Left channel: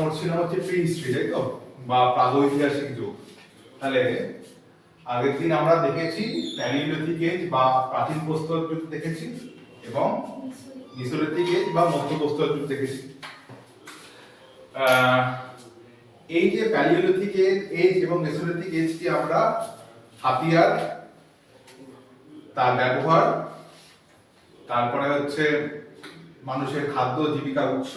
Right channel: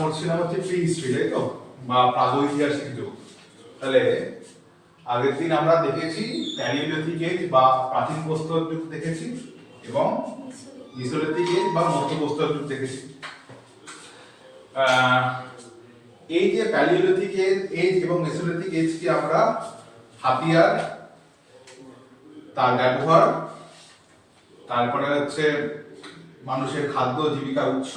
পড়ছিলাম হচ্ছে pre history, তাই তো, বা প্রাগৈতিহাসিক যুগ। তাহলে আগের দিন আমরা দেখেছি প্যালিওলিথিক এজ বা প্রাচীন প্রস্তর যুগ দেখেছি এবং মেসোলিথিক এজ বা মধ্য প্রস্তর যুগ দেখেছি। এই যে প্যালিওলিথিক এজ এবং মেসোলিথিক এজ কি আমরা হাতিয়ার, তার ব্যবহার, তারপরে হচ্ছে মানুষের খাদ্য জীবিকার উৎস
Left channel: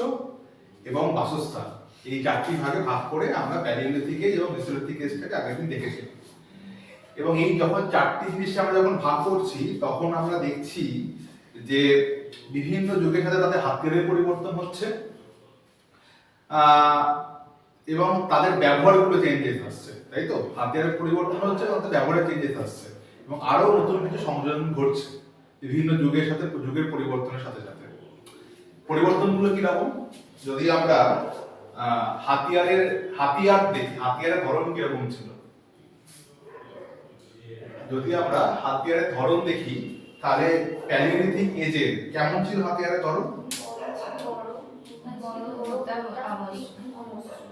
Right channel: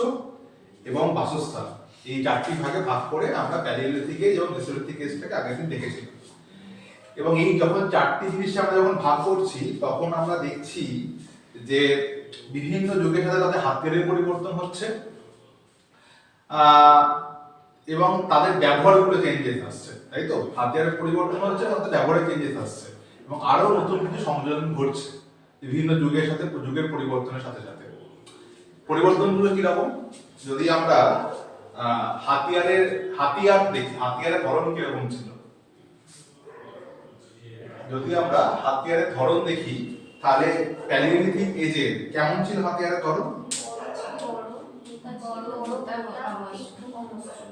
এবং বাসস্থান, এই চারটি ভাগে ভাগ করে আমরা প্যালিওলিথিক এজ এবং মেসোলিথিক এজটাকে আগের দিন দেখেছি। এবং এই যখন চারটি জিনিস আমরা যখন ভাগ করছি তখন আমরা দেখছি যে বিভিন্ন যুগের সাথে তাদের হাতিয়ারের পরিবর্তন হচ্ছে এবং তাদের ব্যবহারগুলো চেঞ্জেস আসছে, তাই তো। হাতিয়ারের পরিবর্তন হচ্ছে এবং তাদের ব্যবহারের চেঞ্জেস আসছে এবং আরো নতুন কিছু সংযোজন ঘটছে বিভিন্ন যুগের সাথে, যুগের পরিবর্তনের সাথে সাথে। পরিবর্তনগুলো কিরকম? যদি আমরা হাতিয়ার দেখি, হাতিয়ারের ধরন কিরকম ছিল। যদি আমরা হাতিয়ারের ধরন দেখি তাহলে প্যালিওলিথিক এজে কেমন ছিল হাতিয়ারের ধরন?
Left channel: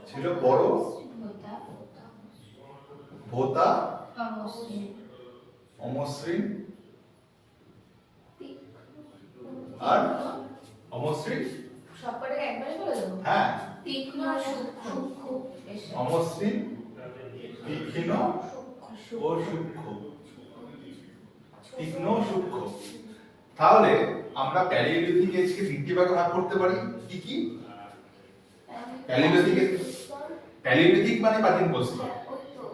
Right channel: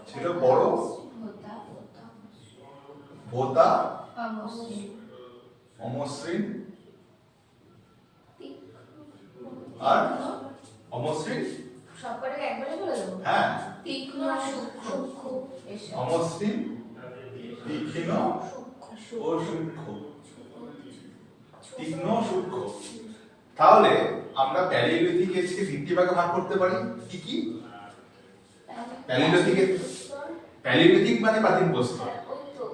ছিল বড়, ভোঁতা, অমসৃণ আর অমসৃণ, হ্যাঁ, অমসৃণ, তীক্ষ্ণ ও সূক্ষ্ম। তীক্ষ্ণ সূক্ষ্ম। তাহলে আমরা প্যালিওলিথিক এজকে তিনটি ভাগে ভাগ করতে পারি। কি কি? প্যালিওলিথিক মানে প্রাচীন প্রস্তর।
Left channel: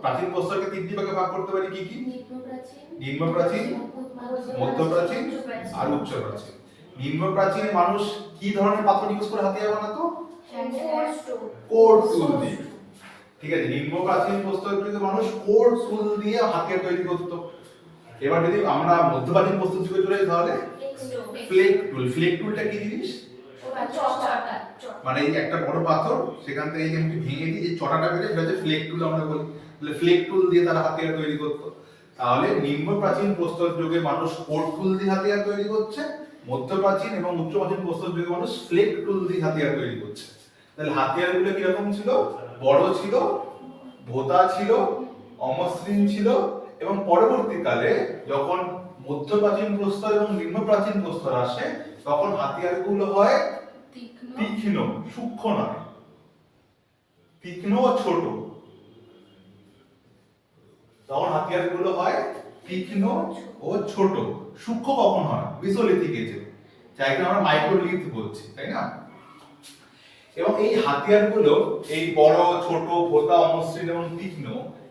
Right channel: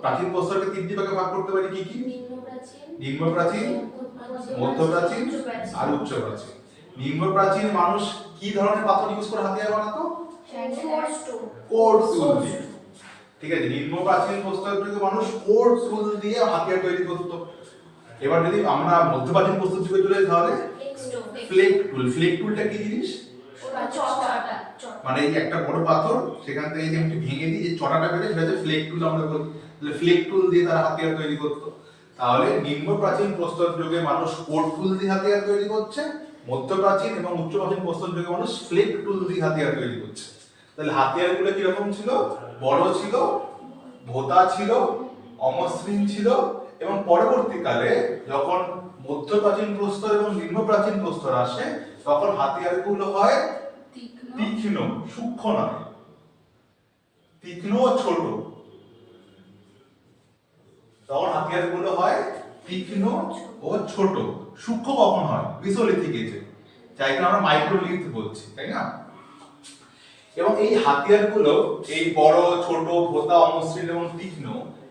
প্রাচীন প্রস্তরকে তিনটি ভাগে ভাগ করতে পারি। কি কি? নিম্ন প্রাচীন, মধ্য প্রাচীন আর উচ্চ প্রাচীন। নিম্ন প্রাচীনে মানুষ কি ধরনের পাথর ইউজ করে হাতিয়ার বানাতো? কোর্ট টুল দিয়ে। ঠিক আছে, নিম্ন প্রাচীন প্রস্তরযুগে মানুষ কোর্ট টুল দিয়ে হাতিয়ার তৈরি করত। এবার যদি আমরা মধ্য প্রাচীন প্রস্তর যুগে চলে যাই তাহলে ফ্লেক টুল। ফ্লেক টুলটা কি জিনিস? মানে এই যে একটা বড় পাথর, সেখান থেকে এই যে একটু ভেঙে দিয়ে যে চড়াটা বেরোয় সেটা হচ্ছে ফ্লেক টুল আমরা বলি। তাহলে ফ্লেক টুল দিয়ে তারা হাতিয়ার তৈরি করত। তাহলে নিম্ন প্রাচীন প্রস্তর যুগে মানুষ কোর্ট টুল দিয়ে হাতিয়ার তৈরি করছে, মধ্য প্রাচীন এবং উচ্চ প্রাচীন প্রস্তর যুগে মানুষ ফ্লেক টুল দিয়ে হাতিয়ার তৈরি করছে। তাহলে হাতিয়ারগুলো কি রকম ছিল? বড় ছিল, ভোঁতা ছিল, অমসৃণ ছিল এবং পরবর্তীকালে যখন মধ্য প্রাচীন প্রস্তর এবং নিম্ন প্রাচীন প্রস্তর আসে তখন হাতিয়ারগুলো হয় তীক্ষ্ণ, সূক্ষ্ম নয়, তীক্ষ্ণ ও ছোট। তখন হাতিয়ারগুলো হয় তীক্ষ্ণ ও ছোট। সূক্ষ্ম কখন হয়? মেসোলিথিক এজে, যাকে আমরা মাইক্রোলিথ বলছি, তাই না? এবং এই হাতিয়ারগুলো, এই বড়, ছোট, ভোঁতা, অমসৃণ এবং তীক্ষ্ণ,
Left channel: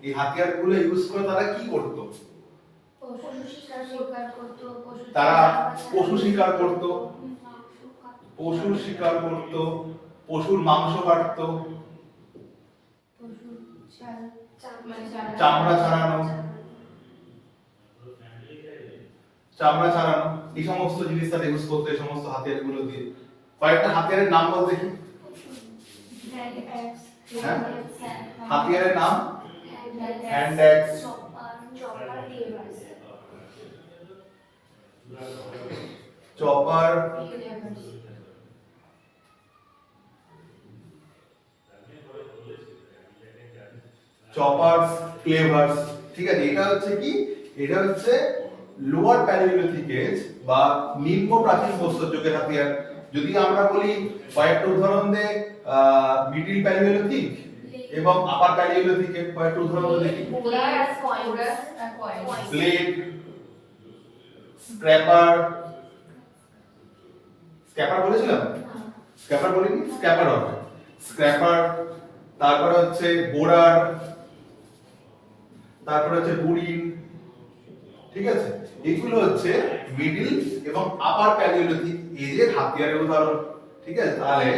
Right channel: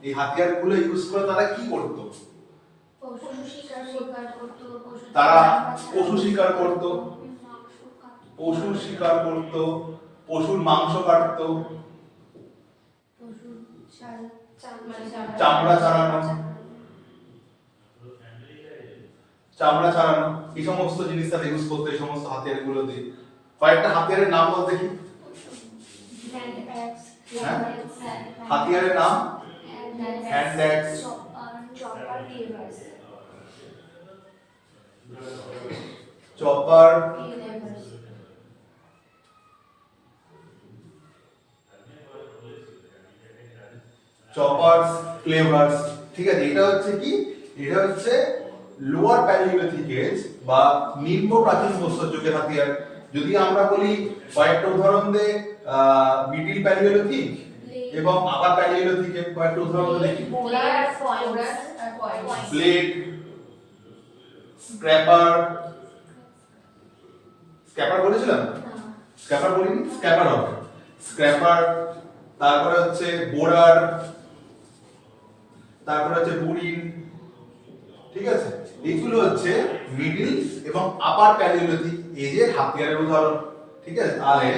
এই হাতিয়ারগুলো ইউজ করে তারা কি করত? তারা পশু শিকার করত, পশুর মাংস কাটত, চামড়া ছাড়ানো, এই সমস্ত জিনিস তারা ইউজ করতো এই সমস্ত হাতিয়ারগুলো দিয়ে। কয়েকটা হাতিয়ারের নাম বল দেখি। হাতিয়ারের নাম? Hand axe, chopper, choppers, cleavers. ঠিক আছে, এটা হচ্ছে কি? এটা হচ্ছে লোয়ার প্যালিওলিথিক এজ বা নিম্ন প্রাচীন প্রস্তর যুগের হাতিয়ার। যদি আমরা বলি কয়েকটা উদাহরণ দে, মিডল প্যালিওলিথিক এবং আপার প্যালিওলিথিকের কয়েকটা উদাহরণ দেখি। ব্লেড, স্ক্র্যাপার বলেছিলাম? স্ক্র্যাপার বলিনি? স্ক্র্যাপার হবে, স্ক্র্যাপার। তারপরে হচ্ছে বোরার, তারপরে হচ্ছে বুরিন। ঠিক আছে, এগুলো হচ্ছে মিডল এবং আপার প্যালিওলিথিক এজের হাতিয়ারের উদাহরণ। ঠিক আছে, তাহলে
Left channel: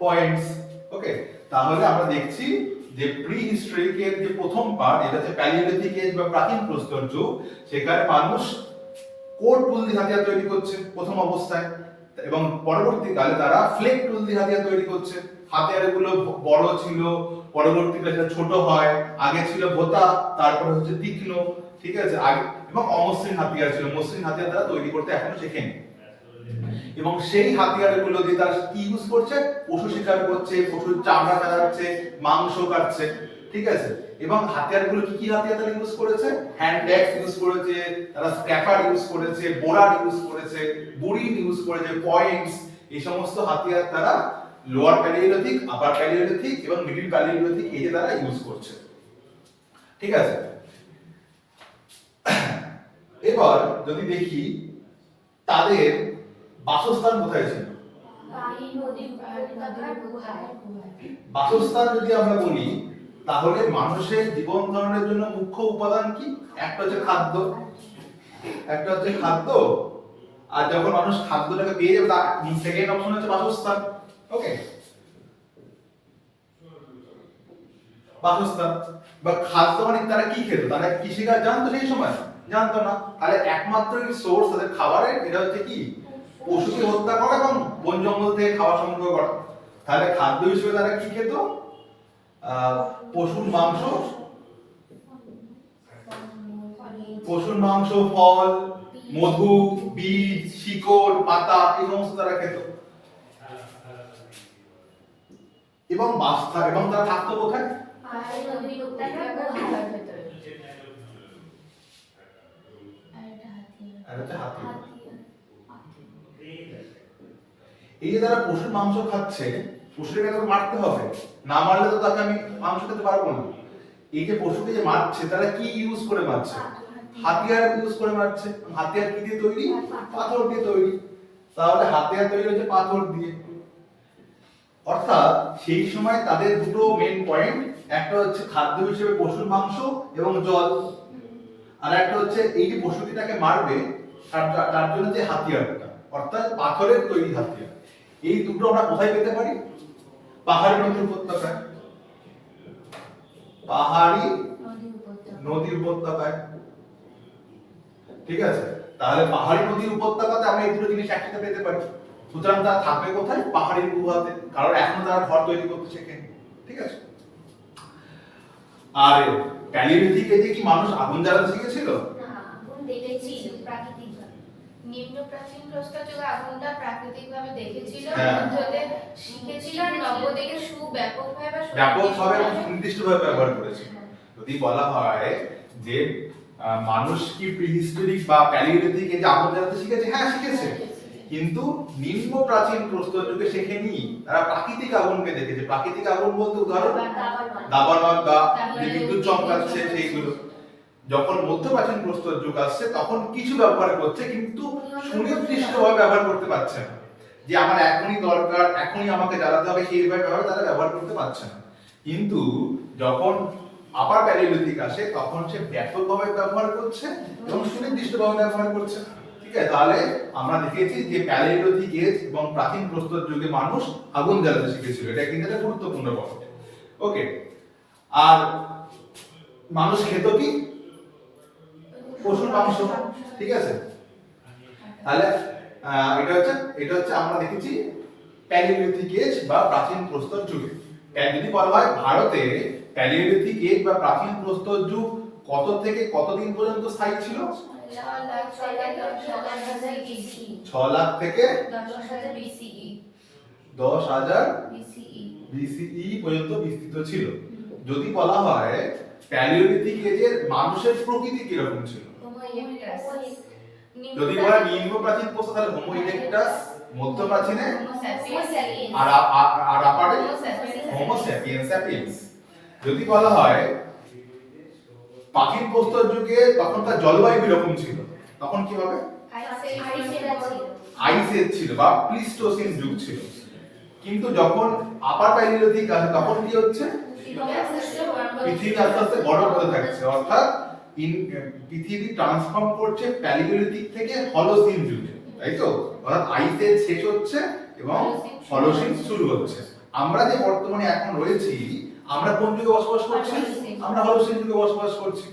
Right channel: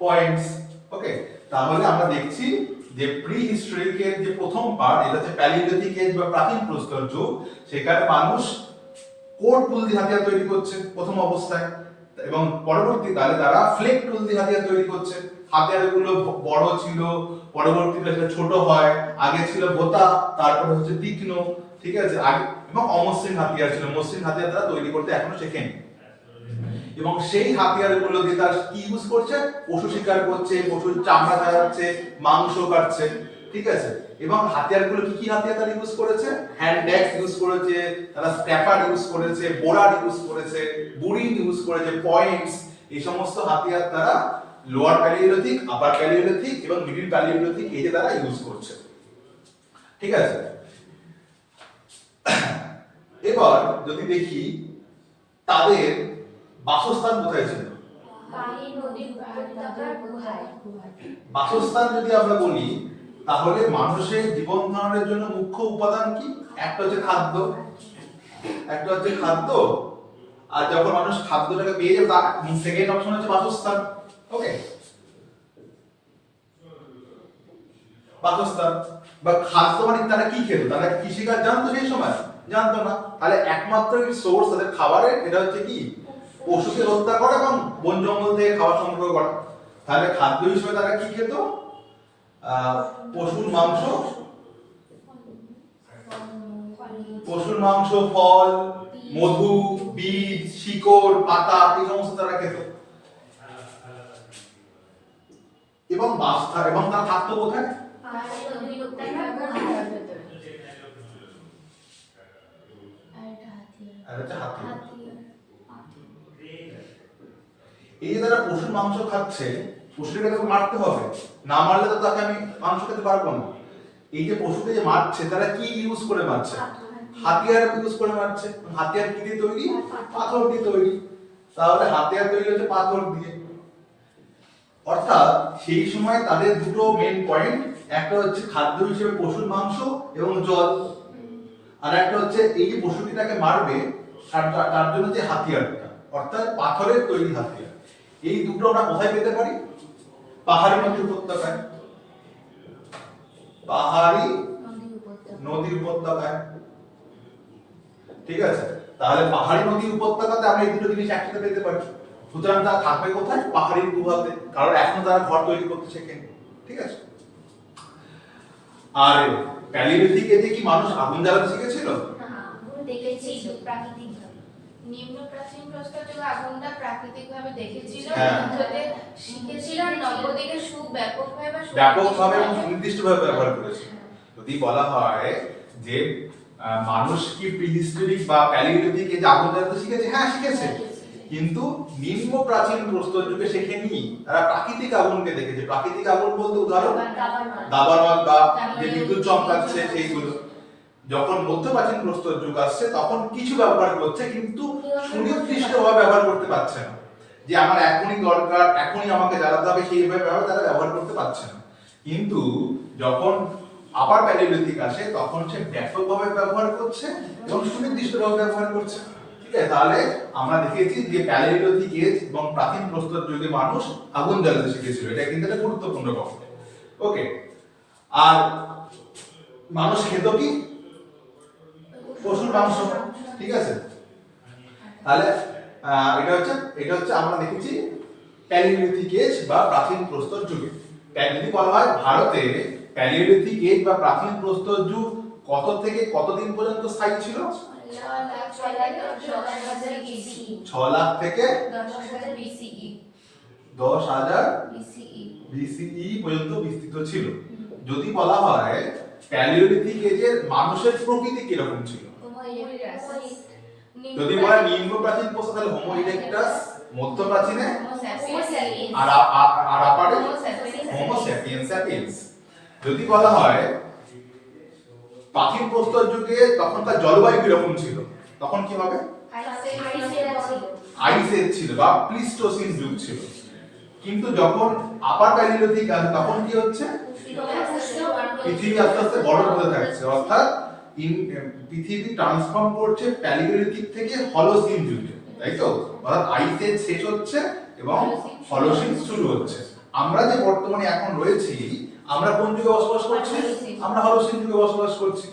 পয়েন্টস। ওকে, তাহলে আমরা দেখছি যে প্রি হিস্টোরিকের যে প্রথম পার্ট, এটা হচ্ছে প্যালিওলিথিক এজ বা প্রাচীন প্রস্তর যুগ। সেখানে মানুষ কোর্ট টুল দিয়ে হাতিয়ার তৈরি করছে প্রথম অবস্থায় এবং পরবর্তীকালে তারা ফ্লেক টুল দিয়ে হাতিয়ার তৈরি করছে। হাতিয়ারগুলো বড় ছিল, পরবর্তীকালে সেটা ছোট হয়। আগে ছিল ভোঁতা, তারপর হচ্ছে তীক্ষ্ণ। ঠিক আছে, আগে এবং অমসৃণ হাতিয়ার ছিল। মসৃণ হাতিয়ার তারা তৈরি করতে এখনো শেখেনি। এবং সেই হাতিয়ারগুলো দিয়ে তারা কি ইউজ করছে, পশু শিকার করছে, পশুর চামড়া ছাড়াচ্ছে, মাংস কাটছে, ঠিক আছে। এবং হাতিয়ারগুলো কি কি হাতিয়ার তারা ইউজ করেছে, হ্যান্ড অ্যাক্স ইউজ করেছে, তারা স্ক্র্যাপার ইউজ করেছে, বোরার ইউজ করেছে, বুড়ি ইউজ করেছে, পয়েন্টস, এই সমস্ত হাতিয়ার তারা লোয়ার প্যালিওলিথিক, আপার প্যালিওলিথিক এবং মিডল প্যালিওলিথিক এই যে তারা ইউজ করছে, ঠিক আছে। এবার যদি দেখি তাদের বাসস্থান কোথায় ছিল, বাসস্থান যদি আমরা বলি তাহলে মানুষের জীবন ধারণের জন্য মুখ্য উপাদান কি, একটা হচ্ছে খাদ্য, একটা হচ্ছে খাদ্য, আর যখন মানুষ খাদ্যটাকে পেয়ে যাবে তার সেকেন্ড অপশন হচ্ছে বাসস্থান। ওকে, বাসস্থান বা খাদ্য মানে তারা কি খেত, তারা কৃষিকাজ জানতো সেই সময়, জানতো না, তাহলে একমাত্র সোর্স তাদের খাবারের এটা হচ্ছে কি, পশুকে হত্যা করা এবং বন জঙ্গল থেকে খাবার সংগ্রহ করা। তাহলে খাদ্য হিসেবে তারা কি খেত, পশুর মাংস, পশুর মাংস, ফল, মধু, বীজ, শিকড়, পাতা, এই সমস্ত তারা খেত। এবং এবং তারা থাকতো কোথায়, এই যে তারা পশুর মাংস খাচ্ছে, পশুটাকে তো মারতে হবে, না মারলে তো তাকে আমি মাংস খেতে পারবো না। এই যে পশুকে যে মারছে তারা কি ইউজ করে মারছে, হাতিয়ার ইউজ করে মারছে। হাতিয়ার কি দিয়ে তৈরি, পাথর দিয়ে তৈরি, তাহলে হাতিয়ার তৈরি হচ্ছে পাথর দিয়ে। অর্থাৎ সেই সময় তাদের দুটো মেন পয়েন্ট, একটা হচ্ছে খাদ্য হিসেবে পশুর মাংস এবং জল, আর একটা হচ্ছে এই যে পশুটিটাকে মারবে তার জন্য যে হাতিয়ারটা, অর্থাৎ পাথরের তৈরি হাতিয়ার। এই দুটো আমরা কোথায় পেতে পারি, পাহাড়ি নদী উপত্যকায়, পাহাড়ি নদী উপত্যকায়, ঠিক আছে। তাহলে পাহাড়ি নদী উপত্যকাতে আমরা এই দুটো জিনিস একসাথে পেতে পারি। সুতরাং তারা থাকবে কোথায়, পাহাড়ি গুহাতে, কারণ এখন তারা ঘর তৈরি করতে শেখেনি, ঠিক আছে। আর প্যালিওলিথিক এজে কি মানুষ আগুন জ্বালাতে শিখেছিল, নিম্ন প্রাচীন প্রস্তর যুগে আগুনটা প্রাকৃতিকভাবে দেখেছিল, শিখেছিল, নবদিকে ব্যাপকভাবে এবং সুনির্দিষ্টভাবে ব্যবহার করেছে। যদি বলা হয় যে মানুষ কি প্রিহিস্টোরিক বা প্যালিওলিথিক এজে আগুন জ্বালাতে শিখেছে, হ্যাঁ শিখেছে, কিন্তু নিম্ন প্রাচীন প্রস্তর যুগে শেখেনি, তারা প্রাকৃতিক আগুনকে দেখেছে। প্রাকৃতিক আগুন বলতে উদাহরণ দাবানল বা যে বিদ্যুৎ চমকাচ্ছে সেইগুলো। যখন মধ্যপ্রাচীন প্রস্তর যুগ আসছে তখন কিছু ব্যবহার করছে, কিন্তু সুনির্দিষ্টভাবে ব্যবহার করতে পারছে না, যে আমার এখনই দরকার, এখনই আমাকে জ্বালাতে হবে, সেইভাবে তারা ব্যবহার করতে পারছে না। কিন্তু যখন আপার প্যালিওলিথিক আসে তখন সে ব্যাপকভাবে ব্যবহার করছে এবং সুনির্দিষ্টভাবে ব্যবহার করছে, ঠিক আছে। তাহলে আমরা দেখেছি যে প্যালিওলিথিক এজ এবং প্রাচীন প্রস্তর যুগে মানুষ আগুন জ্বালাতে শিখেছিল, এটা কিন্তু একটা গুরুত্বপূর্ণ পয়েন্ট। ওকে, আর মানুষ খেত কি, পশুর মাংস, ঠিক আছে। তাহলে এটা হচ্ছে আমরা দেখেছি প্যালিওলিথিক এজ বা প্রাচীন প্রস্তর যুগে। যদি বলা হয় ভারতে প্যালিওলিথিক এজ বা প্রাচীন প্রস্তর যুগ কত থেকে কতদিন পর্যন্ত স্থায়ী ছিল, 6 লাখ থেকে 10,000 BCE পর্যন্ত বিস্তৃত ছিল। যদি বলা হয় প্যালিওলিথিক এজের মানুষের প্রকৃতি কিরকম ছিল, যদি বলা নিম্ন প্রাচীন প্রস্তর তাহলে হোমো ইরেক্টাস, মধ্য প্রাচীনে আর আপারে হোমো স্যাপিয়েন্স স্যাপিয়েন্স। যদি বলা হয় প্রাচীন প্রস্তর যুগে তখন তার জলবায়ু কিরকম ছিল, তখন কি হবে, আইস এজ ছিল বা প্লিস্টোসিন যুগ ছিল। কিন্তু যখন আপার প্যালিওলিথিক আসে তখন কি হচ্ছে, পৃথিবী আস্তে আস্তে বরফ হতে থাকছে, অর্থাৎ পৃথিবী ট্রান্সফর্ম করছে প্যালিওলিথিক থেকে হলোসিন যুগে, তাই তো। অর্থাৎ আইস এজ শেষ হচ্ছে এবং হলোসিন শুরু হচ্ছে। আমরা যে বর্তমানে এখন রয়েছি, আমরা কোন যুগে বসবাস করছি, আমরা হলোসিন যুগে বসবাস করছি।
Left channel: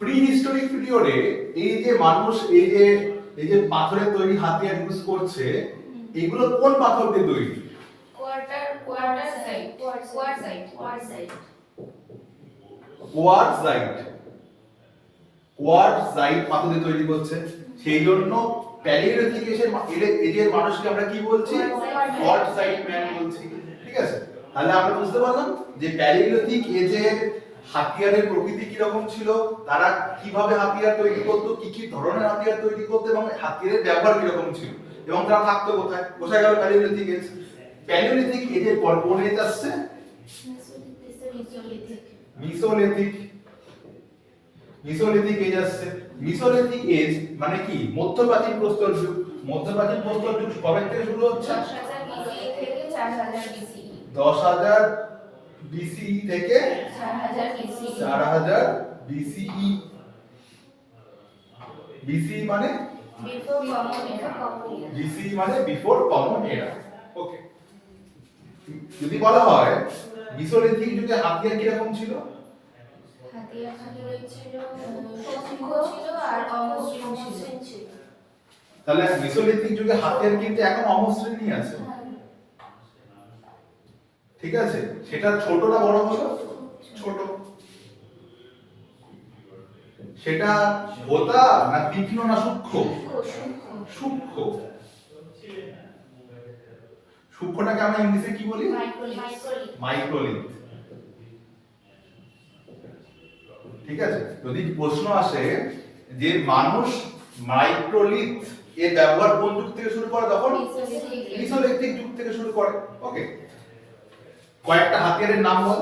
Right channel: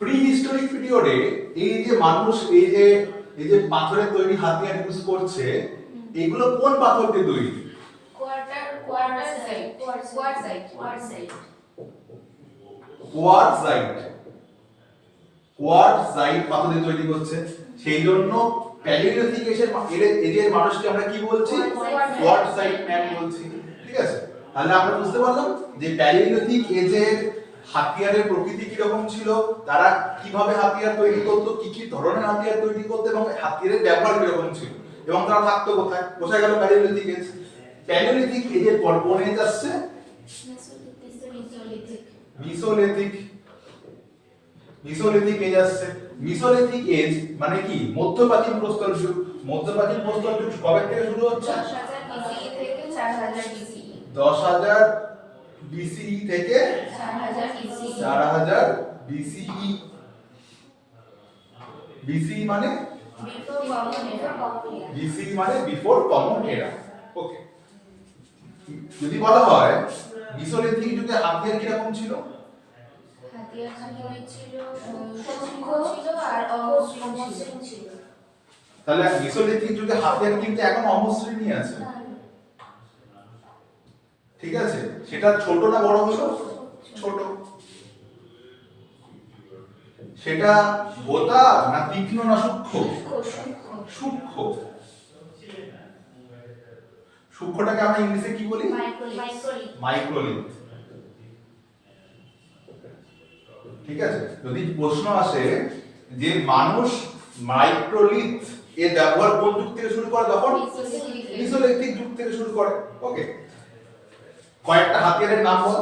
প্রি হিস্টোরিক পিরিয়ডে এই যে মানুষ এই যে পাথরের তৈরি হাতিয়ার ইউজ করছে, এগুলো কোন পাথর দিয়ে তৈরি, কোয়ার্টজাইট পাথর দিয়ে তৈরি করছে। সেই জন্য প্যালিওলিথিক এজের মানুষকে আমরা কি বলছি? কোয়ার্টজাইট ম্যান বলছি, ঠিক আছে? তাহলে আমরা বুঝতে পারলাম যে প্যালিওলিথিক এজের হাতিয়ারের প্রকৃতি কি রকম ছিল, তারা কিভাবে হাতিয়ার তৈরি করতো, কি কি ধরনের হাতিয়ার তৈরি করতো এবং হাতিয়ারের ব্যবহার কি রকম ছিল এবং তারা থাকতো কোথায়। বোঝা গেল প্যালিওলিথিক এজ। প্যালিওলিথিক এজের পর কোন এজ আসছে? মিসোলিথিক। মিসোলিথিক এজ আসছে। মিসোলিথিক এজ মানে কি? মধ্যপ্রাচীন প্রস্তর যুগ। মধ্যপ্রাচীন প্রস্তর যুগ কবে থেকে শুরু হচ্ছে? 10,000 BCE থেকে 4000 10,000 BCE থেকে 4000 BCE 4000 BCE। BCE মানে before common era BCE মানে বিফোর কমন এরা। ওকে। যদি বলা হয় মিসোলিথিক যুগে হাতিয়ার কি রকম ছিল? হাতিয়ার ছিল শঙ্খ ছিল আর অমসৃণ ছিল। তাহলে মিসোলিথিক যুগে হাতিয়ার কিন্তু এখন অমসৃণই আছে, ঠিক আছে? সেটা ছোট না বড় হলো? ছোট। সেটা ভোঁতা না তীক্ষ্ণ না সূক্ষ্ম? সূক্ষ্ম। সূক্ষ্মটাকে আমরা ইংলিশে কি বলি? মাইক্রোলিথ। ঠিক আছে? যদি প্রশ্ন আসে যে মানুষ মাইক্রোলিথ এর ব্যবহার কোন যুগ থেকে শুরু করে, তখন মিসোলিথিক যুগ থেকে শুরু করে। ওকে। কয়েকটা হাতিয়ারের নাম বল।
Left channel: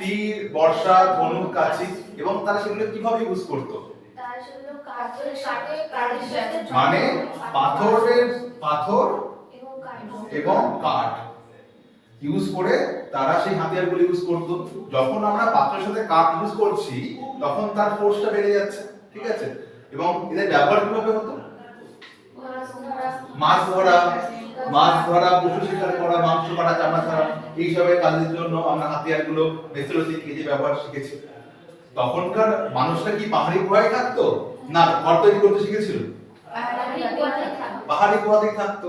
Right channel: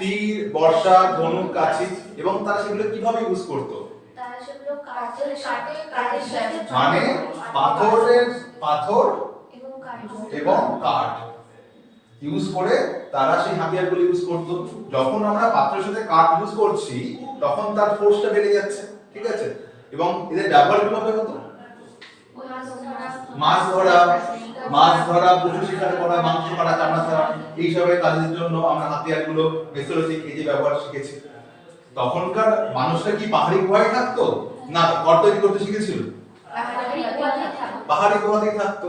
তীর, বর্ষা, ধনুক, কাঁচি। এবং তারা সেগুলো কিভাবে ইউজ করতো? মানে পাথর এবং কাঠ ইউজ করে তারা সেই হাতিয়ারগুলো ইউজ করতো। যখন আমরা পাথরের সাথে কাঠ ইউজ করছি তখন তার ফোর্সটা বেড়ে যাচ্ছে, ঠিক আছে? এবং এদের ব্যবহার কিভাবে হতো? মাছ ধরা, পশু শিকার করা, মাংস কাটা, চামড়া ছাড়া, এই সবের কাজের জন্য আমরা হাতিয়ারগুলো মেসোলিথিক এজে ব্যবহার শিখেছি। তখনকার মানুষরা কি পাহাড়ি গুহায় থাকতো না ঘর তৈরি করতে শিখেছিল? পাহাড়ি গুহাতেই থাকতো।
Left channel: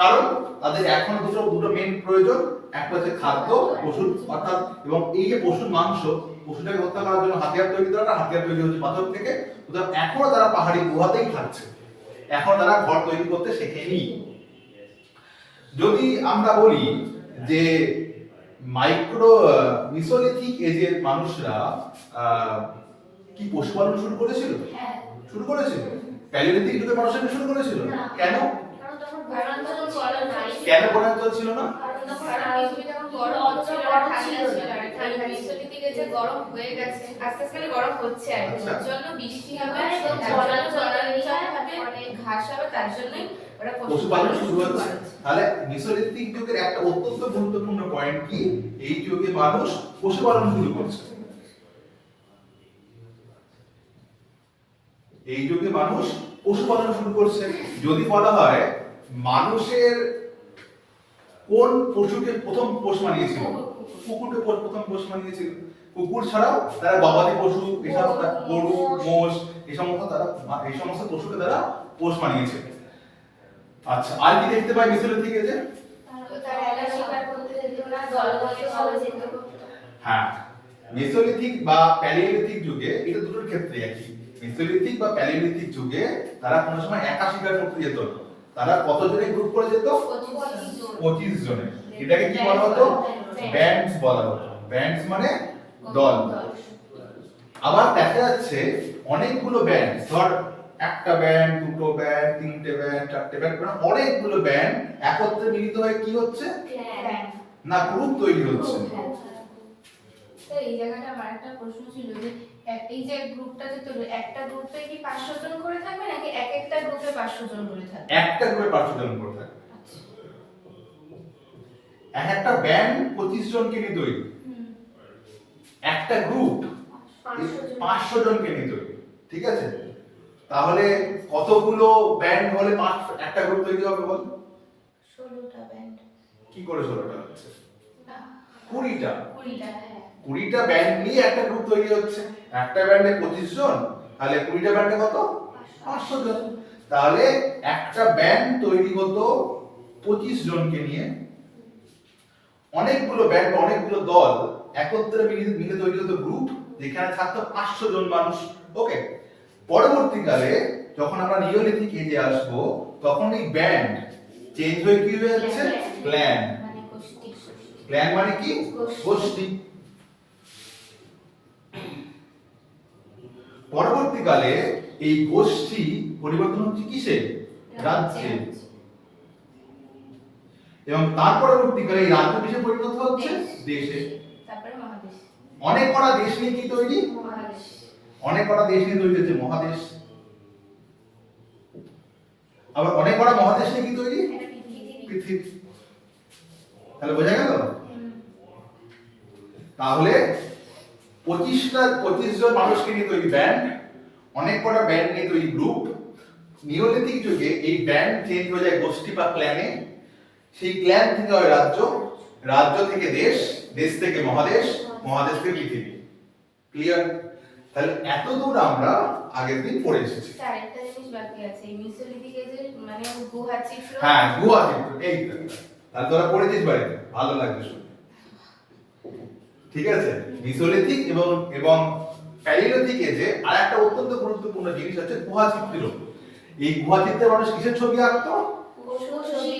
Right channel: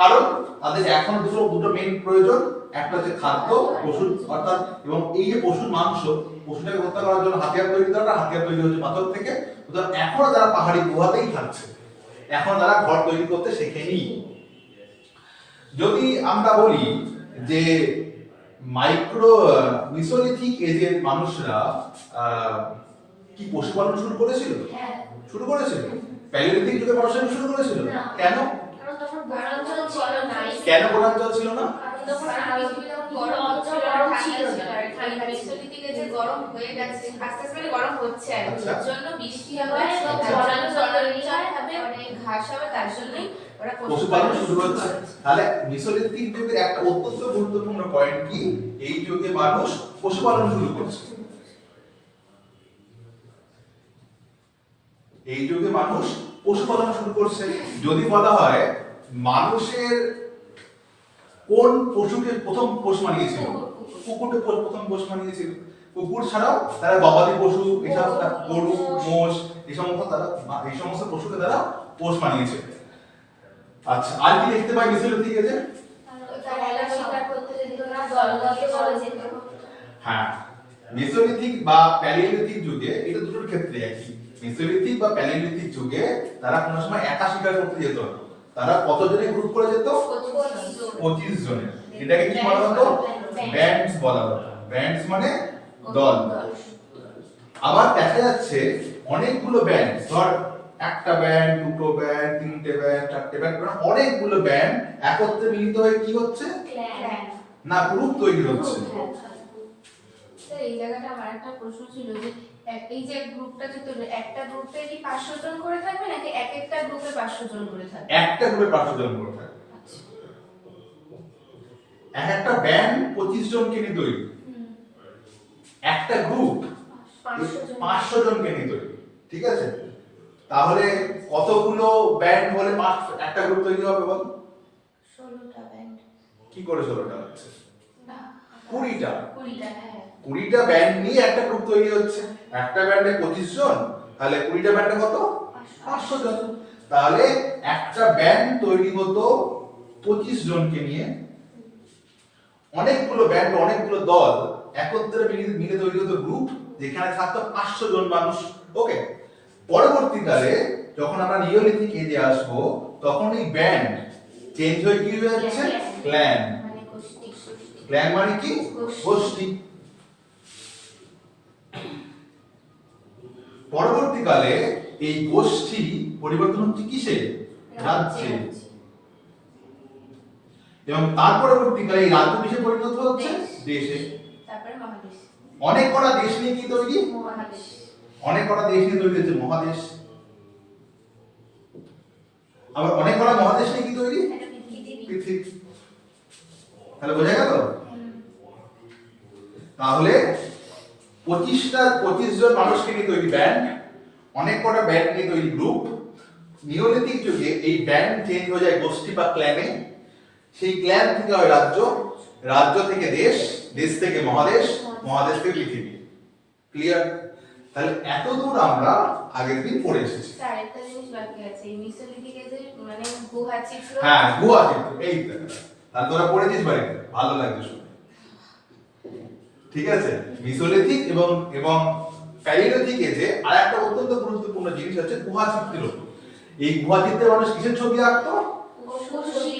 কারণ তাদের এখন দুটো মেইন প্রয়োজন, একটা হচ্ছে খাদ্য, পশুর অর্থাৎ, এবং এই যে পশুর মাংস, পশুটাকে হত্যা করার জন্য হাতিয়ার তৈরি দরকার। হাতিয়ার তৈরি হচ্ছে পাথর থেকে। সুতরাং এখনো তারা পাহাড়ি গুহাতেই থাকছে, এখন তারা ঘর তৈরি করতে শেখেনি। যদি আমরা বলি যে মিসোলিথিক এজের মানুষরা কি পশুপালন শুরু করেছিল? শুরু করেছিল। প্যালিওলিথিক যুগে মানুষরা শুরু করেছিল। কেন? কেন বনাঞ্চল ছিল না? গরম হয়ে গেছে, আস্তে আস্তে গরম হচ্ছে, এর জন্য বৃষ্টি হবে, ঘাস হবে, তার জন্যই ওরা পশুপালন শুরু হচ্ছে। তাহলে মিসোলিথিক যুগের একটা অত্যন্ত গুরুত্বপূর্ণ পয়েন্ট কি? এই যুগে মানুষ পশুপালন শুরু করছে। এই যুগে মানুষ পশুপালন শুরু করছে। যদি বলা হয় মানুষের কোন পশুকে প্রথম পোষ মানিয়েছিল? কুকুরকে প্রথম পোষ মানিয়েছিল। কুকুর ছাড়াও তারা গবাদি পশু, এসব গরু, মোষ, এই সমস্ত পশুকে তারা পোষ মানিয়েছে। আচ্ছা, আর কি দেখতে পাই মিসোলিথিক এজে? হ্যাঁ, মেসোলিথিক বা প্যালিওলিথিক যুগে এটা দুটোর ক্ষেত্রে একই। মেসোলিথিক বা প্যালিওলিথিক যুগে তারা কোনো সময় একা শিকার করতে যেত না। তারা কতজনে গ্রুপ করে যেত? 25 জনে। এটাকে কি বলা হতো? ব্যান্ডস বলা হতো। ব্যান্ডস মানে দল। আবার দেখা যাচ্ছে অনেকগুলো ব্যান্ড, ধর একটা ব্যান্ড, দুটো ব্যান্ড, তিনটে ব্যান্ড, চারটে ব্যান্ড, মানে অনেকগুলো ব্যান্ড একত্রে মিলিত হয়ে কি হচ্ছে? না, গ্রুপ তৈরি হচ্ছে। এই জায়গাটা আমার একটা প্রশ্ন ছিল যে এই যে গ্রুপটা যে তৈরি, একটা গ্রুপে কি 500 জন করে থাকবে নাকি এক একটা গ্রুপে 500 জন করে থাকবে? একটা গ্রুপে 500 জন করে থাকবে। এক একটা ব্যান্ড 25 জনকে নিয়ে তৈরি। একটা গ্রুপ 500 জনকে নিয়ে তৈরি, ঠিক আছে? তাহলে কতগুলো ব্যান্ড হলে একটা গ্রুপ তৈরি হবে বল? 16টা ব্যান্ড। কি করে 16টা হচ্ছে? 20টা। 20টা ব্যান্ড নিয়ে একটা গ্রুপ তৈরি হচ্ছে। একটা ব্যান্ডে 25 জন, তাহলে 20টা ব্যান্ডে কত? 500 জন। তাহলে একটা ব্যান্ড তৈরি হতো 25 জনকে নিয়ে। অনেকগুলো ব্যান্ড, অনেকগুলো দল একত্রে মিলে তৈরি হতো গ্রুপ, যেখানে থাকতো 500 জন মানুষ। ওকে, পরবর্তীকালে যখন আমরা নিওলিথিক এজে আসবো তখন এই ব্যান্ড চেঞ্জ হয়ে কি হয়ে যাচ্ছে, ক্ল্যান। মানে গোষ্ঠী। ক্ল্যান মানে কি, গোষ্ঠী। পরবর্তীকালে এই গোষ্ঠী পরিবর্তন হচ্ছে কিসে, রাজ্যে। এবং তার পরবর্তীকালে এই রাজ্য কিসে পরিণত হচ্ছে, দেশে। তারপরে মহাদেশ। অনেক কটা দেশ নিয়ে কি তৈরি, মহাদেশ। অনেক কটা দেশ নিয়ে তৈরি হচ্ছে মহাদেশ। আবার অনেক কটা মহাদেশ নিয়ে কি তৈরি, এটা পৃথিবী। পৃথিবী। তাহলে বোঝা গেল? তাহলে 25 জন মানুষকে নিয়ে তৈরি ব্যান্ড, অনেক কটা ব্যান্ড নিয়ে তৈরি গ্রুপ। নিওলিথিক যুগে এই ব্যান্ড চেঞ্জ হয়ে যায় গোষ্ঠী বা ক্ল্যানে, সেই ক্ল্যান থেকে হয় রাজ্য, রাজ্য থেকে দেশ, দেশ থেকে মহাদেশ, মহাদেশ থেকে পৃথিবী। ক্লিয়ার? তাহলে এত দূর আমরা আগের দিন পড়ে এসেছি। স্যার একটা জিনিস বাকি আছে, এই মিসোলিথিক এজের মানে গুহা চিত্র। হ্যাঁ, গুহা চিত্র, এই তো। তাহলে তোরা পড়েছিস বাড়িতে, ভালো লাগবে শুনে। ঠিক আছে, মিসোলিথিক এবং প্যালিওলিথিক এজে আরেকটা অত্যন্ত গুরুত্বপূর্ণ জিনিস হচ্ছে গুহা চিত্র। এই গুহা চিত্রে মানুষ কিসের ছবি আঁকতো,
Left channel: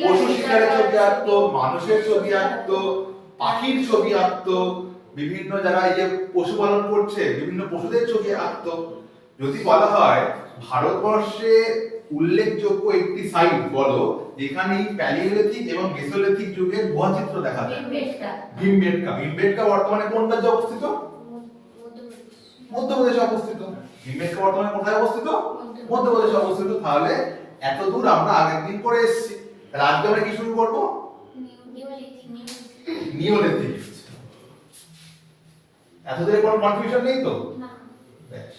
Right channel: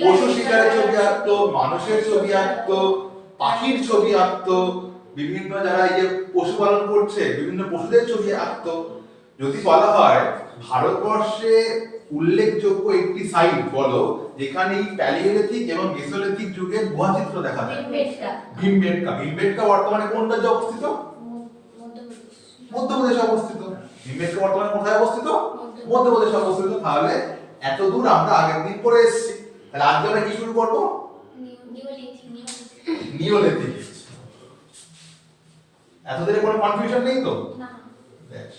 পশু শিকারের ছবি আঁকতো, মানুষের ছবি আঁকতো, পাখির ছবি আঁকতো, বিভিন্ন জায়গায় যে পশুপালন করছে বিভিন্ন পশুদের ছবি আঁকতো। যদি বলা হয় ভারতবর্ষে উল্লেখযোগ্য একটি সাইট বলো যেখানে এই প্যালিওলিথিক এবং মেসোলিথিক যুগের গুহা চিত্র দেখা যায়, ভীমবেটকা। ভীমবেটকা বর্তমানে কোন রাজ্যে অবস্থিত, মধ্যপ্রদেশে অবস্থিত। ভীমবেটকা বর্তমানে কোথায় অবস্থিত, মধ্যপ্রদেশে অবস্থিত। তাহলে এত দূর আমরা আগের দিন পরে এসেছি। তাহলে আজকে আমরা কি শুরু করবো, নিওলিথিক। এতদিনে কোনো কনফিউশন নেই তো? না। বেশ।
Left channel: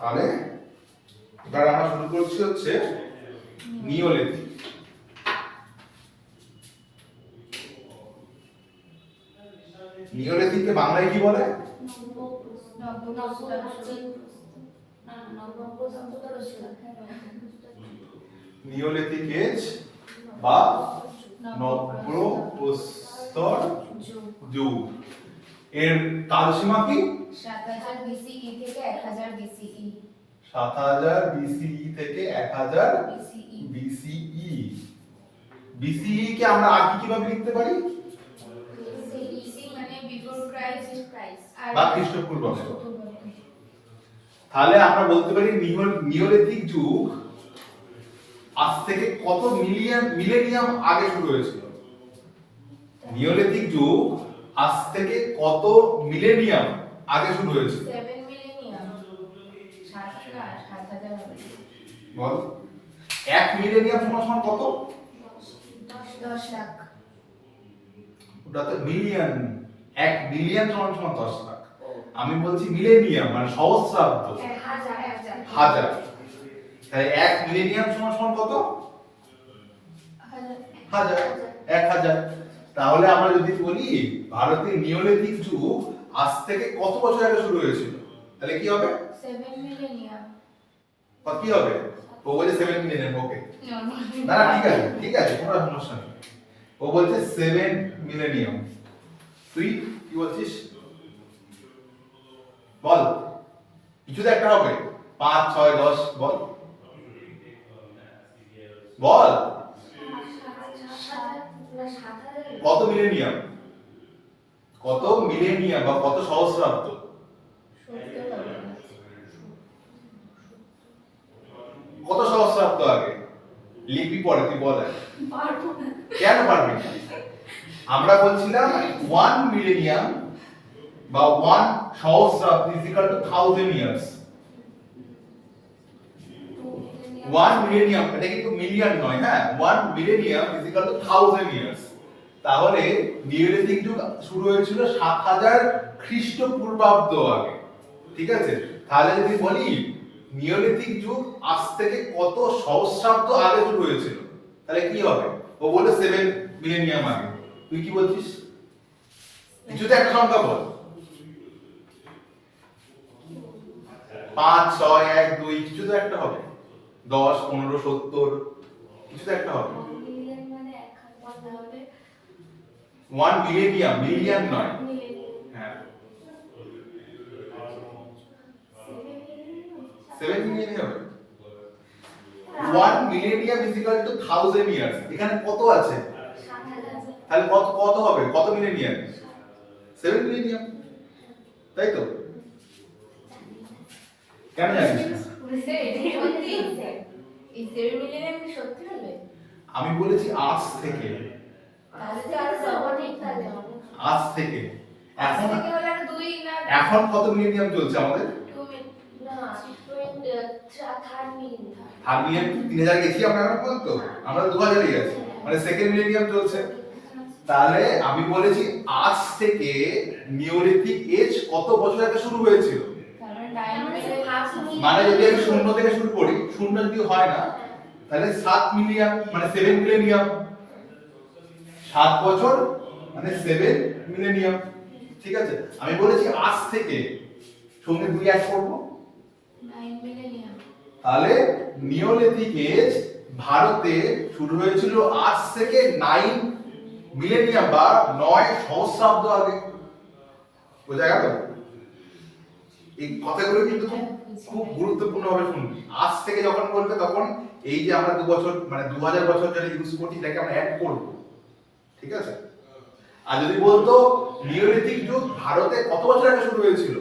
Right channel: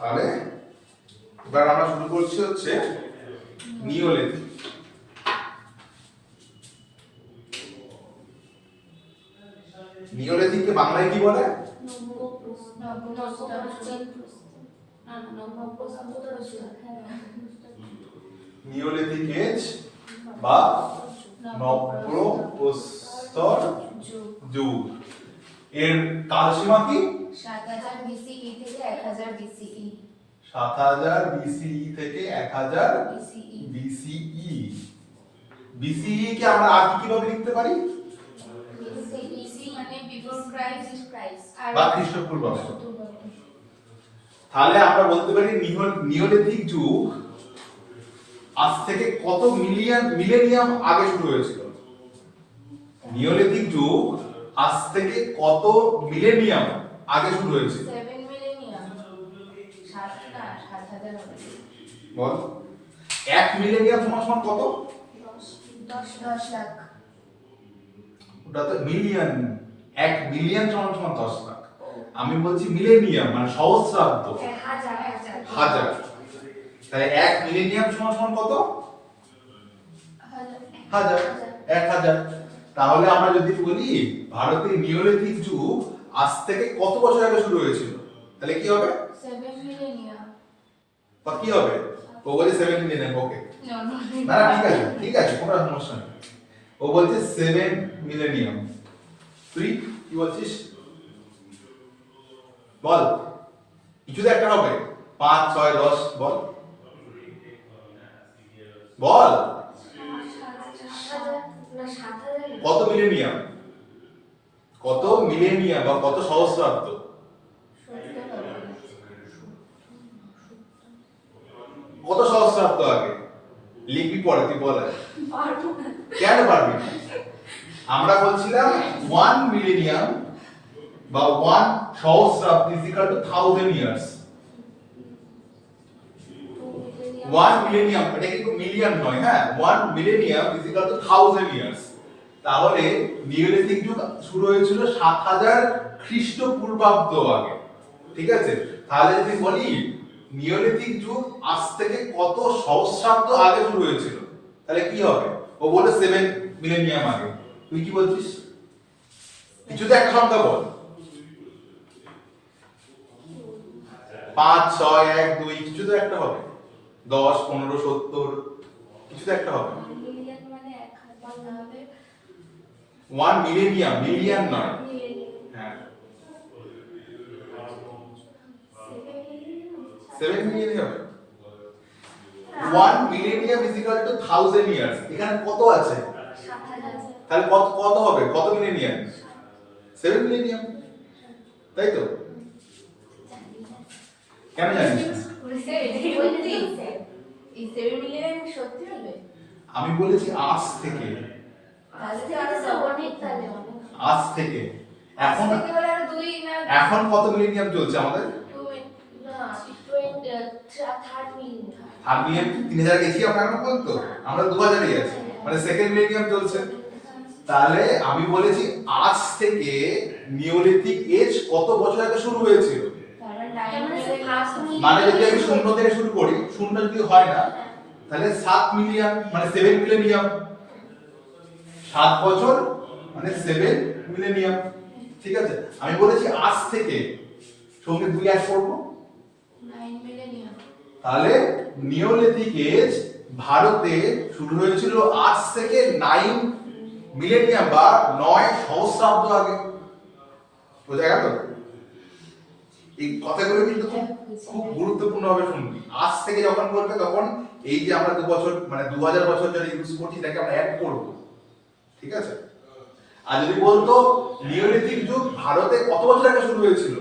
তাহলে এবার আমরা শুরু করছি হচ্ছে নিওলিথিক। নিওলিথিককে বাংলায় কি বলে, নিওলিথিক এজ বা নব্যপ্রস্তর যুগ। এর কালসীমা কি, 7000 BCE থেকে 1000 BCE। 7000 BCE থেকে 1000 BCE। BCE। BCE কে আমরা আর কিভাবে লিখতে পারি, BCE মানে বিফোর ক্রাইস্ট বা খ্রিস্টপূর্বাব্দ। তাহলে আমরা বলতে পারি নিওলিথিক যুগ আজ থেকে কত মিলেনিয়াম আগে শুরু হয়েছিল। নিওলিথিক যুগ আজ থেকে কত মিলেনিয়াম আগে শুরু হয়েছিল, 7 মিলেনিয়াম। 7000 হবে। বল। 1 মিলেনিয়াম সমান কত, 10 লাখ। ওটা তো মিলিয়ন। 1 মিলিয়ন সমান 10 লাখ। আমি বলছি মিলেনিয়াম মানে সহস্রাব্দ, হাজার। তাই 1 মিলেনিয়াম সমান কত, 1000, 1000। তাহলে আমরা যদি বলি ভারতের নিওলিথিক যুগ আজ থেকে কত বছর আগে শুরু হয়েছিল, তাহলে কি হবে, 7 মিলেনিয়াম। কত কি হবে, ও বলে 7 মিলিয়ন। ওকে, না ঠিক আছে, ঠিক আছে, কোনো সমস্যা নেই। ও বলছে 7 মিলেনিয়াম। তুই কি বলছিস, বল। কিছু তো একটা হবে, 5, 6, 10, বল বল। কত মিলেনিয়াম, কত মিলেনিয়াম বা কত সহস্রাব্দ, কত সহস্রাব্দ আগে লিখবি, পরে তুই বল। কেন পারবি না? আমরা বলছিলাম 1 মিলেনিয়াম বা 1 সহস্রাব্দ is equal to 1000 years. 1 millennium, এটা কিন্তু মিলিয়ন নয়, হ্যাঁ, 1 millennium is equal to 1000 years. তাহলে নিওলিথিক যুগ শুরু হয়েছিল 7000 খ্রিস্টপূর্বাব্দ আগে। ঠিক আছে, তাহলে যদি বলি নিওলিথিক যুগ আজ থেকে কত সহস্রাব্দ আগে শুরু হয়েছিল, তাহলে কি হবে, ও বলে 7 মিলেনিয়াম আগে। তুই কি বলছিস, কিছুতে একটা সংখ্যা বল, 5 6 1 2 কিছু তো একটা হবে, 10 15 70 কিছু তো একটা হবে। 1 মিলিয়ন মানে 1000 হবে। 1 মিলিয়ন, মিলিয়ন নয়। হ্যাঁ 7 মিলিয়ন হবে। 1 millennium is equal to 1000 years. এখানে কত আছে? 7000। তাহলে কত কত হবে? কত মিলেনিয়াম? 7 মিলেনিয়াম, তাই তো? কেন জানিস না? এই 7 মিলিয়ন সত্যি হবে? আমি বলেছি আজ থেকে, আজ থেকে। এখন এখন কত মিলেনিয়াম চলছে আমাদের? থার্ড মিলিয়ন 3000 গেছি আমরা এখন পর্যন্ত, আমরা 2000 এ আছি, মানে সেকেন্ড মিলেনিয়াম চলছে। তাহলে আমি বলেছি আজ থেকে নিওলিথিক এজ কত বছর আগে শুরু হয়েছিল, মানে যদি আমি শূন্য থেকে শুরু করি, শূন্য যদি হয় না তাহলে 7 মিলিয়ন মানে 7 মিলেনিয়াম, 7 বছর মানে 7 মিলেনিয়াম। ঠিক আছে, আমি বলেছি আজ থেকে, সঙ্গে 2 অ্যাড করব, 9 মিলিয়ন। তাহলে নিওলিথিক এজ ভারতে শুরু হয়েছিল আজ থেকে 9 মিলেনিয়াম বা 9 সহস্রাব্দ আগে। বোঝা গেল? এই কথাগুলো কিন্তু খুব গুরুত্বপূর্ণ ভাবে শুনবি। আজ থেকে যখন বলবে তখন এই যে আমরা 2 বছর মানে 2000 বছর যারা ইউজ করছি এটাকে আমরা অ্যাড করব। ঠিক আছে? আর যদি বলতো নিওলিথিক যুগ ভারতে কত বছর আগে শুরু হয়েছিল,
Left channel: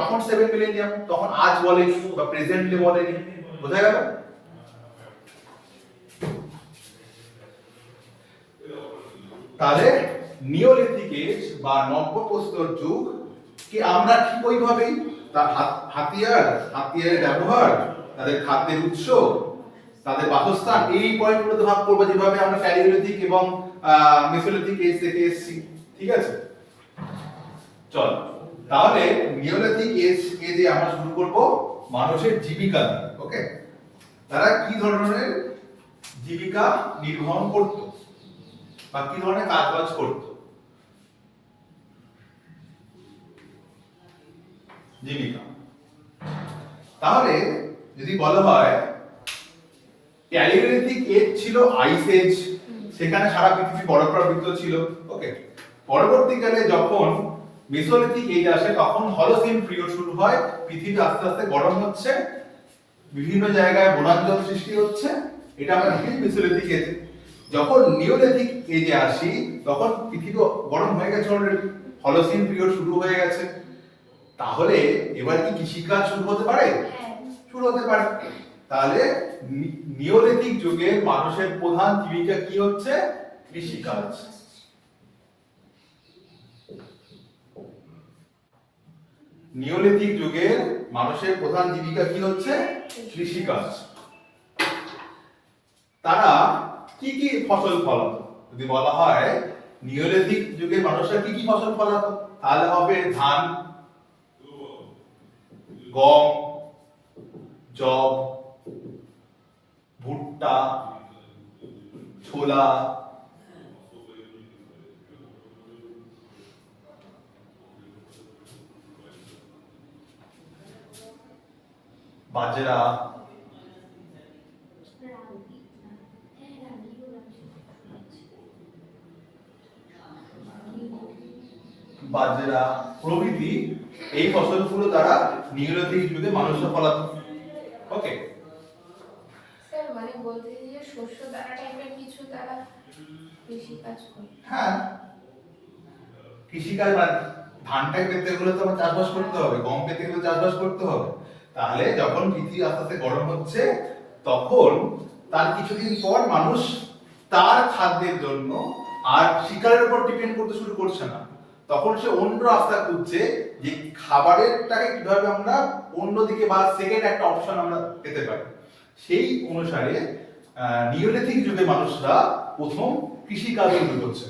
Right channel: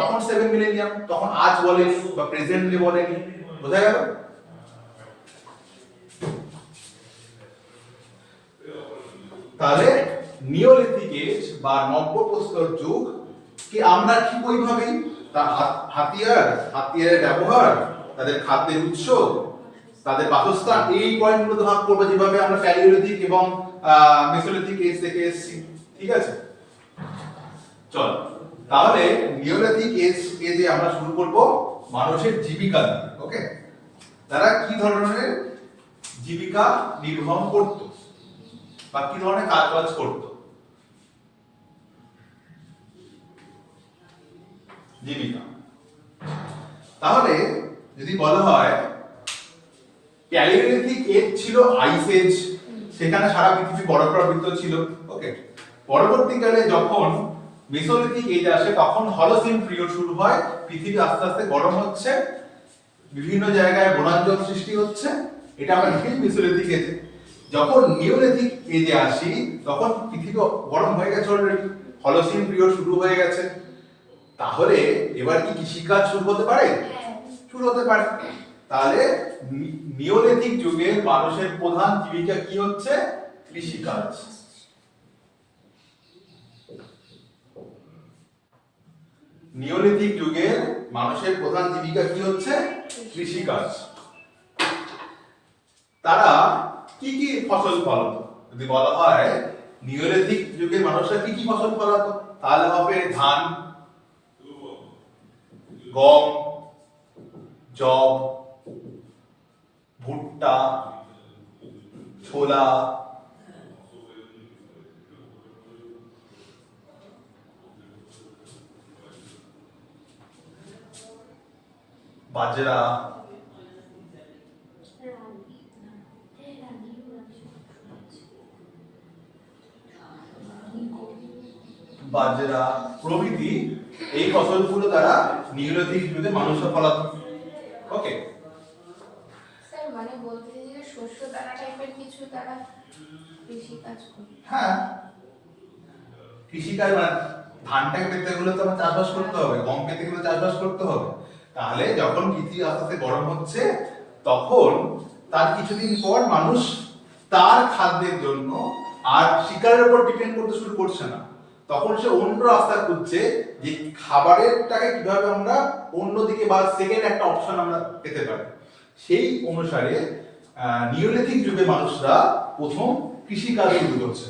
তখন 7 মিলেনিয়াম, তখন আজ বলেনি বা প্রেজেন্টলি বলেনি। বোঝা গেল? তাহলে নিওলিথিক এজ বা নব্যপ্রস্তর যুগ কি আমরা ঠিক ওইভাবেই তার হাতিয়ারের ব্যবহার, তাদের খাদ্যের উৎস, তাদের বাসস্থান, এই পয়েন্টগুলোতে ভাগ করবো যেভাবে আমরা প্যালিওলিথিক এবং মেসোলিথিক এজ থেকে এসেছি। ঠিক আছে, চল তাহলে নিওলিথিক এজে আমরা শুরু করব মানুষের জীবিকা দিয়ে। ওকে, তারা কি ধরনের জীবিকা নির্বাহ করত বা কি ধরনের কাজ করত? জীবিকা। তাহলে যদি বলা হয় প্যালিওলিথিক এজ ছিল আইস এজ, সেখানে সারা পৃথিবী বরফাবৃত ছিল। ওকে, পরবর্তীকালে যখন মেসোলিথিক এজ আসে তখন হলোসিন পিরিয়ড শুরু হয়, পৃথিবী আস্তে আস্তে গরম হচ্ছে, বিভিন্ন জায়গায় বনাঞ্চল সৃষ্টি হচ্ছে, এটা আমরা দেখি মেসোলিথিক এজে। যখন নিওলিথিক এজে আসি তখন পৃথিবী গরম হয়ে গেছে অলরেডি, হলোসিন পিরিয়ড শুরু হয়ে গেছে। তাহলে এবার কি কৃষিকাজ শুরু হতে পারে? শুরু হতে পারে। তাহলে নিওলিথিক যুগের মানুষের প্রধান জীবিকা কি হচ্ছে? কৃষিকাজ। নিওলিথিক যুগের মানুষের প্রধান জীবিকা কি হচ্ছে? কৃষিকাজ। তারা কি কি ফসল ফলাতো? যদি বলা হয় নিওলিথিক যুগের মানুষরা কি কি ফসল ফলাতো, তাহলে হবে ধান, গম, জব, ভুট্টা, ছোলা, বাজরা, বাজরা প্রভৃতি এই ফসলগুলো তারা নিওলিথিক যুগে মানুষরা ফলাতো। ওকে, স্যার মানে বলতে যে শস্য দানা টাইপের কিছু তারা কৃষি কাজ করে। হ্যাঁ, কৃষিকাজ মানে ধানটা পেতে গেলে তো আমার চাষবাস করতে হবে, গম পেতে গেলে চাষবাস করতে হবে। তাহলে যখন পৃথিবী আস্তে আস্তে গরম হচ্ছে তখন তার কিছুদিন পর মানুষ তার খাদ্যের জন্য আর শিকারের উপর ডিপেন্ড করতে শুরু করছে না, তখন সে অন্য রাস্তা খুঁজছে যে খাবারেরটাকে কিভাবে আমরা অন্যদিকে বা সেকেন্ড একটা অপশন আমরা পেতে পারি। সেই অনুসারে নিওলিথিক যুগে মানুষরা প্রথম কৃষিকাজ শুরু করছে।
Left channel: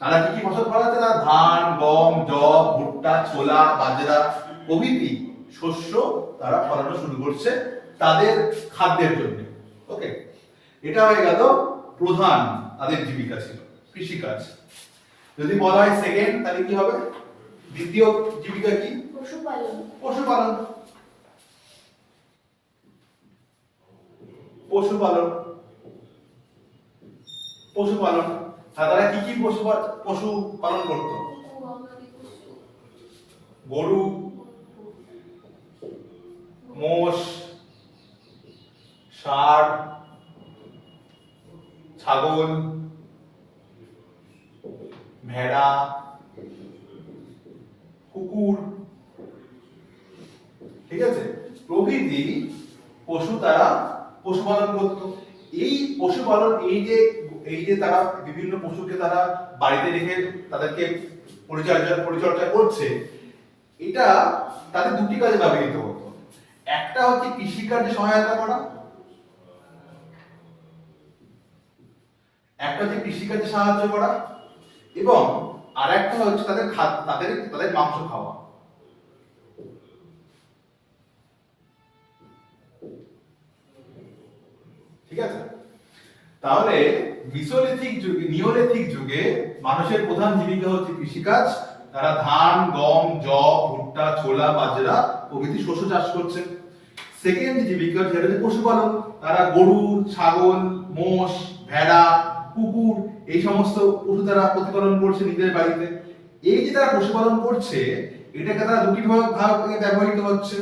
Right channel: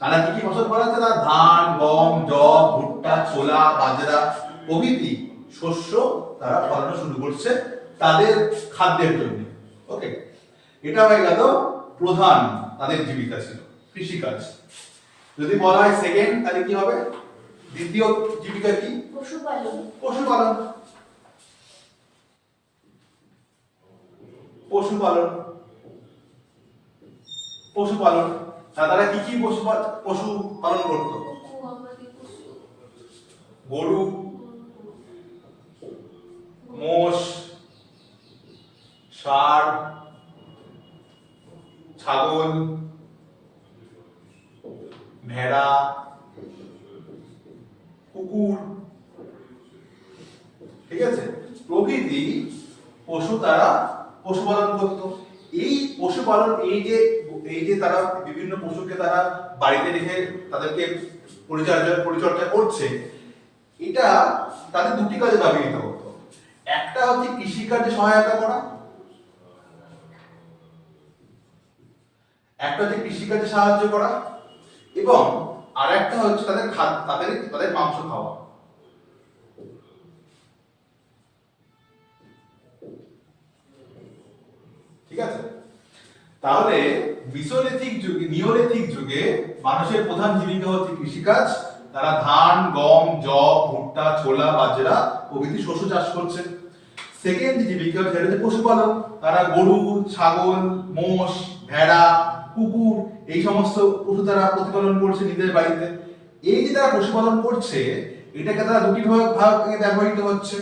তারা কি কি ফসল ফলাচ্ছে? তারা ধান, গম, জব, ভুট্টা, ছোলা, বাজরা প্রভৃতি শস্য তারা ফলানো শুরু করছে তাদের খাদ্যের জন্য। ওকে, এটা হয়ে গেল প্রধান তাদের জীবিকা ছিল কৃষিকাজ। যদি বলা হয় সেকেন্ড তাহলে কি হবে? দ্বিতীয় জীবিকা কি? পশুপালন। পশুপালন। পশুপালন। পশুপালন। তারা কি কি পশু পালন করত? গরু, মোষ, ষাঁড়, ছাগল, ভেড়া, কুকুর, ঠিক আছে, প্রভৃতি পশু তারা পশুপালন করত। এই পশুপালন এই যে তারা বিভিন্ন পশুকে তারা বাড়িতে রেখে তাদেরকে পরিচর্যা করছে, এটা তাদের দুটি কাজে ব্যবহৃত হতো। একটা হচ্ছে কৃষিকার্যে সহায়তা করা, একটা হচ্ছে কৃষিকাজে সাহায্য করা, এবং আর একটা হচ্ছে তাদের মাংস খাওয়া। ঠিক আছে, তাহলে নিওলিথিক যুগে মানুষের প্রধান জীবিকা হচ্ছে কৃষিকাজ। তারা ধান, গম, যব, ভুট্টা, ছোলা, বাজরা প্রভৃতি শস্য চাষ করছে। সেকেন্ড জীবিকা হচ্ছে পশুপালন। তারা গরু, ছাগল, মোষ, ভেড়া, কুকুর এই সমস্ত পশু তারা প্রতিপালন করছে নিজেদের বাড়িতে। এই যে তারা পশুপালন করছে, এটাকে তারা দুটি ভাগে ব্যবহৃত হচ্ছে।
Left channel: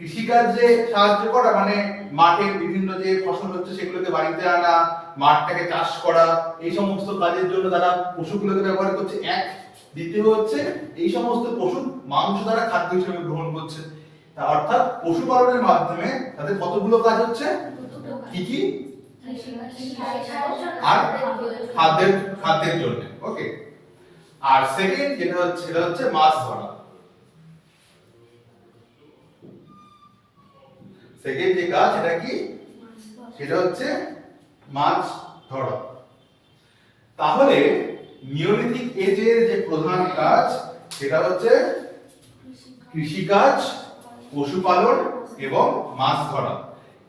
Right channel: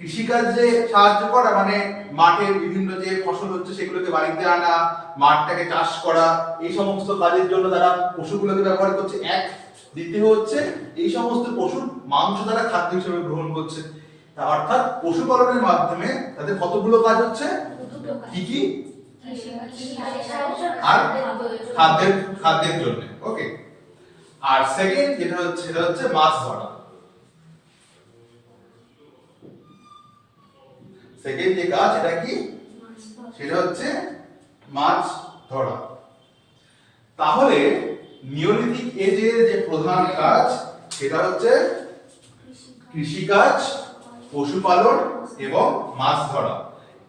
কৃষিকাজে সাহায্য করা মানে মাঠের বিভিন্ন যে ফসল হচ্ছে সেগুলোকে বাড়িতে আনা, মাঠটাকে চাষ করা, এই সমস্ত কাজের জন্য তারা পশুগুলোকে ব্যবহার করছে এক। দ্বিতীয় হচ্ছে এই সমস্ত পশুর মাংস তারা খাদ্য হিসেবে গ্রহণ করছে। অর্থাৎ পশুপালনের মাধ্যমে তাদের কতগুলো কাজ হচ্ছে, কি কি? আর খাদ্যের জন্য। ওকে। আর সেকেন্ড সেটা হচ্ছে মাছ ধরা। সেকেন্ড যে কাজ সেটা কি? সেটা হচ্ছে মাছ ধরা। তাহলে নিওলিথিক এজের যে প্রধান কাজ সেটা হচ্ছে কৃষিকাজ, পশুপালন এবং মাছ ধরা।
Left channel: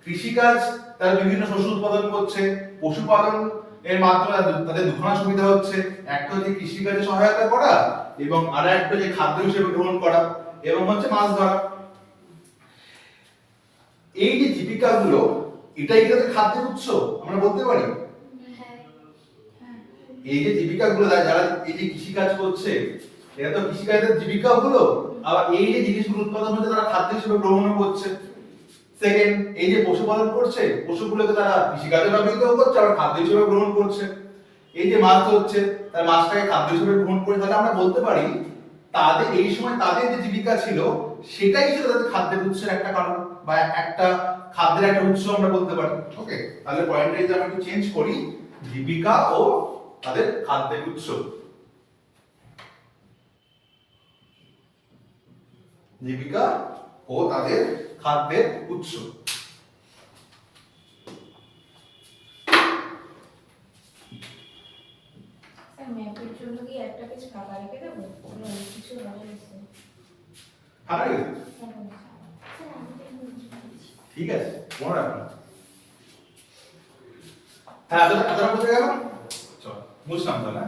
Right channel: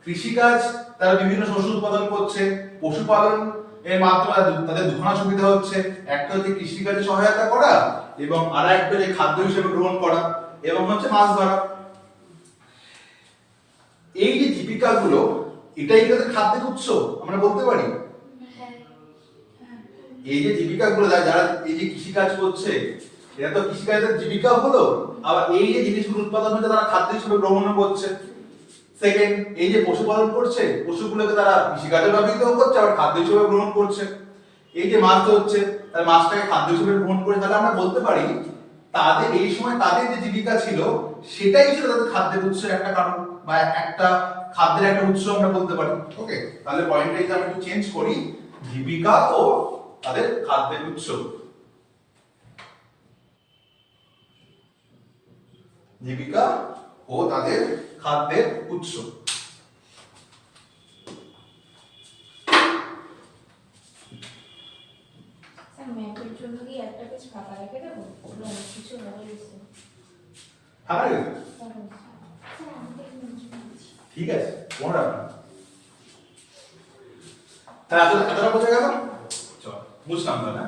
কৃষিকাজ তারা বিভিন্ন শস্য উৎপাদন করছে, পশুপালন এর মাধ্যমে তাদের দুখানা সুবিধা হচ্ছে, একটা হচ্ছে কৃষিকাজে সহায়তা করা এবং আর একটা যে খাদ্য হিসেবে গ্রহণ করা, এবং হচ্ছে মাছ ধরা। এই যে জীবিকাগুলো, এটাই কি তাদের খাদ্যের উৎস আমরা বলতে পারি? এই যে জীবিকাগুলো যারা এই যে কৃষিকাজ করছে, এটা তো কৃষিকাজের জীবিকা হলো, আবার এই যে জিনিসগুলো উৎপাদন হচ্ছে তারা খাদ্য হিসেবে গ্রহণ করছে। সেকেন্ড, এই যে পশুপালন করছে, পশুগুলোকে তারা কৃষিকাজে ব্যবহৃত করছে আবার খাদ্য হিসেবে গ্রহণ করছে। এই যে মাছ হচ্ছে, তার মাছটাকে খাদ্য হিসেবে গ্রহণ করে, তাহলে আমরা বলতে পারি তাদের এই সময় তাদের যে জীবিকা ছিল সেটাই ছিল তাদের খাদ্যের উৎসের একটা কারণ বা একটা খাদ্যের একটা উৎস আমরা বলতে পারি। ওকে, তাহলে পয়েন্টটা যদি আমরা একটু চেঞ্জ করি, জীবিকা ও তাদের খাদ্যের উৎস। জীবিকা ও তাদের খাদ্যের উৎস। ম্যাপের জন্য কি একটা পেজ ফাঁকা রেখে দেবো? অনেক কিছু হবে। ফাঁকা রেখে দেবো? ঠিক আছে, কোনো ব্যাপার না। তাহলে এতটা কোথায় গেল? চল বুঝলাম তো না।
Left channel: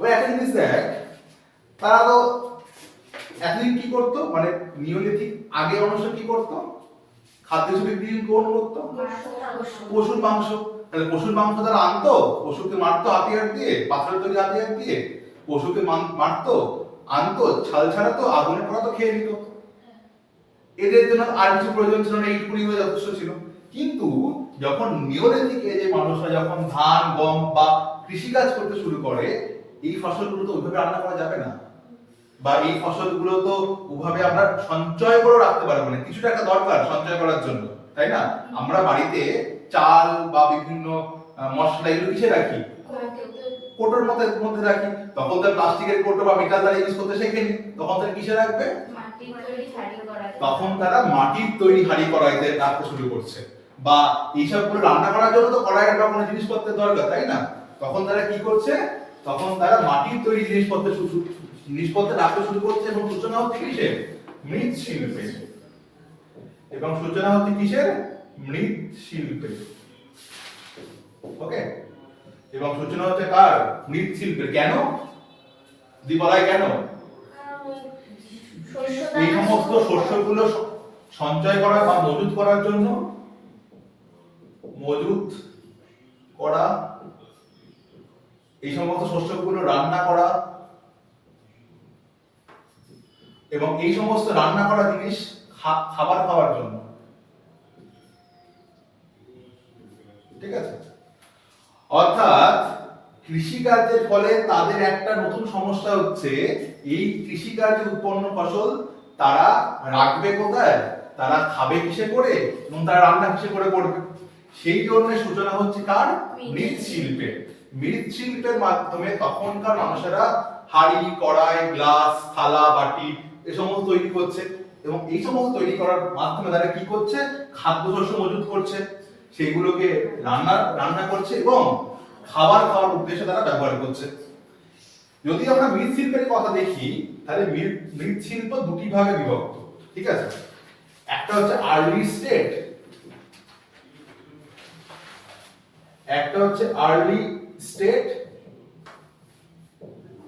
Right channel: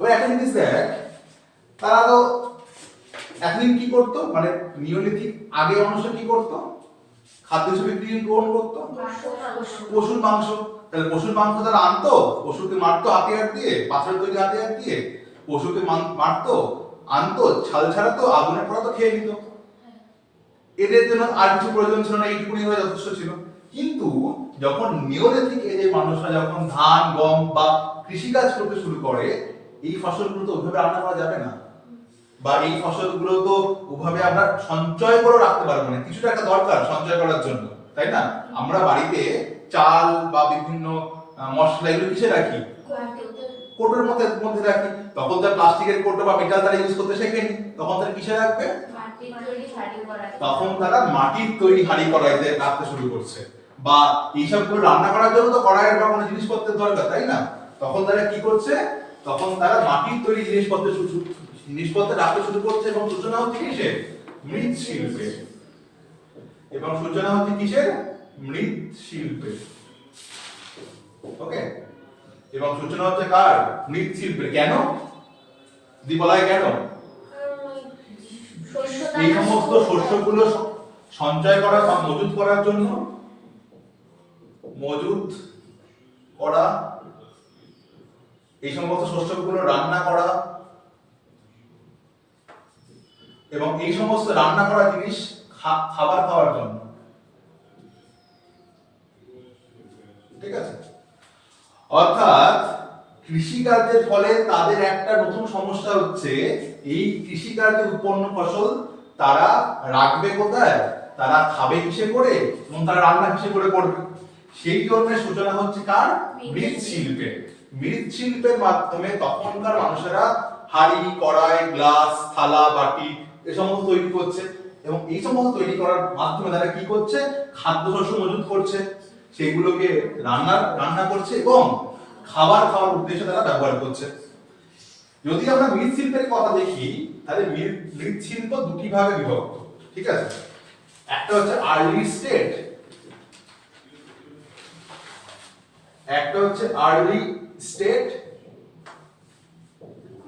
ওই একটা জিনিস দেখ, তারা তো এতদিন কি করতো, মানে নিওলিথিক আগে মানুষ কি করতো, খাদ্য হিসেবে কি গ্রহণ করতো? পশুর মাংস। তাহলে পশুর মাংস তারা আনতো, পশুকে মারতো হাতিয়ার দিয়ে, পাথরের তৈরি হাতিয়ার দিয়ে, পশুকে মারতো, আনতো, ছাল ছাড়াতো, আগুনে পোড়াতো, খেয়ে নিত। এদের জন্য আর কিছু প্রয়োজন ছিল না, এইটুকুনি হয়ে যথেষ্ট ছিল। কিন্তু যখন নিওলিথিক এজে মানুষরা যখন ধান, গম বা কৃষিকাজ করতে শুরু করে, এই ফসলগুলো তো ওইভাবে রান্না করা যাবে না, বা এই ফসলগুলো তো ওভাবে আমরা সঞ্চয় করে রাখতে পারবো না, কিছুটা একটা দরকার সঞ্চয় করার জন্য, তাই না? আমরা বাড়িতে চাল বা বিভিন্ন মশলা এগুলো কিসে রাখি? কোটোর মধ্যে রাখি। তখন তো প্লাস্টিকের কোটো বা মেটাল তারা ইউজ করতে শেখেনি, তখন তারা কিসে রাখবে? তখন তারা মাটির তৈরি হাঁড়ি কড়াইতে রাখতে শুরু করছে। বা এইসবগুলো রান্না করার জন্য তো কড়াইয়ের বা কোনো জিনিসপত্রের দরকার, তাই না? তখন তারা কি করছে? তখন তারা মাটির তৈরি জিনিসপত্র রাখতে শুরু করছে, এবং সূচনা হচ্ছে কিসে? মৃৎশিল্পের। এবং সূচনা হচ্ছে কিসের? মৃৎশিল্পের। ওকে, এবং সূচনা হচ্ছে কার? মৃৎশিল্পের। কেন দি বলাই কেন? এই সমস্ত শস্যগুলো সঞ্চয় করা বা মজুত করার জন্য, মজুত করা, এই সমস্ত শস্যগুলো রান্না করা, এবং এই সমস্ত রান্না করা জিনিস খাবার খাওয়ার জন্য। ঠিক আছে, অর্থাৎ কৃষিকার্যের ফলে তাদের একটা নতুন সমস্যা হচ্ছে, এই কৃষিকার্যে উৎপন্ন ফসল তারা রাখবে কোথায়, তারা খাবে কিসে করে, এবং তারা রান্না কিসে করে করবে। সেই জন্য সূচনা হচ্ছে কার? মৃৎশিল্পের। মৃৎশিল্পের মাধ্যমে তখনকার মানুষেরা হাঁড়ি, কড়াই, গ্লাস, থালা, বাটি এ সমস্ত তৈরি করছে, এবং এই সমস্ত তৈরি করার মাধ্যমে তারা কি করছে? খাদ্যশস্য মজুত করছে, সেগুলোকে রান্না করছে এবং খাবার খাওয়ার উদ্দেশ্যে তারা ব্যবহার করছে। যদি আমরা মৃৎশিল্পের কথা দেখি, তাহলে মৃৎশিল্প দুটি ভাগে বিভক্ত। ঠিক আছে, একটা হচ্ছে আর্লি স্টেট, একটা হচ্ছে আর্লি স্টেট,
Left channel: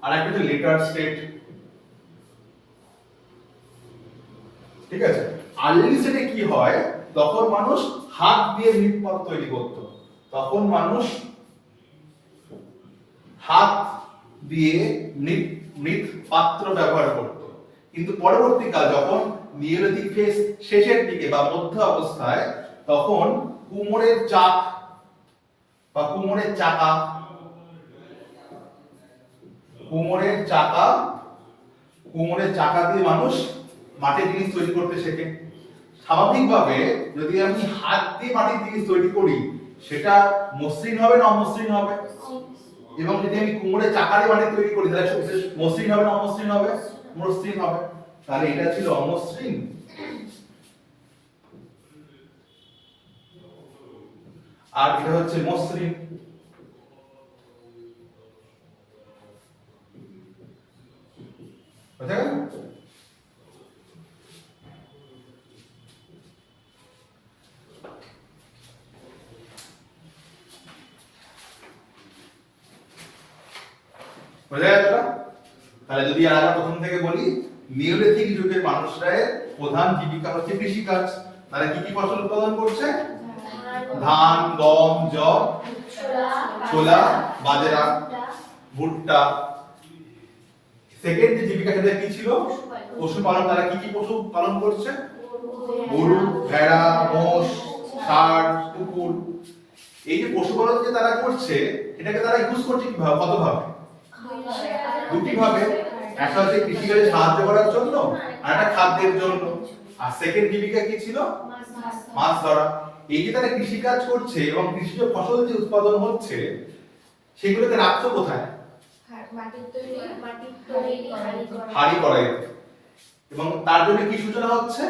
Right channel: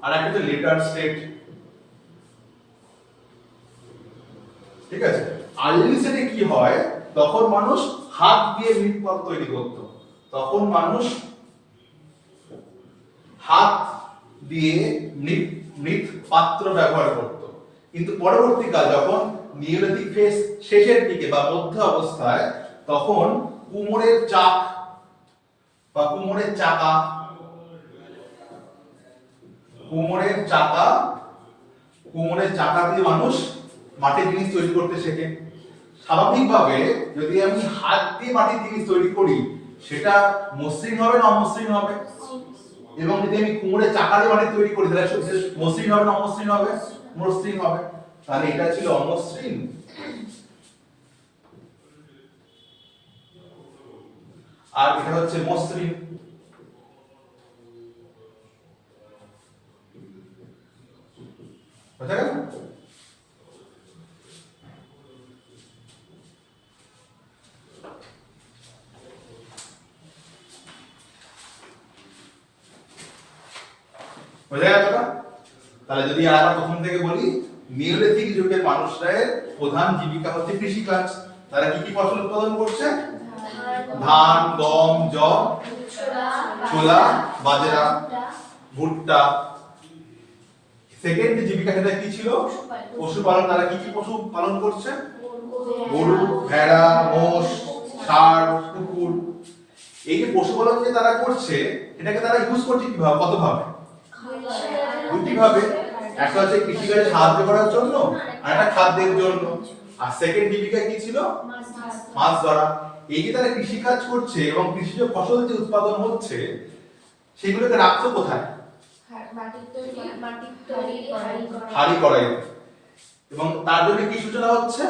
আর একটা হচ্ছে লেটার স্টেট। ঠিক আছে, আর্লি স্টেটে কি হয়, তখন মানুষ হাত দিয়ে মৃৎপাত্র তৈরি করত, তখন মানুষ হাত দিয়ে মৃৎ পাত্র ব্যবহার করত। কিন্তু পরবর্তীকাল যখন নিওলিথিক ফেজ শেষের দিকে বা মধ্য অবস্থায়, তখন কুমোরের চাক বা কুমোরের চাকা, কুমোরের চাকা দিয়ে মানুষ মাটির জিনিস তৈরি করতে শেখে। স্বাভাবিকভাবে যদি আমি হাত দিয়ে মাটির জিনিস তৈরি করি, সেটা মসৃণ হবে না অমসৃণ হবে? এবং যদি আমি কুমোরের চাকা দিয়ে মাটি তৈরি করি, তাহলে মসৃণ হবে না অমসৃণ হবে? মসৃণ হবে। তাহলে এটা ছিল অমসৃণ, আর এটা হচ্ছে মসৃণ। বুঝা গেল? বোঝা গেল না? তাহলে যদি আমরা প্রথম থেকে বলি, নিওলিথিক যুগের মানুষদের প্রধান জীবিকা হচ্ছে কৃষিকাজ। তারা কি কি ফসল উৎপাদন করছে? ধান, গম, যব, ছোলা, বাজরা, ভুট্টা। সেকেন্ড যে জীবিকা সেটা কি ছিল? পশুপালন। তারা কি কি পশু পালন করছে? গরু, ভেড়া, মোষ, ষাঁড়, কুকুর। এই যে পশুপালন যে তারা করছে, এটাকে তারা ইউজ করছে কিভাবে, কতভাবে? দুটি ভাবে। একটা হচ্ছে কৃষিকাজে সাহায্য করার জন্য, আর একটা খাদ্যের জন্য। আর সেকেন্ড জীবিকা কি ছিল? মাছ ধরা। এই যে তারা কৃষিকাজ করছে এবং কৃষিজ ফসল যে উৎপাদন হচ্ছে, সেগুলোকে রাখতো কোথায়? হাঁড়ি কড়াই। এবং তার জন্য কি সূচনা হচ্ছে?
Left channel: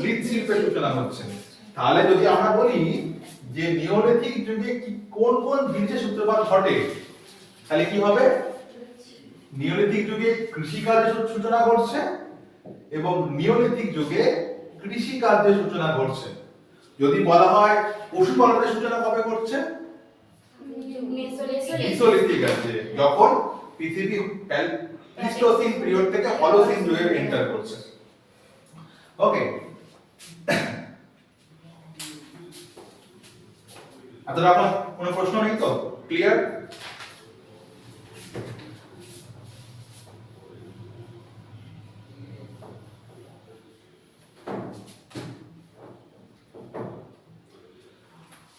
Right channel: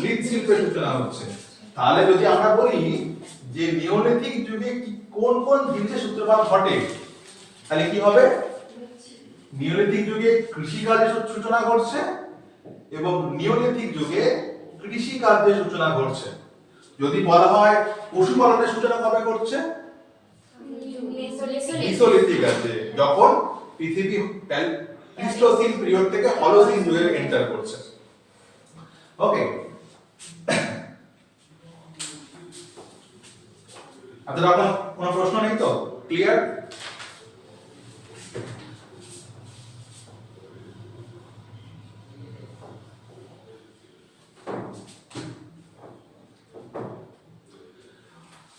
মৃৎশিল্পের সূচনা হচ্ছে। তাহলে যদি আমরা বলি যে নিওলিথিক যুগে কোন কোন জিনিসের সূত্রপাত ঘটে, তাহলে কি হবে? নিওলিথিক যুগে কৃষিকাজের সূচনা ঘটছে এবং নিওলিথিক যুগে কৃষিকার্যের সূচনা ঘটছে। যদি বলা হয় পশুপালনের সূচনা কবে ঘটছে? মেসোলিথিক আছে, যখন পৃথিবী প্লিস্টোসিন পিরিয়ড থেকে হলোসিন যুগে এন্টার করছে। ওকে, আপনারা কোনো প্রশ্ন নেই তো? ক্লিয়ার?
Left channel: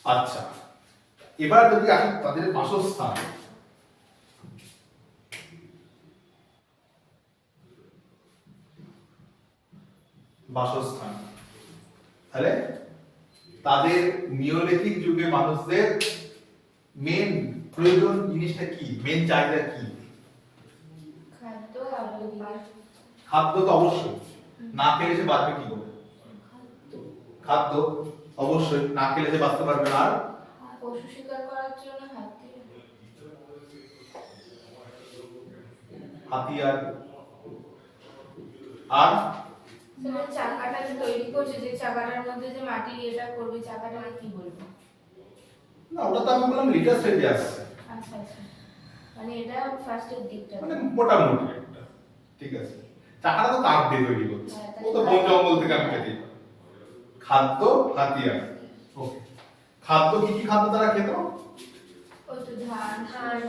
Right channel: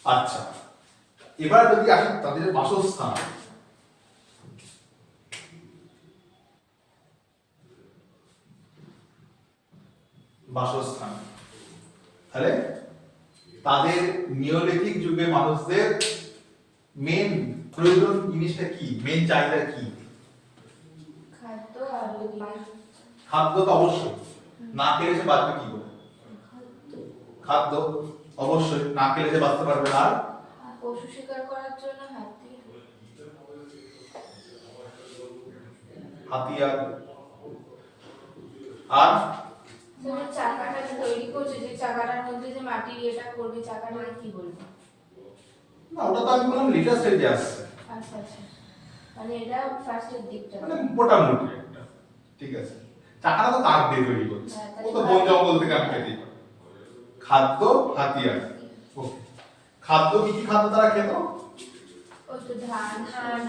আচ্ছা, এবার যদি আসি তাদের বাসস্থান। তাহলে তাদের নিওলিথিক যুগে মানুষদের মেন প্রয়োজন জিনিসটা কি, মেন চাহিদা কি? খাদ্য তো অবশ্যই, না খেলে সে বাঁচবে কি করে? খাদ্য অবশ্যই, না খেলে সে বাঁচতে পারবে না। আর পশু শিকার করার জন্য হাতিয়ার, আর স্যার চাকাটা যে তৈরি করছে, যে চাকাটার মধ্যে যে মাটির এটা করবে, চাকাটাকে কি বলবো? না, ওটা তো আমি বললাম লিটার স্টেজে আসছে, আচ্ছা আচ্ছা, মানে এটা ফার্স্টের দিকটা। মানে মোটামুটি একটা, ঠিক আছে। চাকাটা তো তার দিয়ে তৈরি করছে, ও তো বন জঙ্গল থেকে আমি খেতে পাই। খাদ্য হাতিয়ার, ওকে। খাদ্য কি কি খাদ্য তারা খেত? ওই তো ধান,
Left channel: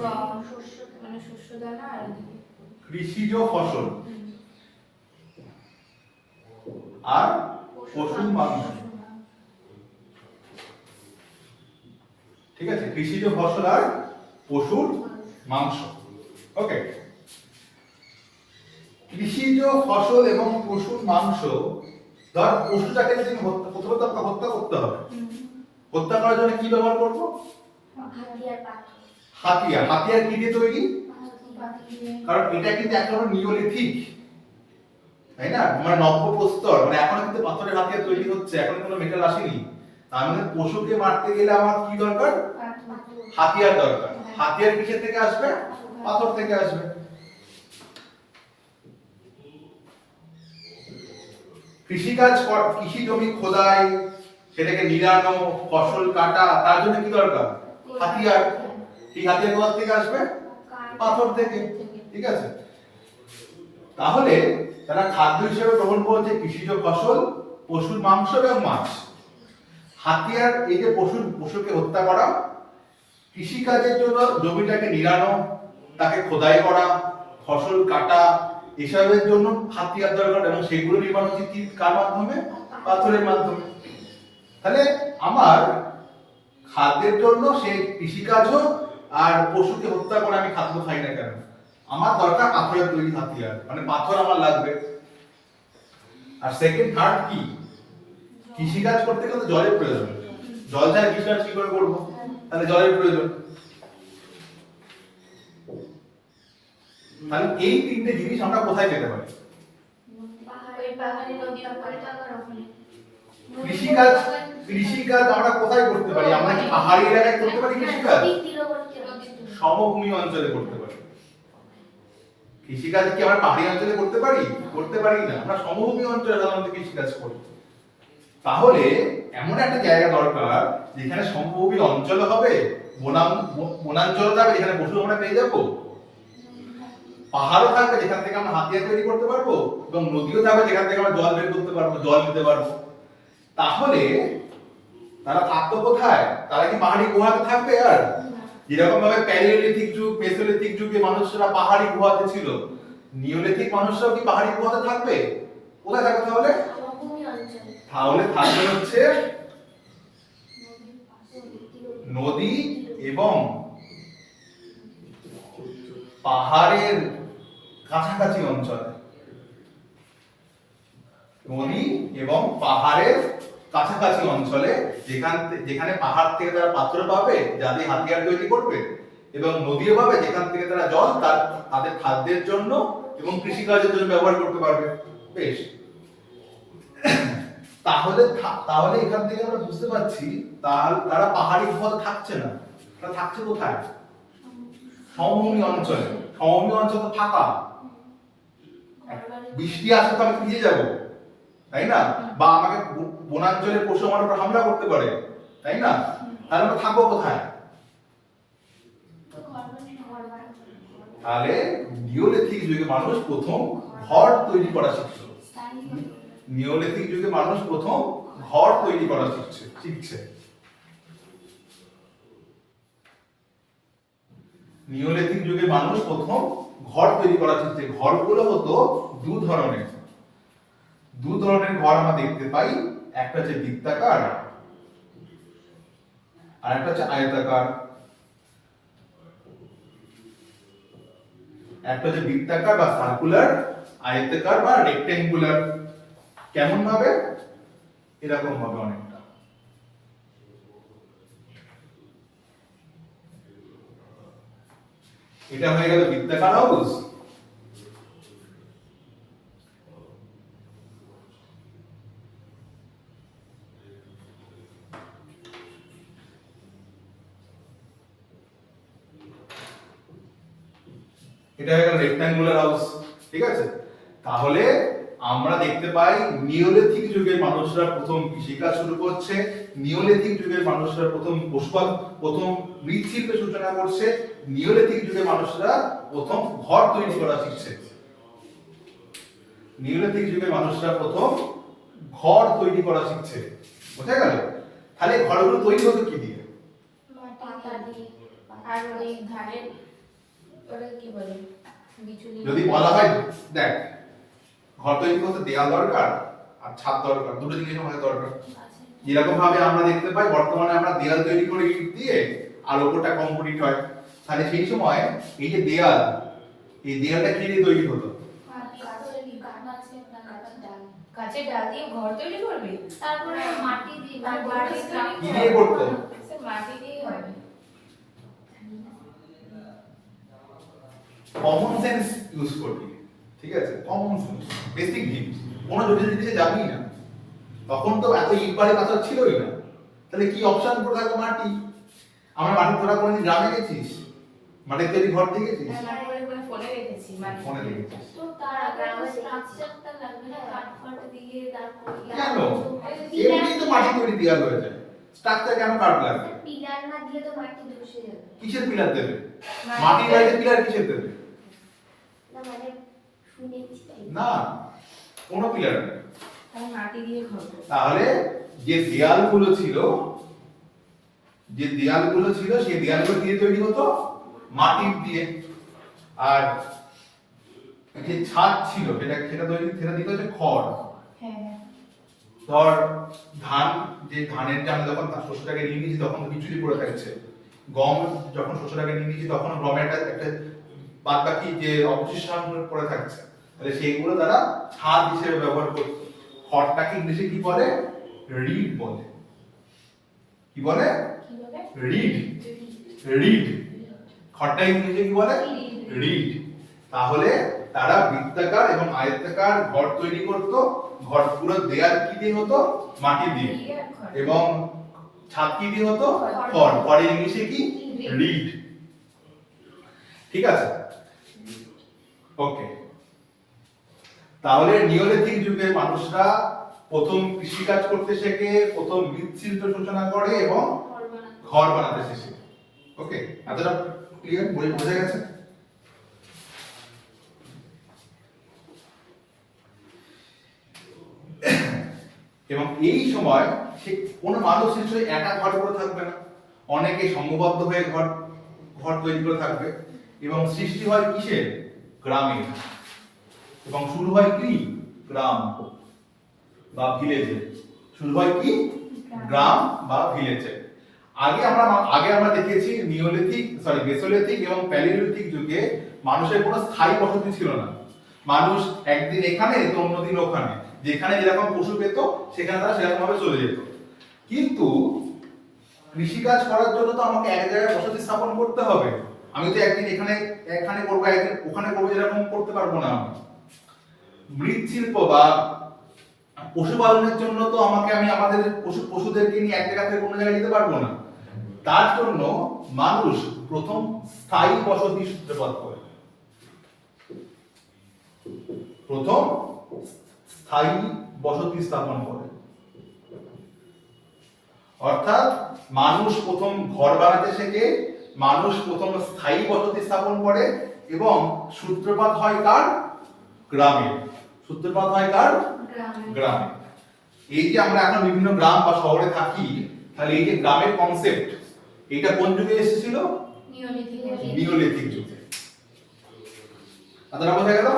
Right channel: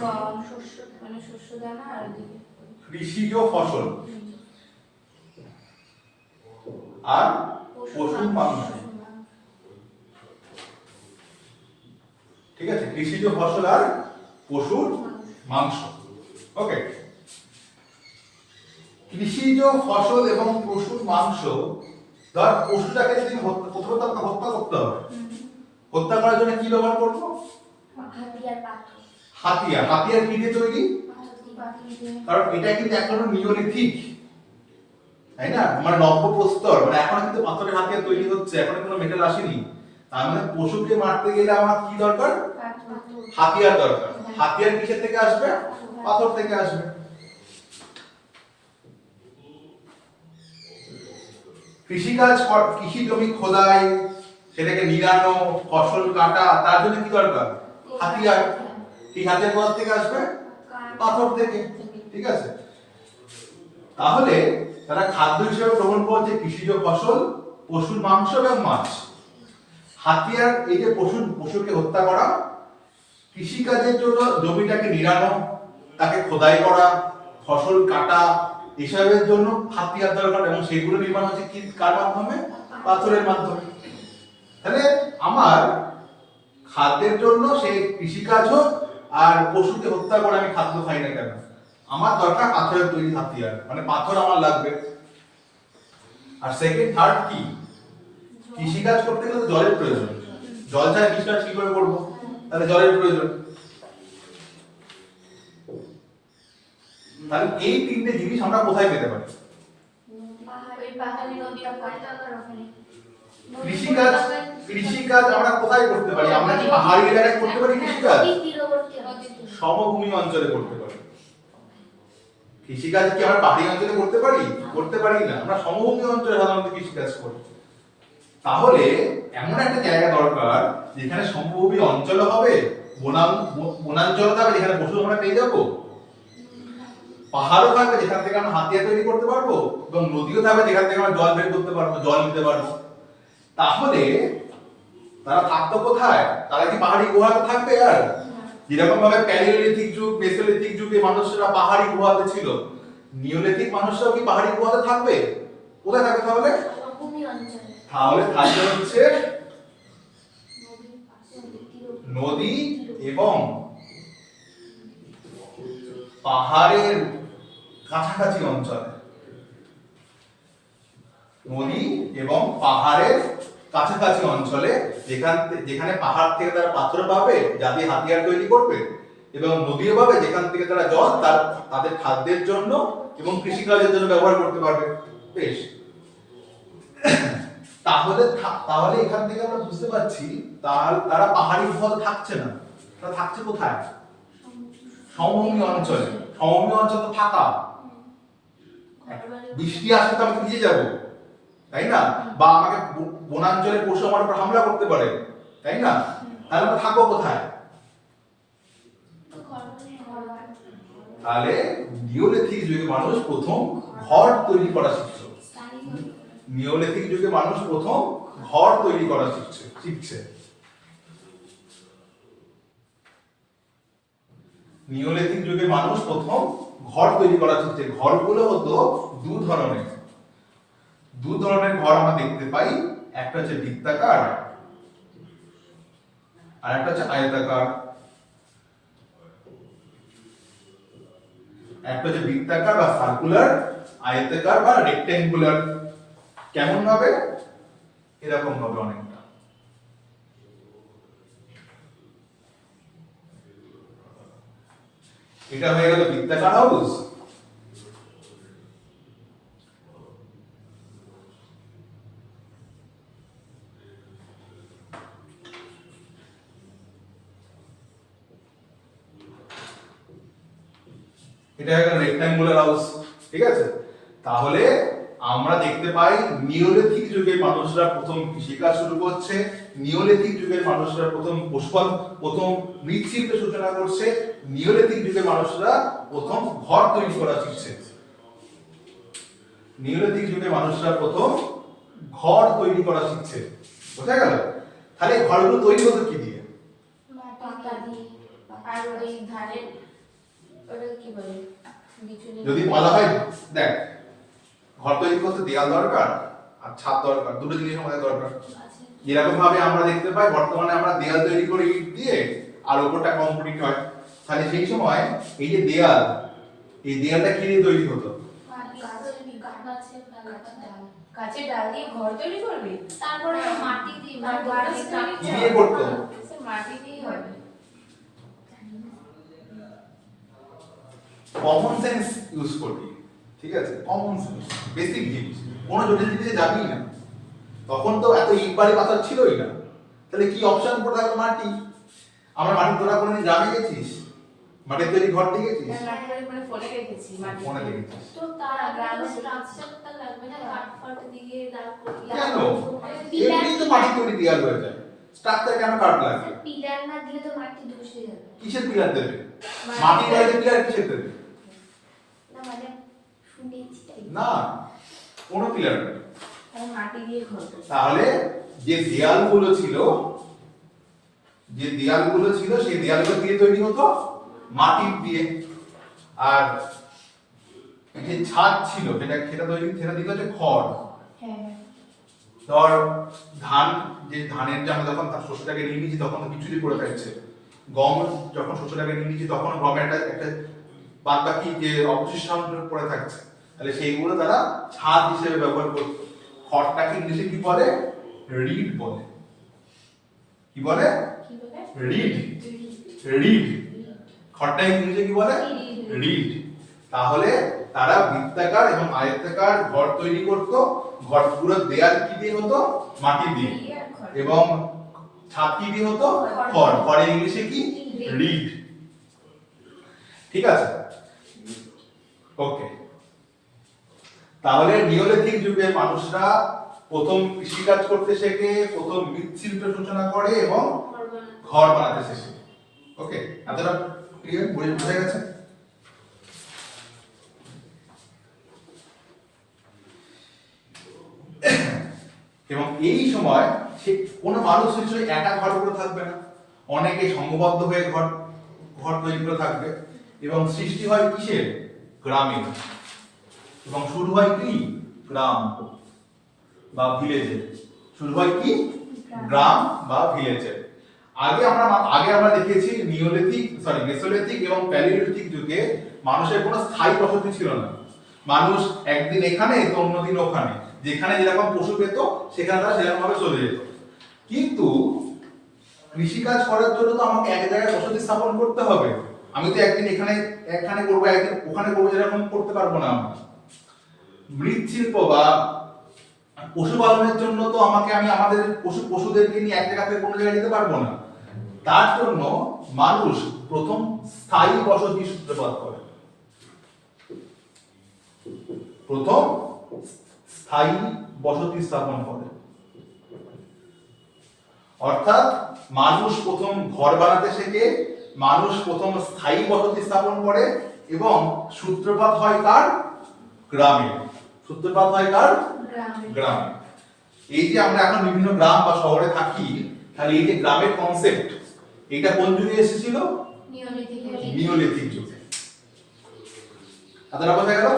গম, শস্য, মানে শস্য দানা আর ওদিকে কৃষিজ ফসল আর পশুর মাংস, ঠিক আছে। কৃষিজ ফসল আর পশুর মাংস, ওকে। কৃষিজ ফসল এবং পশুর মাংস, ধর পশুটাকে যদি প্রথমে তো আমাকে হত্যা করতে হবে, হত্যা করার জন্য কি ব্যবহার করবো? হাতিয়ার। হাতিয়ার কি দিয়ে তৈরি? কারণ এটা কিন্তু এক ধরনের নিওলিথিক, তাই না? মানে নব্যপ্রস্তর, মানে এখন কিন্তু পাথরের হাতিয়ার তৈরি হচ্ছে, এখন কোনো মেটাল আসেনি। তার মানে পশুকে মারতে গেলে আমার কি দরকার? হাতিয়ার দরকার। হাতিয়ার কিসের থেকে আসবে? পাথর থেকে আসবে। কৃষিকাজ, কৃষি জমি খোদাই, সেটাকে নিড়ানো, ফসল কাটা, তার জন্য কি দরকার? হাতিয়ার। এই হাতিয়ার কোথা থেকে আসবে? পাথর থেকে, ঠিক আছে। তাহলে তারা খাদ্য হিসেবে গ্রহণ করছে কৃষিজ ফসল, পশুর মাংস এবং মাছ। হাতিয়ার, এই যে পশুকে হত্যা করা, কৃষিকাজের জন্য জমিটাকে নিড়ানো, তাকে খোদাই করা, ফসল কাটা, এসবের জন্য হাতিয়ার দরকার, এবং সেগুলো নির্মাণ হচ্ছে কি কার মাধ্যমে? পাথরের মাধ্যমে। তাহলে আমার খাদ্যের জন্য সেই কৃষিকাজ হোক আর পশুকে হত্যা করে আমি খাদ্য খাই না কেন, আমার দরকার পাথরের তৈরি হাতিয়ার, মানে পাথর আমার লাগবে। আর সেকেন্ড থার্ড কি? কৃষিকাজ করতে গেলে জলের প্রয়োজন, জল ছাড়া কৃষিকাজ কি করে করবো? তাহলে জলের প্রয়োজন। তাহলে এই তিনটে জিনিস আমরা কোথায় পেতে পারি? কৃষিকাজ, কৃষিকাজ আমরা কোথায় করতে পারি? আমরা কি পাহাড়ি এলাকায় করতে পারি কৃষিকাজ? সমভূমি অঞ্চলে করতে পারি। কৃষিকাজ কি আমরা পাহাড়ি অঞ্চলে করতে পারি? করতে পারি না, আমরা সমভূমি অঞ্চলে সাধারণত কৃষিকাজ করি। তাহলে এমন একটা জায়গা দরকার যেখানে সমভূমি অঞ্চল হবে, বনাঞ্চল থাকবে যেখানে পশু আমরা পেয়ে যাবো, পাহাড়ও থাকবে যেখান থেকে আমরা হাতিয়ার তৈরি করতে পারবো, এবং নদীও থাকবে যেখান থেকে আমরা জল বের করতে পারবো, জল নিতে পারবো। তাহলে তারা থাকতো কোথায়? তারা কি পাহাড়ি গুহাতে থাকবে? আর যেরকম ভাবে প্যালিওলিথিক যুগ, মেসোলিথিক যুগে মানুষরা পাহাড়ি গুহাতে ছিল, নিওলিথিক মানুষরাও কি পাহাড়ি গুহাতে থাকবে? কোথায় থাকবে তাহলে? তাহলে থাকবে হচ্ছে নদী এবং পাহাড়ের কাছাকাছি অঞ্চলে। নদী এবং পাহাড়ের কাছাকাছি অঞ্চলে, যেখানে পাহাড় থেকে তারা পাথর পাবে যা দিয়ে হাতিয়ার তৈরি করবে, এবং নদীও পাবে যেখান থেকে তারা জল তাদের খাদ্যের জন্য এবং কৃষিকাজের জন্য ব্যবহার করতে পারবে। বেশ, তাহলে এখান থেকে আমরা বুঝতে পারছি তারা পাহাড়ি গুহাতে থাকছে না, তারা থাকছে কোথায়? সমভূমি অঞ্চলে। সমভূমি অঞ্চল তো ফাঁকা, বৃষ্টি আসলে তো আমি ভিজে যাবো, তাই না? বা আমাকে বনাঞ্চলের পশু আমার উপর হামলা করতে পারে, তাই না? তাহলে আমরা থাকবো কোথায়? তাহলে নিওলিথিক যুগে মানুষ প্রথম ঘর তৈরি করা শিখছে। নিওলিথিক যুগে মানুষ প্রথম ঘর তৈরি করা শিখছে। নিওলিথিক যুগে মানুষ প্রথম ঘর তৈরি করা শিখছে। ঘরগুলো হতো দু ধরনের ঘর আমরা দেখতে পাই। একটা হচ্ছে বৃত্তাকার আর একটা হচ্ছে আয়তাকার। একটা হচ্ছে বৃত্তাকার বা সার্কুলার, আয়তাকার বা রেক্ট্যাঙ্গুলার। কেমন ভাবে? এরকম ভাবে অনেকটা। এটা হয়ে গেল বৃত্তাকার হাউস। এটা হয়ে গেল রেক্ট্যাঙ্গুলার হাউস, ঠিক আছে। তাহলে আমরা দেখতে পাই নিওলিথিক যুগের মানুষরা প্রথম কৃষিকাজ শুরু করছে, নিওলিথিক যুগের মানুষরা প্রথম প্রথম মৃৎশিল্পের সূচনা করছে, নিওলিথিক যুগের মানুষরা প্রথম ঘর তৈরি করা শিখছে। নিওলিথিক যুগের মানুষরা প্রথম ঘর তৈরি করা শিখছে, বোঝা গেল? তাহলে ঘরগুলো তৈরি হতো কি দিয়ে? পাতা দিয়ে, আর ওই ধানের ওটা কি বলে যদি বলা হয় দেখ, ঘর তৈরি করতে দেয়াল দরকার আর ছাদ দরকার, দুটো জিনিস আমাদের দরকার। যেরকম ভাবে আমরা দেখতে পাই বর্তমানে আমরা দেয়াল তৈরি করি ইট দিয়ে আর ওপরটা কংক্রিট হয়, তাহলে সেই সময় এই যে দেয়াল, এই দেয়ালটা কি দিয়ে তৈরি হতো? গাছের ডাল দিয়ে ঘর তৈরি করবে, তারপরে মাটি দিয়ে কি দিয়ে করতো? মাটি দিয়েই হবে। কমন সেন্স ইউজ করবি, ঠিক আছে? কমন সেন্স, বেসিক জিনিস, কোনো জটিল জিনিসে যাবি না। তখন তো এত ইট বালি পাথর ছিলই না, তাহলে কি অপশন পড়ে থাকবে? মাটি। আমরা মাটির তোরা কোনদিন গ্রামে গেছিস? মাটির তৈরি ঘর দেখেছিস? ফোনে রেখেছি, ফোনে দেখেছিস? তো তার গ্রাউন্ড স্ট্রাকচারটা লাগবে না, কাঠ ফাট দিয়ে তারপর কেন? এমনি তো মাটি তৈরি দেয়াল হয়ে যায়, স্ট্রাকচার কেন কাট লাগবে? পিলার না দিলে তো মাটি ধসে যাবে। কিসের পিলার দেবে? মাটির বাইরে পিলার কিসের দেবে? না মানে শুনেছি তাই। না, কোনো পিলার নেই। মাটি দিয়ে ঘর। তাহলে যে দেয়ালগুলো ছিল, সেই দেয়ালগুলো দিয়ে তৈরি হতো মাটির দিয়ে। আর যে ছাদ ছিল সেটা দিতে হচ্ছে খড়। হ্যাঁ, ধর ধানের যে আমরা যখন তার শস্যটাকে নিয়ে নিয়েছি তখন বিচুলি পড়ে থাকছে, গম যখন শস্যটাকে নিয়ে নিয়েছি তখন গমের একটা বাদ বাকি যে অবশিষ্টাংশ পড়ে থাকছে, তাহলে সেইগুলো তারা ছাদ হিসেবে ব্যবহার করতো। খড়টাকে ইংলিশে কি বলে? রিড বলে। কি বলে? রিড। রিড। খড়টা ইংলিশে কি বলে? রিড। তাহলে তারা বৃত্তাকার এবং আয়তাকার ঘর তৈরি করত। ঘর পুরো দেয়াল কি দিয়ে হতো? মাটি দিয়ে। এবং ছাদ কি দিয়ে হতো? খড়। খড় ইংলিশে কি? রিড। ঠিক আছে, ওকে। তাহলে নিওলিথিক যুগের মানুষরা প্রথম কৃষিকাজ করতে শেখে, প্রথম মৃৎশিল্প সূচনা করে এবং ঘর বানাতে শেখে। ওকে, এতটা ক্লিয়ার? বোঝা গেছে? এবং এই সময় সে কোনো মানুষ নিশ্চয়ই একা ঘর করে থাকবে না, অনেকে সংঘবদ্ধ হয়ে ঘর তৈরি করে থাকবে। এবং সৃষ্টি হয় কিসের? গ্রামে। এবং শুরু হয় কি? গ্রাম বা ভিলেজে। শুরু হয় কি? গ্রাম বা ভিলেজে। আগে আমরা দেখেছি মেসোলিথিক এবং প্যালিওলিথিক যুগে মানুষের কোনো স্থায়ী বসতি ছিল না। মানুষ একদিন এখানে তো অন্যদিন ওখানে, যেখানে যেরকম পশু পেত সেখানে তারা সেরকম ভাবে চলে যেত। কিন্তু কৃষিকাজ করার জন্য তো আমাকে এক জায়গায় বসতি স্থাপন করতে হবে। আমি তো একদিন এখানে করবো, একদিন ওখানে করবো, এরকম করতে পারবো না। আমি মৃৎশিল্প বা পশুপালনের জন্য তো আমি আমাদের পশুদেরকে নিয়ে এক জায়গা থেকে কোনো জায়গায় যেতে পারবো না। তার জন্য মানুষ প্রথম স্থায়ী বসতি সূত্রপাত করে। প্রথম স্থায়ী বসতি স্থাপন করে, অর্থাৎ মানুষ প্রথম ঘর বানাতে শেখে, মানুষ প্রথম স্থায়ী বসতি স্থাপন করে এবং সূত্রপাত হয় কার? গ্রামে। সূত্রপাত হয় কার? গ্রামে। এই যে আমরা এখন বিভিন্ন গ্রাম বা শহরে থাকি, তাহলে এই যে গ্রামের কনসেপ্ট, এটা কোন যুগে এসেছিল? নিওলিথিক যুগে। আপনারা বোঝা গেল?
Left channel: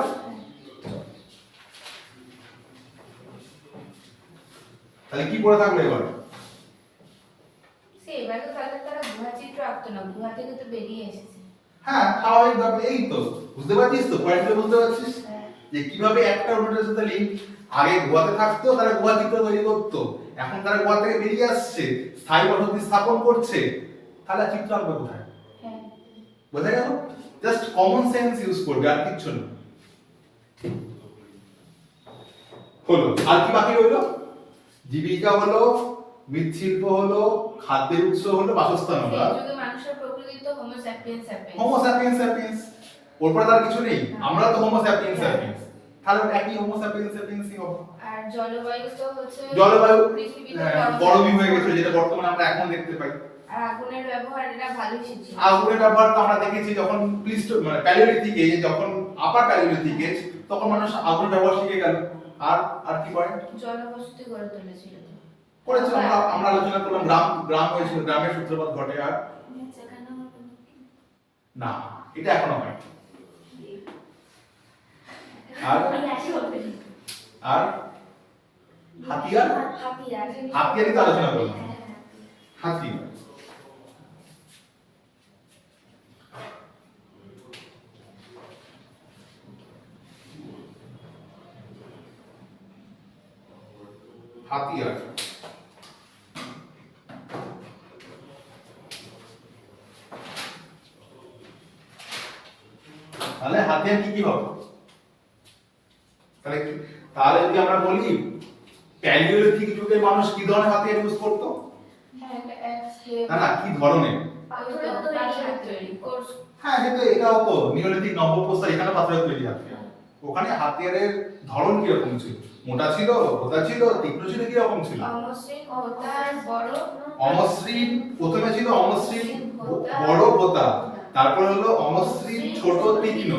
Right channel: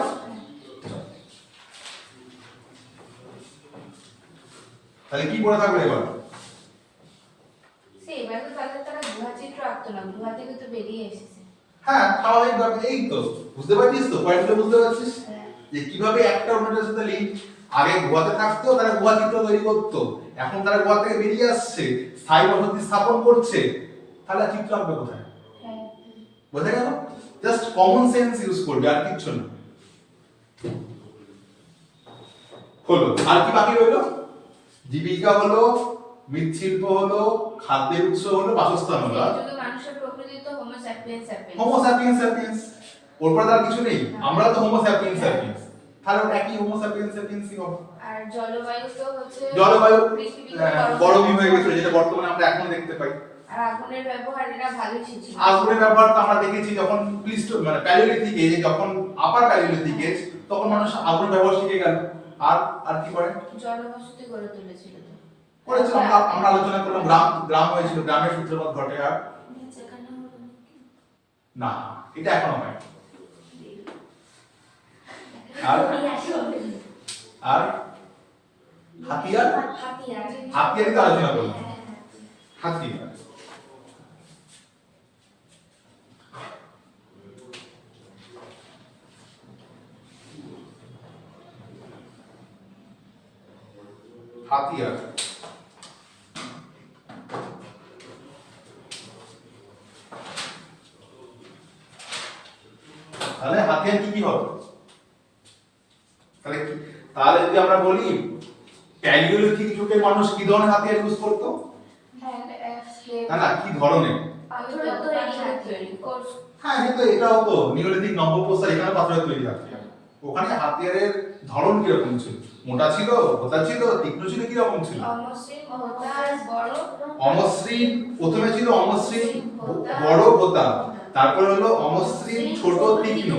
তাহলে কি পড়ে থাকলো এবার? এবার তো তারা গুহা চিত্র আঁকতো না, গুহা থেকে তো বেরিয়ে এসেছে। হ্যাঁ, স্বাভাবিকভাবে। এই তো বুঝতে পারছিস তো, পয়েন্টটা বুঝতে পারছিস যে কিভাবে একটা অন্যটার সাথে লিঙ্ক। আগে গুহাতে থাকতো, তারা গুহা চিত্র তৈরি করতো, এখন তারা গুহা থেকে বেরিয়ে আসছে, স্থায়ী বসতি স্থাপন করছে, তাহলে চিত্র আঁকবে কোথায়? বোঝা গেল? জাস্ট কমন সেন্স ইউজ করবে, আর কিচ্ছু না। হলো, আর কি বাকি রইলো? জীবিকা হলো, মৃৎশিল্প হলো, খাদ্যের উৎস হলো, বাসস্থান হলো। মানুষের প্রকৃতি তো হোমো স্যাপিয়েন্স। Homo sapiens. ওর পরে তার কিছু নেই। আমরা তো হোমো স্যাপিয়েন্স। তাহলে ওটা একই হোমো স্যাপিয়েন্স স্যাপিয়েন্সই হবে। আর জলবায়ু তো হচ্ছে জলবায়ু পৃথিবীতে গরমই হয়ে গেছে, যেটা বর্তমানে আমরা এখন দেখতে পাই। আর আগুনের ব্যবহার এটা ভালোই শিখছি। আগুনের ব্যবহার তো আমরা দেখেছি যখন মানে প্যালিওলিথিক এজে, যখন আপার প্যালিওলিথিক এজ, তখন মানুষ আগুনের ব্যবহার শিখে গেল। আর আর কি করে জনবসতি গড়ে তুলেছিল তো। করেছে, আমরা আলোচনা করলাম, গ্রাম হয়েছিল, গ্রামের সূত্রপাত ঘটে। আর যেখানে হবে না, এটা এখনো হয়। আর আর হাতিয়ার, হাতিয়ারই তো আলোচনা করলাম। হাতিয়ার হাতিয়ার তাহলে হাতিয়ার কি কি হবে? তাহলে তাহলে যদি আমরা বলি প্যালিওলিথিক যুগে মানুষ কি ধরনের হাতিয়ার ইউজ করতো? না না, কি ধরনের? হ্যাঁ, কিন্তু এটাও তো নিওলিথিক নব্যপ্রস্তর, এখানে পাথরের তৈরি হাতিয়ার। ওখানে হাতিয়ারের ধরন কি রকম ছিল? মোটা ছিল, ভোঁতা ছিল, তীক্ষ্ণ ছিল, কি রকম ছিল? অমসৃণ, প্রথমে ছিল অমসৃণ বড় ভোঁতা, তারপর হলো অমসৃণ ছোট তীক্ষ্ণ,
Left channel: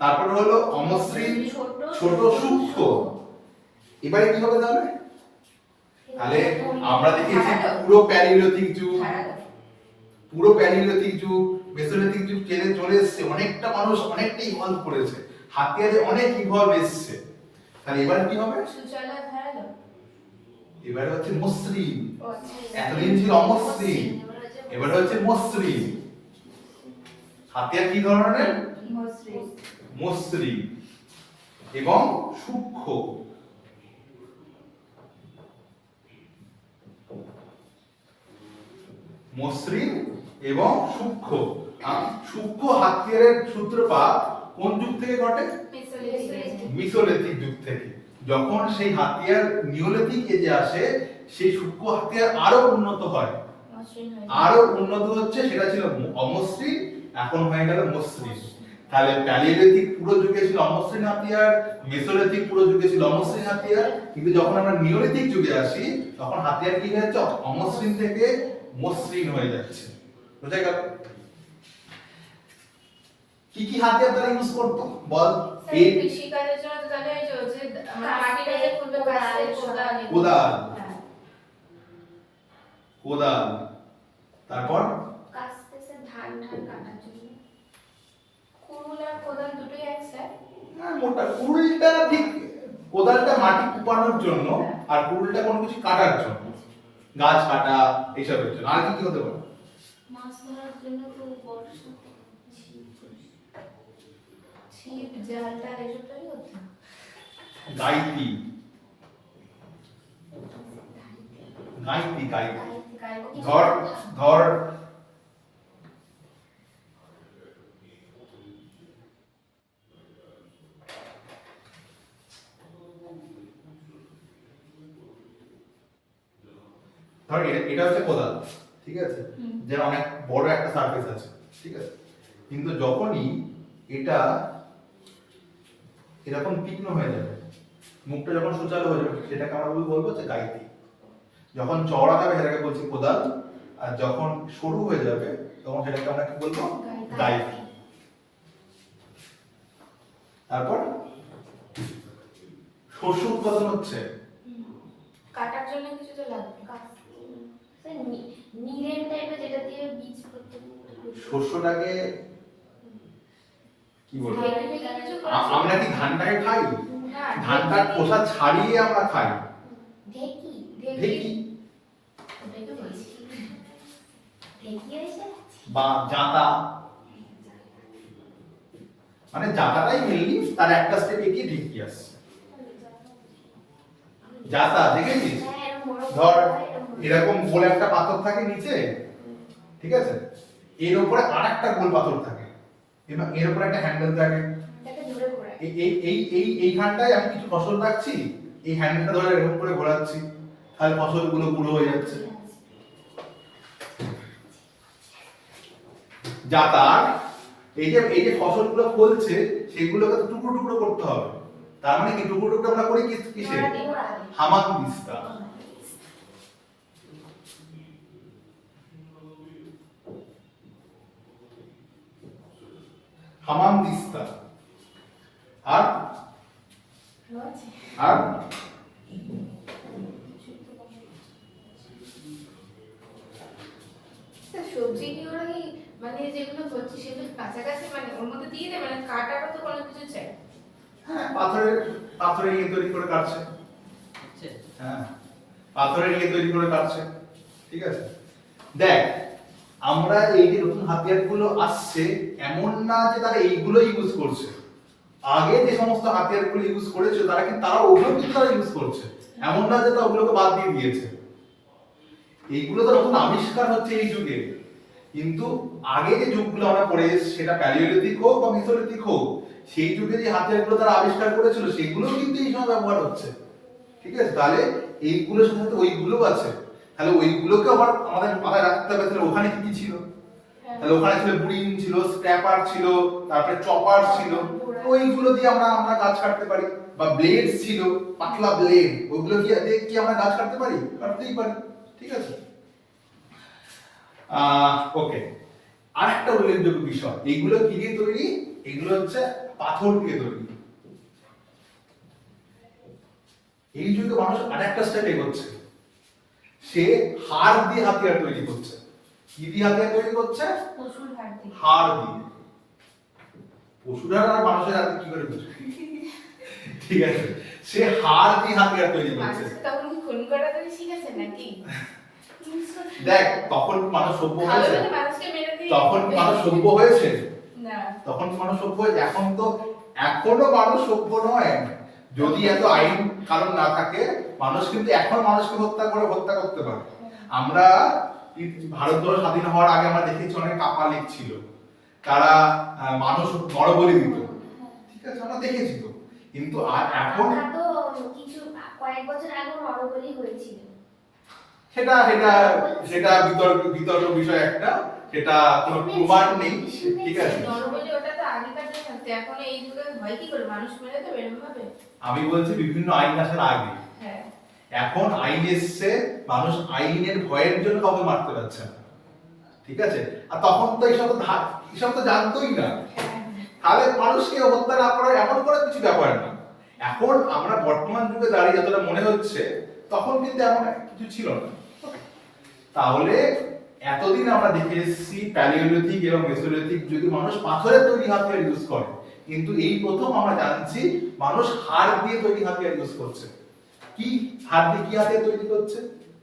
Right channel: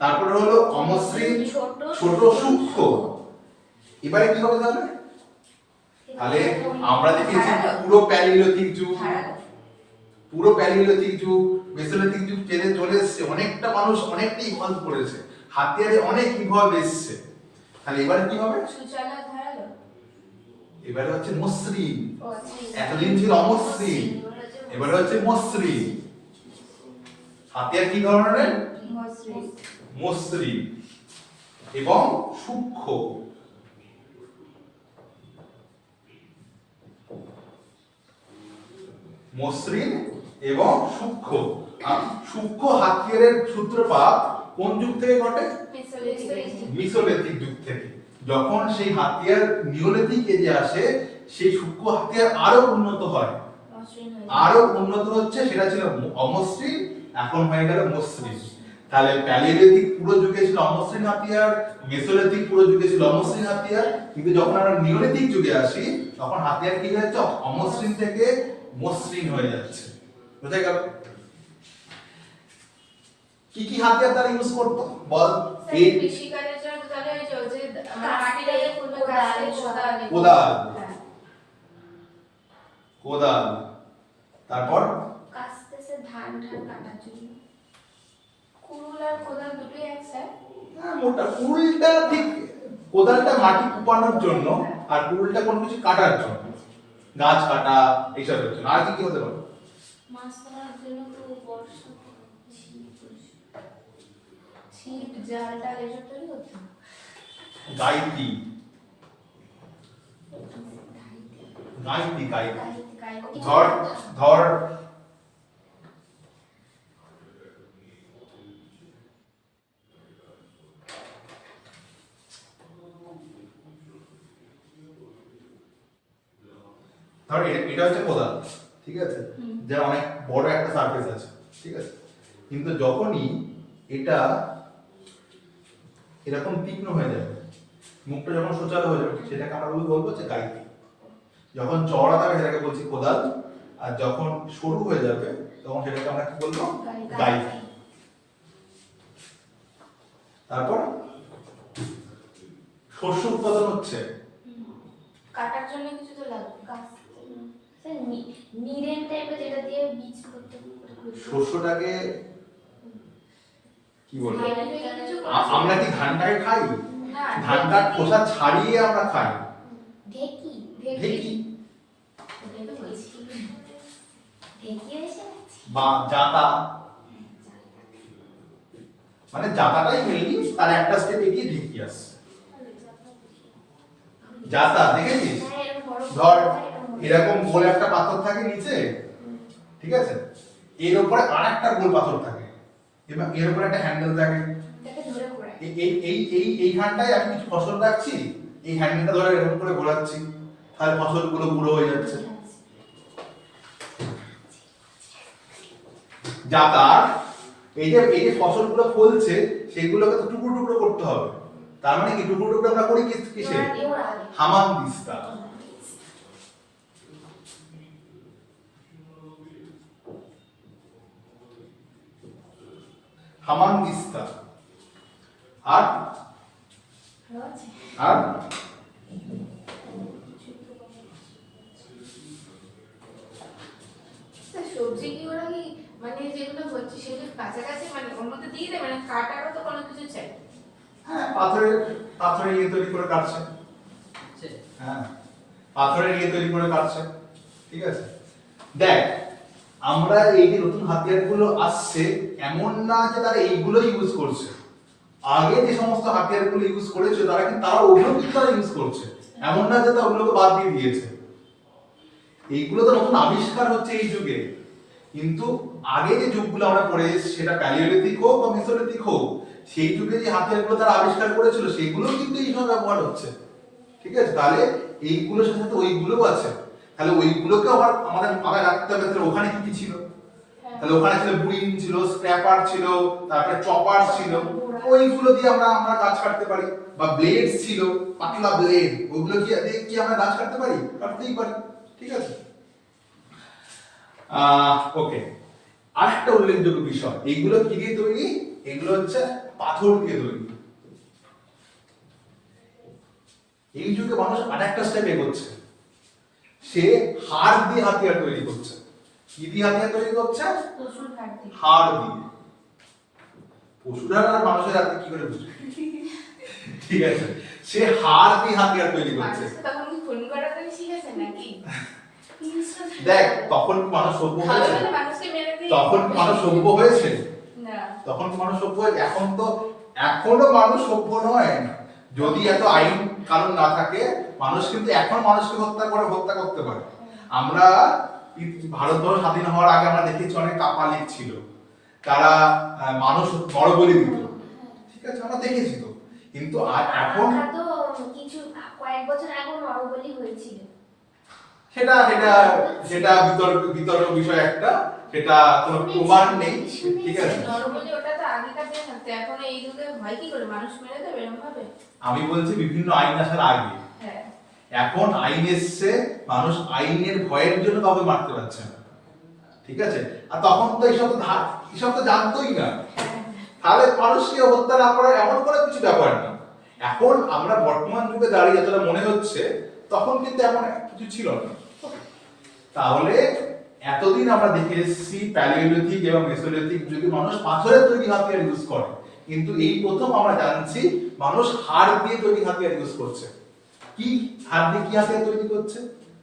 তারপর হলো অমসৃণ ছোট সূক্ষ্ম। এবারে কি হবে তাহলে? তাহলে আমরা দেখেছি পুরো প্যালিওলিথিক যুগ, পুরো প্যালিওলিথিক যুগ, মেসোলিথিক যুগ চলে এসেছে, অনেকটা মানুষ অনেকটা ইভলভ করেছে, হাতিয়ারে অনেক ইভলভ এসেছে। তাহলে এবারে কি হবে? এবারে হচ্ছে মসৃণ। এতদিন ছিল অমসৃণ, এবারে হচ্ছে মসৃণ। হাতিয়ার কি ধরনের? মসৃণ এবং সূক্ষ্ম। মসৃণ এবং সূক্ষ্ম। সূক্ষ্ম হাতিয়ারের সূত্রপাত কোন যুগ থেকে ঘটে? মেসোলিথিক যুগ থেকে। যখন সেই হাতিয়ার নিওলিথিক এজে আসে, সেই সূক্ষ্ম হাতিয়ার আরো উন্নত হয়, আরো উন্নত হচ্ছে। সেটা ছিল অমসৃণ, এখন হয়ে গেল মসৃণ। তাহলে প্যালিওলিথিক পুরো যুগে ছিল অমসৃণ হাতিয়ার, মেসোলিথিক পুরো যুগে ছিল অমসৃণ হাতিয়ার, কিন্তু যখন আমরা নিওলিথিক যুগে আসি, তখন হাতিয়ার কি হয়ে যাচ্ছে? অমসৃণ থেকে মসৃণ হয়ে যাচ্ছে। বুঝা গেল? কি কি হাতিয়ার তারা ইউজ করতো বল? এই কৃষিকাজের জন্য তো তাহলে ওই যে আমরা মাটিটাকে খুলবে, কোদাল, কোদাল, তারপর কাস্তেছে ধান কাটার জন্য। কুড়ুল আর কোদাল দুটোই একসাথে। মোটা কুড়ুলটা ঠিক, কোদালটা মাটি কুপানোর জন্য, আর কুড়ুলটা কোনো কিছু কাটার জন্য, গাছ কাটা এইসবের জন্য। আর কি কি হতে পারে? মাছ ধরার জন্য তো বর্ষা, ছিপ, জাল টাল এসব তৈরি হতো। গাইতি, গাইতি, গাইতি। ধর ধর ধর এটা হচ্ছে কোদাল, ঠিক আছে, যে অনেক বড় একটা সারফেস আছে, ঠিক আছে, কিন্তু যখনই এটা এরকম তীক্ষ্ণ হয়ে যাবে, মুখটা যখন সোজা হয়ে যাবে, সেটাকে আমরা বলবো যে গাইতি। যখন চওড়া থাকবে সেটাকে বলছি কোদাল, আর যখন সরু হয়ে যাবে তখন সেটাকে আমরা কি বলবো? গাইতি। তারপর শস্য উৎপাদন হচ্ছে, কাটার জন্য কিছু তো লাগবে। নিরেন টাইপের, যেটা দিয়ে বীজ করতে শস্যটাকে কি বলবো? কিছু আমরা কি ধানটাকে খাই? না, ধানটার খোসা ছাড়িয়ে আমরা খাই। ঢেকি, ঢেকি ওটাই তো বলছি। ঢেকি এসে বা জাতা, মানে জাতাটাই মেনলি, তার একটা স্টেপ এগিয়ে ঢেকি আসছে। জাতা দেখেছিস? ধর এরকম গোল একটা পাথর থাকে নিচে, ঠিক আছে, এর উপরে আরেকটা গোল পাথর থাকে, এবং এর উপরে একটা হ্যান্ডেল থাকে। এইখানটায় আমি কিছু ফসল রাখছি, এই হ্যান্ডেলটা ধরে এরকম করে ঘোরাচ্ছি, তাহলে ফসলগুলো গুঁড়ো হয়ে যাচ্ছে। জাতার এই যে ফসলগুলো ফলছে, সেগুলোকে তো টুকরো টুকরো করতে হবে, তার মানে কি টুকরো টুকরো আমরা করি কিসে? হামানদিস্তা। হামানদিস্তা। আর আর সবজি কি ওরা কি মানে যেগুলো হচ্ছে সেগুলো কাছাকাছি মানে ওর মধ্যে দিয়ে দেবে না, কাটারও তো কোনো কিছু চাই? হ্যাঁ, পাথরের ইয়ে তৈরি করে কাটছে। হ্যাঁ, পাথরের ইয়ে তৈরি করে কাটছে। ঠিক আছে, দেখ আমরা এই যে নতুন হাতিয়ারগুলো আসছে এমন না যে তারা এইগুলো ইউজ করছে, আগে যে সমস্ত হাতিয়ারগুলো ইউজ করেছে তারা ওগুলো কিন্তু তারা ইউজ করছে, এমন না যে তারা ওগুলোকে বাদ দিয়ে দিয়েছে। এইগুলো তো নতুন আবিষ্কার হচ্ছে এই যুগে, কিন্তু আগে যে যুগগুলো আমরা পড়ে এসেছি সেটা প্যালিওলিথিক হোক বা মেসোলিথিক হোক, সেই যুগে যে হাতিয়ারগুলো তারা আবিষ্কার করেছিল সেগুলো কিন্তু এই সময় ব্যবহার হচ্ছে। ঠিক আছে, তাহলে এইগুলোর সাথে সাথে ওইগুলোও আছে, তাহলে ওইগুলোকে আমাদের মাথায় রাখতে হবে। তাহলে ওখানে কি কি ছিল? তাহলে ওখানে ছিল বুড়িন ছিল, স্ক্র্যাপার ছিল, তারপরে চপার ছিল, ওইগুলো দিয়ে আমরা গাছ কাটতে পারি। বা ব্লেড ছিল, পাতলা ব্লেড, ওইগুলো দিয়ে কি আমরা গাছ কাটতে পারি? কাটতেই পারি। ঠিক আছে, ওকে। আরেকটা উল্লেখযোগ্য বিষয়, এইগুলো কি দিয়ে তৈরি? এগুলো হচ্ছে পাথর দিয়ে তৈরি। এই যুগে মানুষ আরেকটা স্টেপ এগোচ্ছে, সে হাড় দিয়ে হাতিয়ার তৈরি করছে। কি দিয়ে হাতিয়ার তৈরি করছে? পশুর হাড় দিয়ে। হাড় দিয়ে। পশুর হাড় আর মানুষের হাড় কি করে বুঝবে? ঠিক আছে, সে হাড় দিয়ে হাতিয়ার তৈরি করছে। তখন কি ফোন করা করে শিখেছে নাকি? দেখ, তখন মানুষ সভ্য হয়েছে? তখন মানুষ সভ্য হয়েছে না, তখন মানুষ সভ্য হয়েছে। এখন তো এখনো মানুষ সভ্য নয়। যদি এত আইন কানুন না থাকে, মানুষ কিন্তু এখন মানুষকে হত্যা করতে পারে। আমরা ভারতবর্ষ স্বাধীন হওয়ার আগে আমরা দেখেছি অনেক কাপালিক ছিল, তারা মানুষ নরবলি দিত। ঠিক আছে, আমরা দেখেছি তো। কিন্তু এখন তো কিছু কয়েক বছর আগে নরবলি হয়েছিল। সেটা সেটা সেটা বিতর্ক বিষয় একটা, সেটা কোনো প্রমাণ নেই। ঠিক আছে, নরবলি ওটা তো আগেকার দিনে থাকতো, এখন এই যুগে ভয় কি করে মানুষ মেরে দেবে এরকম ভাবে? আমি বলছি বিভিন্ন আইন আসার আগে। হ্যাঁ, এখন আইন এসছে, মানুষ আইনের ভয়ের জন্য কাউকে মারতে পারছে না। ঠিক আছে, আর তখন তো এইসব তো জানতোই না, তাহলে মানুষকে হত্যা না করার এমন কোনো কিছু ব্যাপার না। এখন আমরা বর্তমান যুগে দাঁড়িয়ে যতটা মনে হচ্ছে, তখন কিন্তু এমন কিছু ছিল না। তাহলে এতদিন আমরা দেখে এসেছি প্যালিওলিথিক এবং মেসোলিথিক যুগে মানুষ পাথরের তৈরি হাতিয়ার ইউজ করে, কিন্তু এই প্রথম আমরা জানছি মানুষ হাড় দিয়ে তৈরি হাতিয়ার ইউজ করছে। কি হাড় দিয়ে কি হাতিয়ার তৈরি করছে?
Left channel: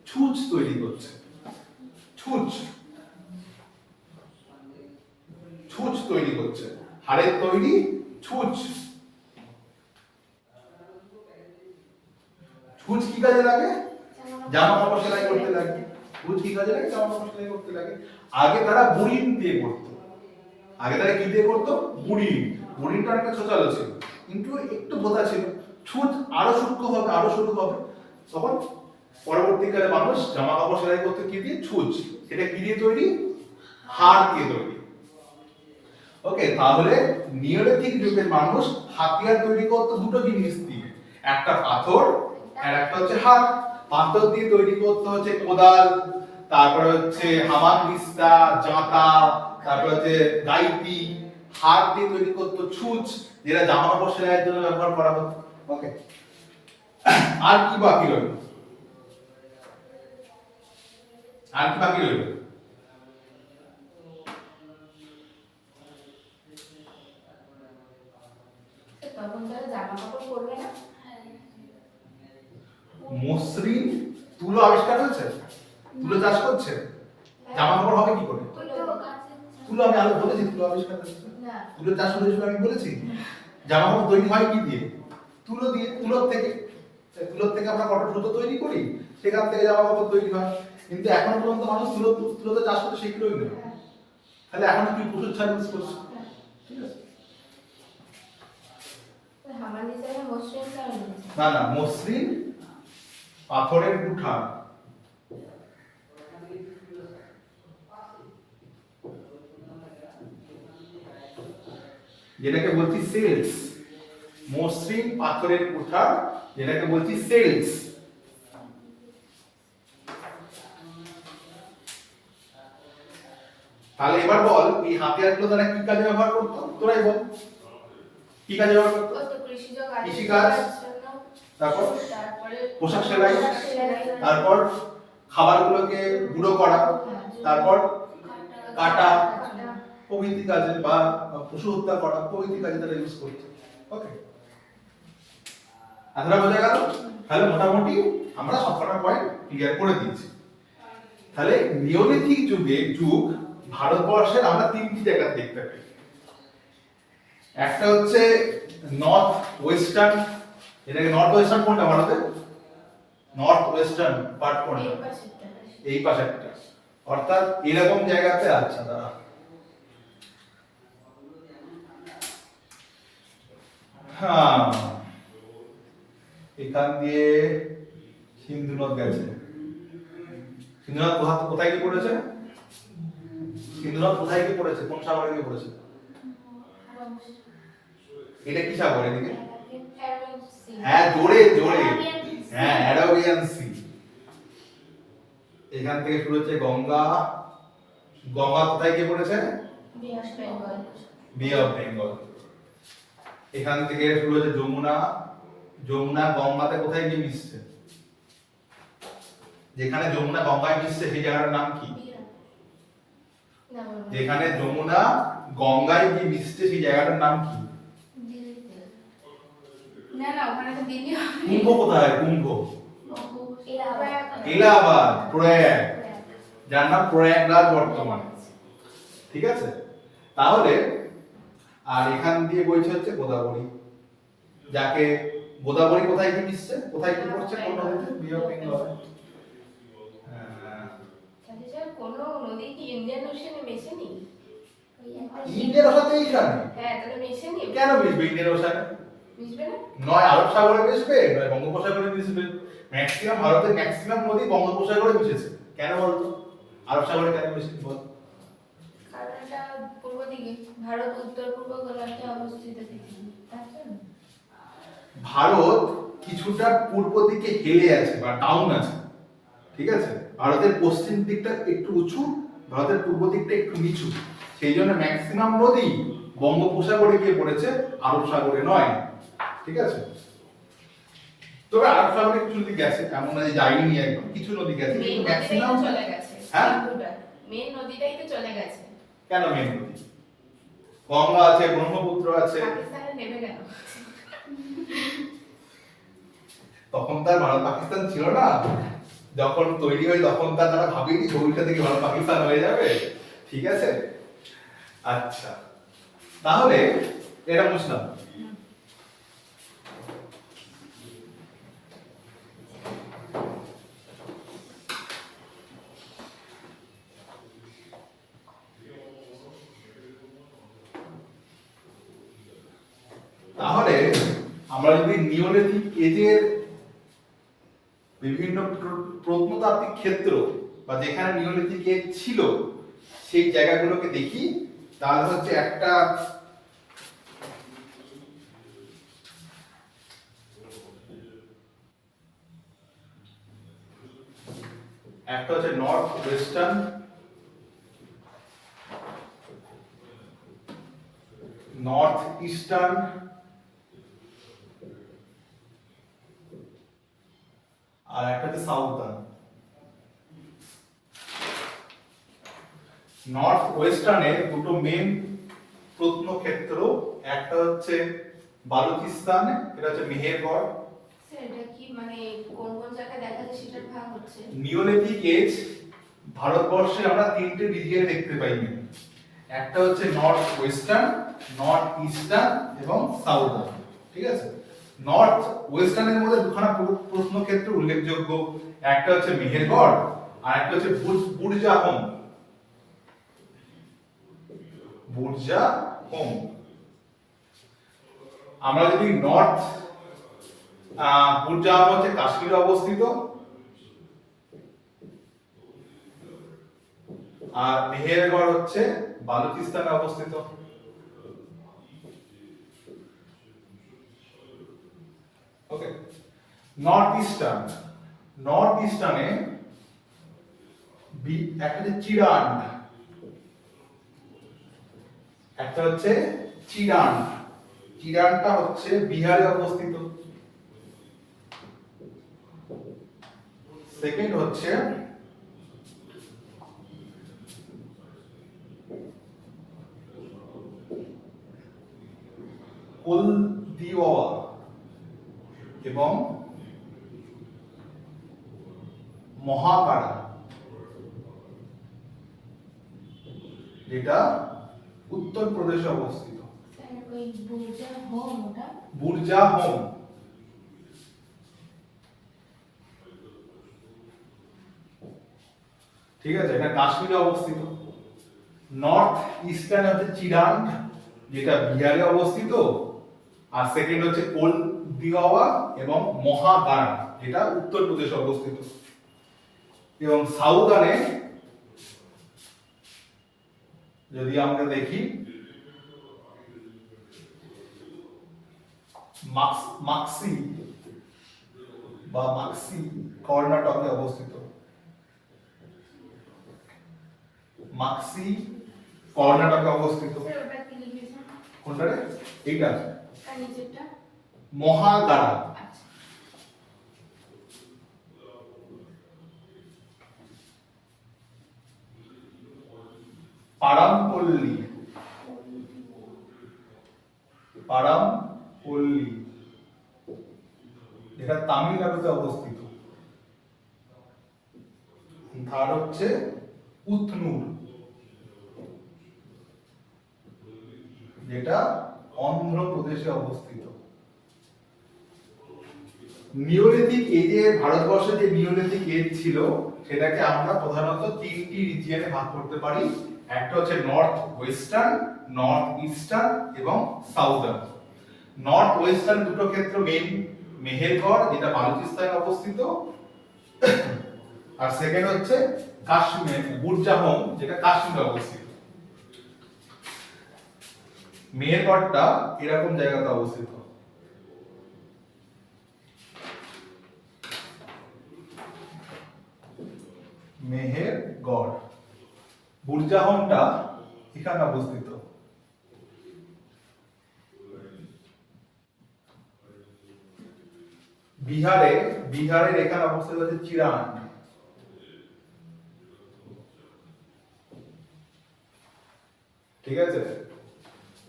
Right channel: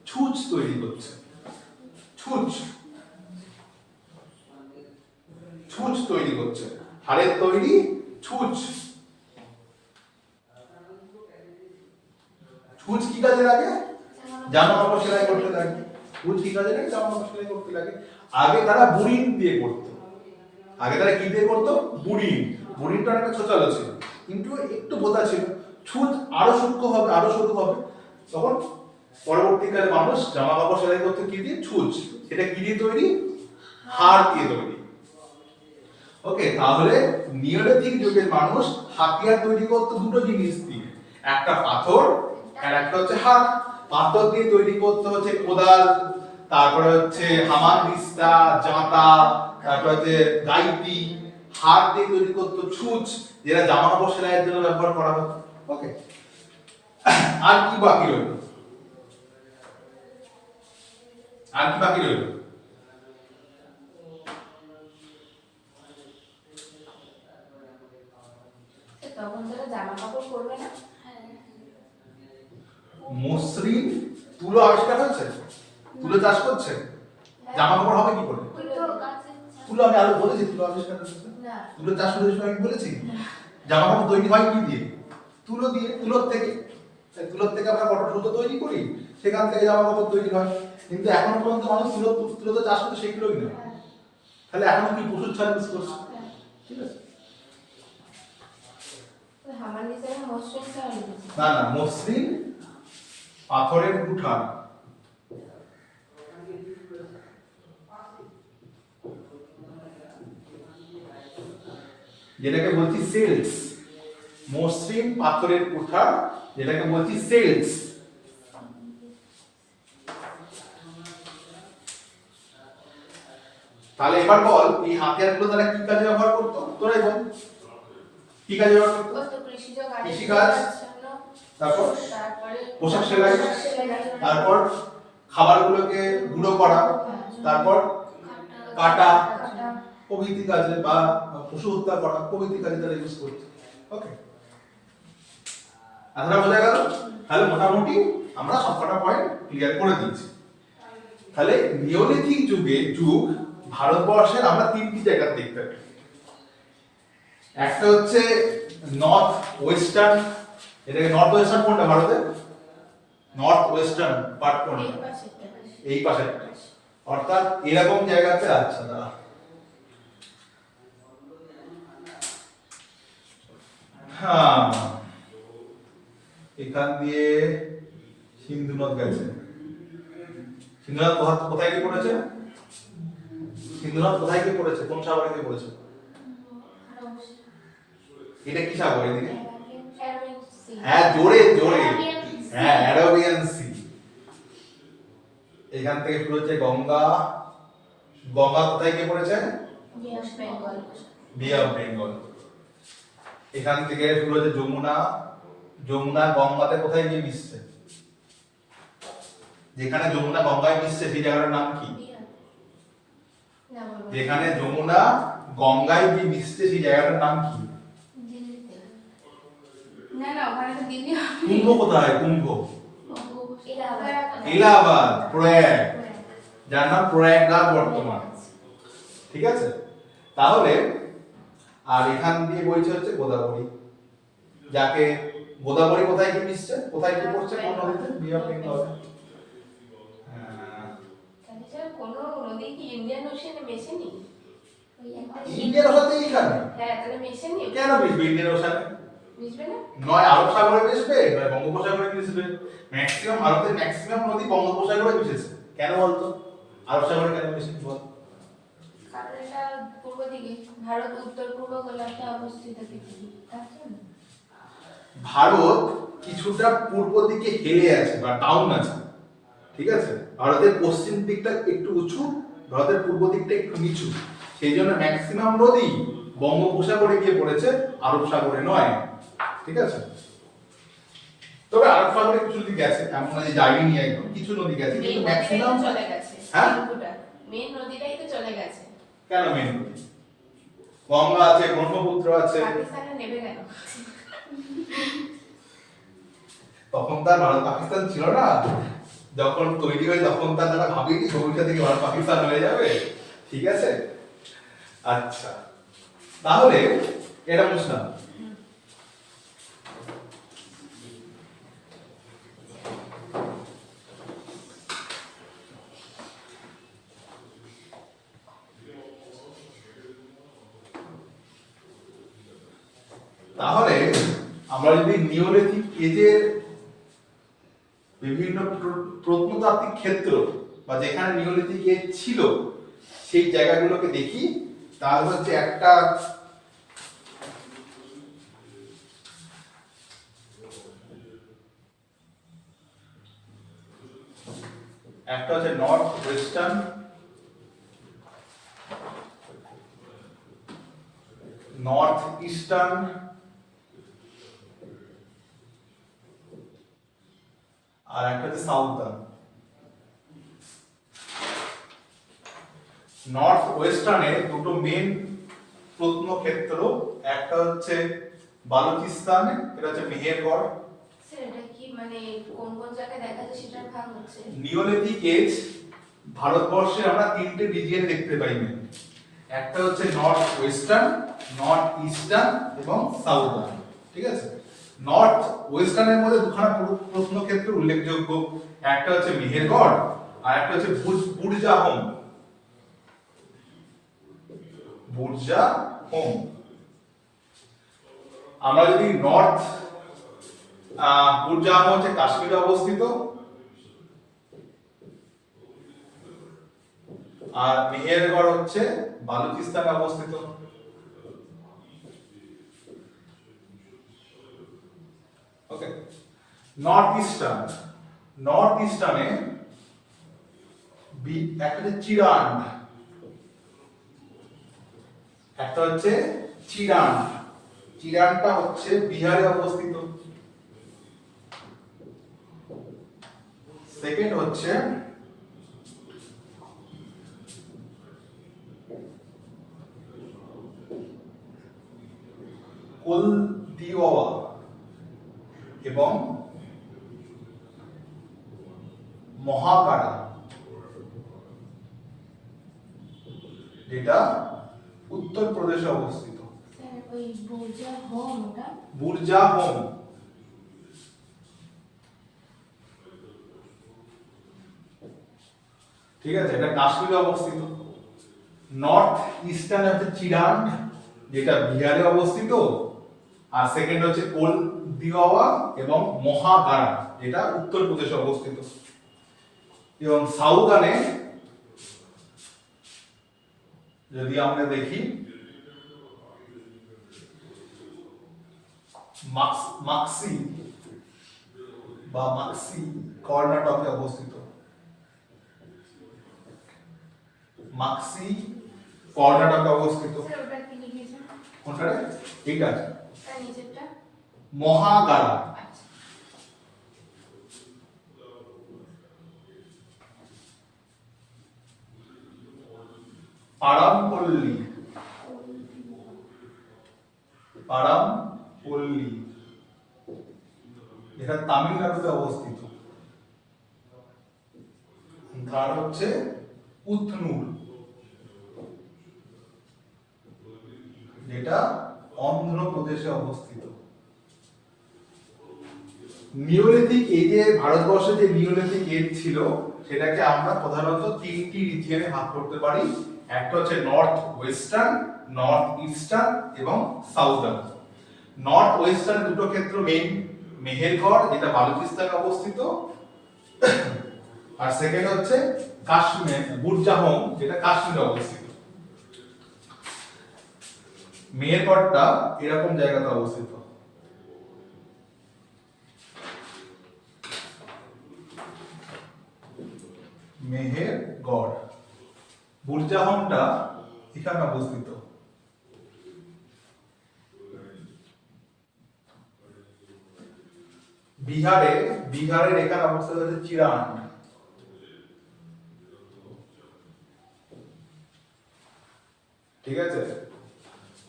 ছুঁচ তৈরি করছে। ছুঁচ তৈরি করছে, হাড়ের তৈরি ছুঁচ। ছুঁচ কি কাজে লাগে? জামা কাপড় সেলাই করতে লাগে। ছুঁচ কি কাজে লাগে? জামা কাপড় সেলাই করতে লাগে। আগে তারা বুড়িন দিয়ে করতো। আগে তারা কি দিয়ে করতো? বুড়িনটা অনেকটা ছোটালো ছিল, কিন্তু একটু ভোঁতা ছিল। ছুঁচ আরো সূক্ষ্ম হবে, আরো সরু হবে। তখন পরবর্তীকালে মানুষ জামা কাপড় সেলাই করতে কি দিয়ে? ছুঁচ। এটা কি দিয়ে তৈরি? হাড় দিয়ে তৈরি। ওকে, তাহলে নিওলিথিক যুগের মানুষ হাতিয়ার তৈরি করতো দুটো জিনিস দিয়ে, একটা পাথর আর একটা হচ্ছে হাড়। পাথর দিয়ে তৈরি করতে হচ্ছে কোদাল, তারপরে হচ্ছে হামানদিস্তা, জাঁতা, তারপরে হচ্ছে গাইতি। হাড় দিয়ে তৈরি করতো ছুঁচ, যেটা জামা কাপড় সেলাইয়ের জন্য ব্যবহার করা হতো। ওকে, আর কি বাকি রইল? তখন তারা জামা কাপড় পরবে না। মসৃণ তুলো আবিষ্কার হয়েছে, তুলো চাষ করছে, জামা কাপড় হবে কি করে? তুলো আমি আরো বলেছি, তুলো আবিষ্কার হয়েছে, তুলো চাষ হয়েছে আমি বলেছি। জামা কাপড় তৈরি হয় কি দিয়ে? তুলো দিয়ে, তুলোর থেকে আমরা কটন সুতো তৈরি করি, সেখান থেকে জামা কাপড় তৈরি হয়। কিন্তু এখনো পর্যন্ত মানুষ তুলো তো চাষ করতে শিখলোই না, তাহলে এখনো কি পশুর ছাড় ইউজ করছে? ঠিক আছে, না না, মসৃণ পাথরের কুঠা, যেটাকে বলছি সেলস। মসৃণ পাথরের কুঠার, যেটাকে বলছি সেলস। তাহলে এবার বল এই হাতিয়ারগুলো তারা কি কাজে ব্যবহার করতো, তোরাই বল কি কাজে ব্যবহার করতো? কত কৃষিজ কাজ, কৃষিকাজ, তারপর তারপরে পোশাক সেলাই, তারপর খাবারগুলোকে গুঁড়ো করা, তারপর কাটা প্রভৃতি কাজে বা পশু হত্যা করা প্রভৃতি কাজে তারা ইউজ করছে। ওকে, এতটা বোঝা গেল? তাহলে মোটামুটি আমরা সবকটা পয়েন্ট ক্লিয়ার করে দিচ্ছি। তাহলে নিওলিথিক যুগ ভারতবর্ষের আমরা তিনটি জায়গা দেখতে পাই। একটা হচ্ছে নর্থ ওয়েস্টার্ন, এটাকে নর্থ ওয়েস্টার্ন কোনটা ভারতে? নর্থ ওয়েস্টার্ন পার্ট কোনটা? এই পাশেরটা, অর্থাৎ এরকম জায়গাতে আছে তারা। হ্যাঁ, এখান দিয়ে সিন্ধু নদ গেছে। সিন্ধু নদ কোথায় গিয়ে পড়েছে? সিন্ধু নদ কোথায় গিয়ে পড়েছে? কোন সাগরে গিয়ে পড়েছে? এটা কি সাগর এদিকে? হ্যাঁ, জোরে জোরে, হ্যাঁ, অ্যারাবিয়ান সি। এখান থেকে শুরু হচ্ছে গঙ্গা। গঙ্গা কোথায় গিয়ে পড়েছে? বে অফ বেঙ্গল। এখান থেকে শুরু হচ্ছে যমুনা। যমুনা গঙ্গাতে কোথায় গিয়ে মিশছে? যেখানে যমুনা গঙ্গায় মিশছে সেই জায়গাটার নাম কি? যেখানে যমুনা গঙ্গায় গিয়ে মিশছে সেই জায়গাটার নাম কি? না না, ওখানে তো দিল্লি হবে। কুম্ভ কোথায়? কুম্ভ এলাহাবাদ। এলাহাবাদ, প্রয়াগ, যার নাম প্রয়াগরাজ বর্তমান। ঠিক আছে, তাহলে আর এখান দিয়ে বইছে হচ্ছে গোদাবরী, যাকে গোদাবরী কোথায় কি মিশছে, কোথায় কি পড়ছে, কোন নদীতে? বে অফ বেঙ্গল। তাহলে স্যার কোনো নদী কি ইন্ডিয়ান ওশানে মেশেনি? ইন্ডিয়ান ওশান তো এইখানে। হ্যাঁ, তাহলে মেশেনি। কেন মিশবে ইন্ডিয়ান ওশানে? মিশবে না? নয় আরব সাগরে মিশবে, নয় বঙ্গোপসাগরে মিশবে। ম্যাক্সিমাম ভারতের ম্যাক্সিমাম নদী বঙ্গোপসাগরে মিশেছে। কেন বলতো? আরব সাগরে কেন মিশেনি বল? কারণ এটা পূর্ব দিকে, ভারত উত্তর পূর্ব গোলার্ধে অবস্থিত পৃথিবী, তার জন্য। ভারত কিছুটা পূর্ব দিকে হেলে আছে বা ডাউন আছে, ঠিক আছে? ভারতের পশ্চিম দিকটা একটু উঁচু, ভারতের পূর্ব দিকটা একটু নিচু, সেই জন্য ম্যাক্সিমাম নদী বঙ্গোপসাগরে গিয়ে পড়েছে, আরব সাগরে নয়। ঠিক আছে, তবে আরব সাগরে কিছু নদী গেছে, এমন নয় যে যায়নি একদম, কিছু নদী গেছে, কিন্তু ম্যাক্সিমাম চলে গেছে। হ্যাঁ, মেন নদীটাই তো চলে গেছে। কেন মেন নদী? গঙ্গা আছে, ব্রহ্মপুত্র আছে। পাকিস্তানে নেবে কেন? তখন তার ভারত পাকিস্তান ছিল না, যখন তৈরি হয় তখন তার যারা ভাবেনি ছবিটা থেকে ভারত পাকিস্তান হয়ে যাবে। ঠিক আছে, আচ্ছা, তাহলে এটা বুঝলাম। তাহলে আমরা যদি নিওলিথিক এজের বিভিন্ন প্রত্নতাত্ত্বিক ক্ষেত্র বা যেখানে নিওলিথিক এজ ছিল সেই জায়গাগুলোকে দেখি, তাহলে হচ্ছে একটা হচ্ছে নর্থ ওয়েস্টার্ন, নর্থ ইস্টার্ন, আর একটা হচ্ছে সাউথার্ন। নর্থ ওয়েস্টার্নে দুটো মেন প্রত্নক্ষেত্র, একটা হচ্ছে বালুচিস্তান, এটা হচ্ছে মেহেরগড়। সেটা কি মানে কোন কোন জায়গায় দেখা যায় সেটার ভাগ হচ্ছে? নিওলিথিক এজ ভারতবর্ষে আমরা তিনটে রিজিয়ন দেখতে পাই, একটা হচ্ছে নর্থ ওয়েস্টার্ন, নর্থ ইস্টার্ন এবং সাউথার্ন। ঠিক আছে, নর্থ ওয়েস্টার্নের মধ্যে দুখানা প্রত্নক্ষেত্র উল্লেখযোগ্য, একটা হচ্ছে মেহেরগড় আর একটা হচ্ছে বুরজাহোম। বুরজাহোম, আমরা যদি নর্থ, বুরজাহোম হচ্ছে কাশ্মীরে অবস্থিত, আর মেহেরগড় হচ্ছে বালুচিস্তানে অবস্থিত। নর্থ ইস্টার্নে একটা হচ্ছে চিরান্ড, একটা হচ্ছে চিরান্ড। চিরান্ডটা হচ্ছে বিহারে অবস্থিত। সেকেন্ড হচ্ছে কোলদিওয়া এবং মহাকারা, যেটা উত্তরপ্রদেশে অবস্থিত। স্যার ওই বুর্জা হোম ওটা বুর্জা হোম। ঠিক আছে, এটা কাশ্মীরে অবস্থিত। নর্থ ইস্টার্ন হচ্ছে চিরান্ড, যেটা বিহারে অবস্থিত। আর সেকেন্ড হচ্ছে কোলদিওয়া এবং মহাকারা, যেটা উত্তরপ্রদেশে অবস্থিত। এবং সাউদার্নে যদি আমরা দেখি মাক্সি কর্ণাটকে অবস্থিত। মাক্সি কর্ণাটকে অবস্থিত। স্যার ওটা কি লিখেছেন? কোনটা রে? এইটা তার নিচেরটা? মহাগারা। আচ্ছা। পারামপল্লী যেটা তামিলনাড়ুতে অবস্থিত। থার্ড হচ্ছে উথনুর, যেটা অন্ধ্রপ্রদেশে অবস্থিত। নিওলিথিক এজে ভারতবর্ষে যে নিওলিথিক এজ ছিল সেটাকে আমরা প্রধানত তিনটি রিজিয়নে ভাগ করতে পারি। একটা হচ্ছে নর্থ ওয়েস্টার্ন, নর্থ ইস্টার্ন এবং সাউদার্ন। নর্থ ওয়েস্টার্ন দুটো ক্ষেত্র মেইন, মেহেরগড় যেটা বালুচিস্তানে অবস্থিত, আর সেকেন্ড হচ্ছে কাশ্মীর বুরজাহোম, যেটা কাশ্মীরে অবস্থিত। মেহেরগড়টা এরকম জায়গাতে অবস্থিত। মেহেরগড়। বুরজাহোমটা এখানে অবস্থিত। বিহারের এখানে অবস্থিত হচ্ছে চিরান্ড। ঠিক আছে,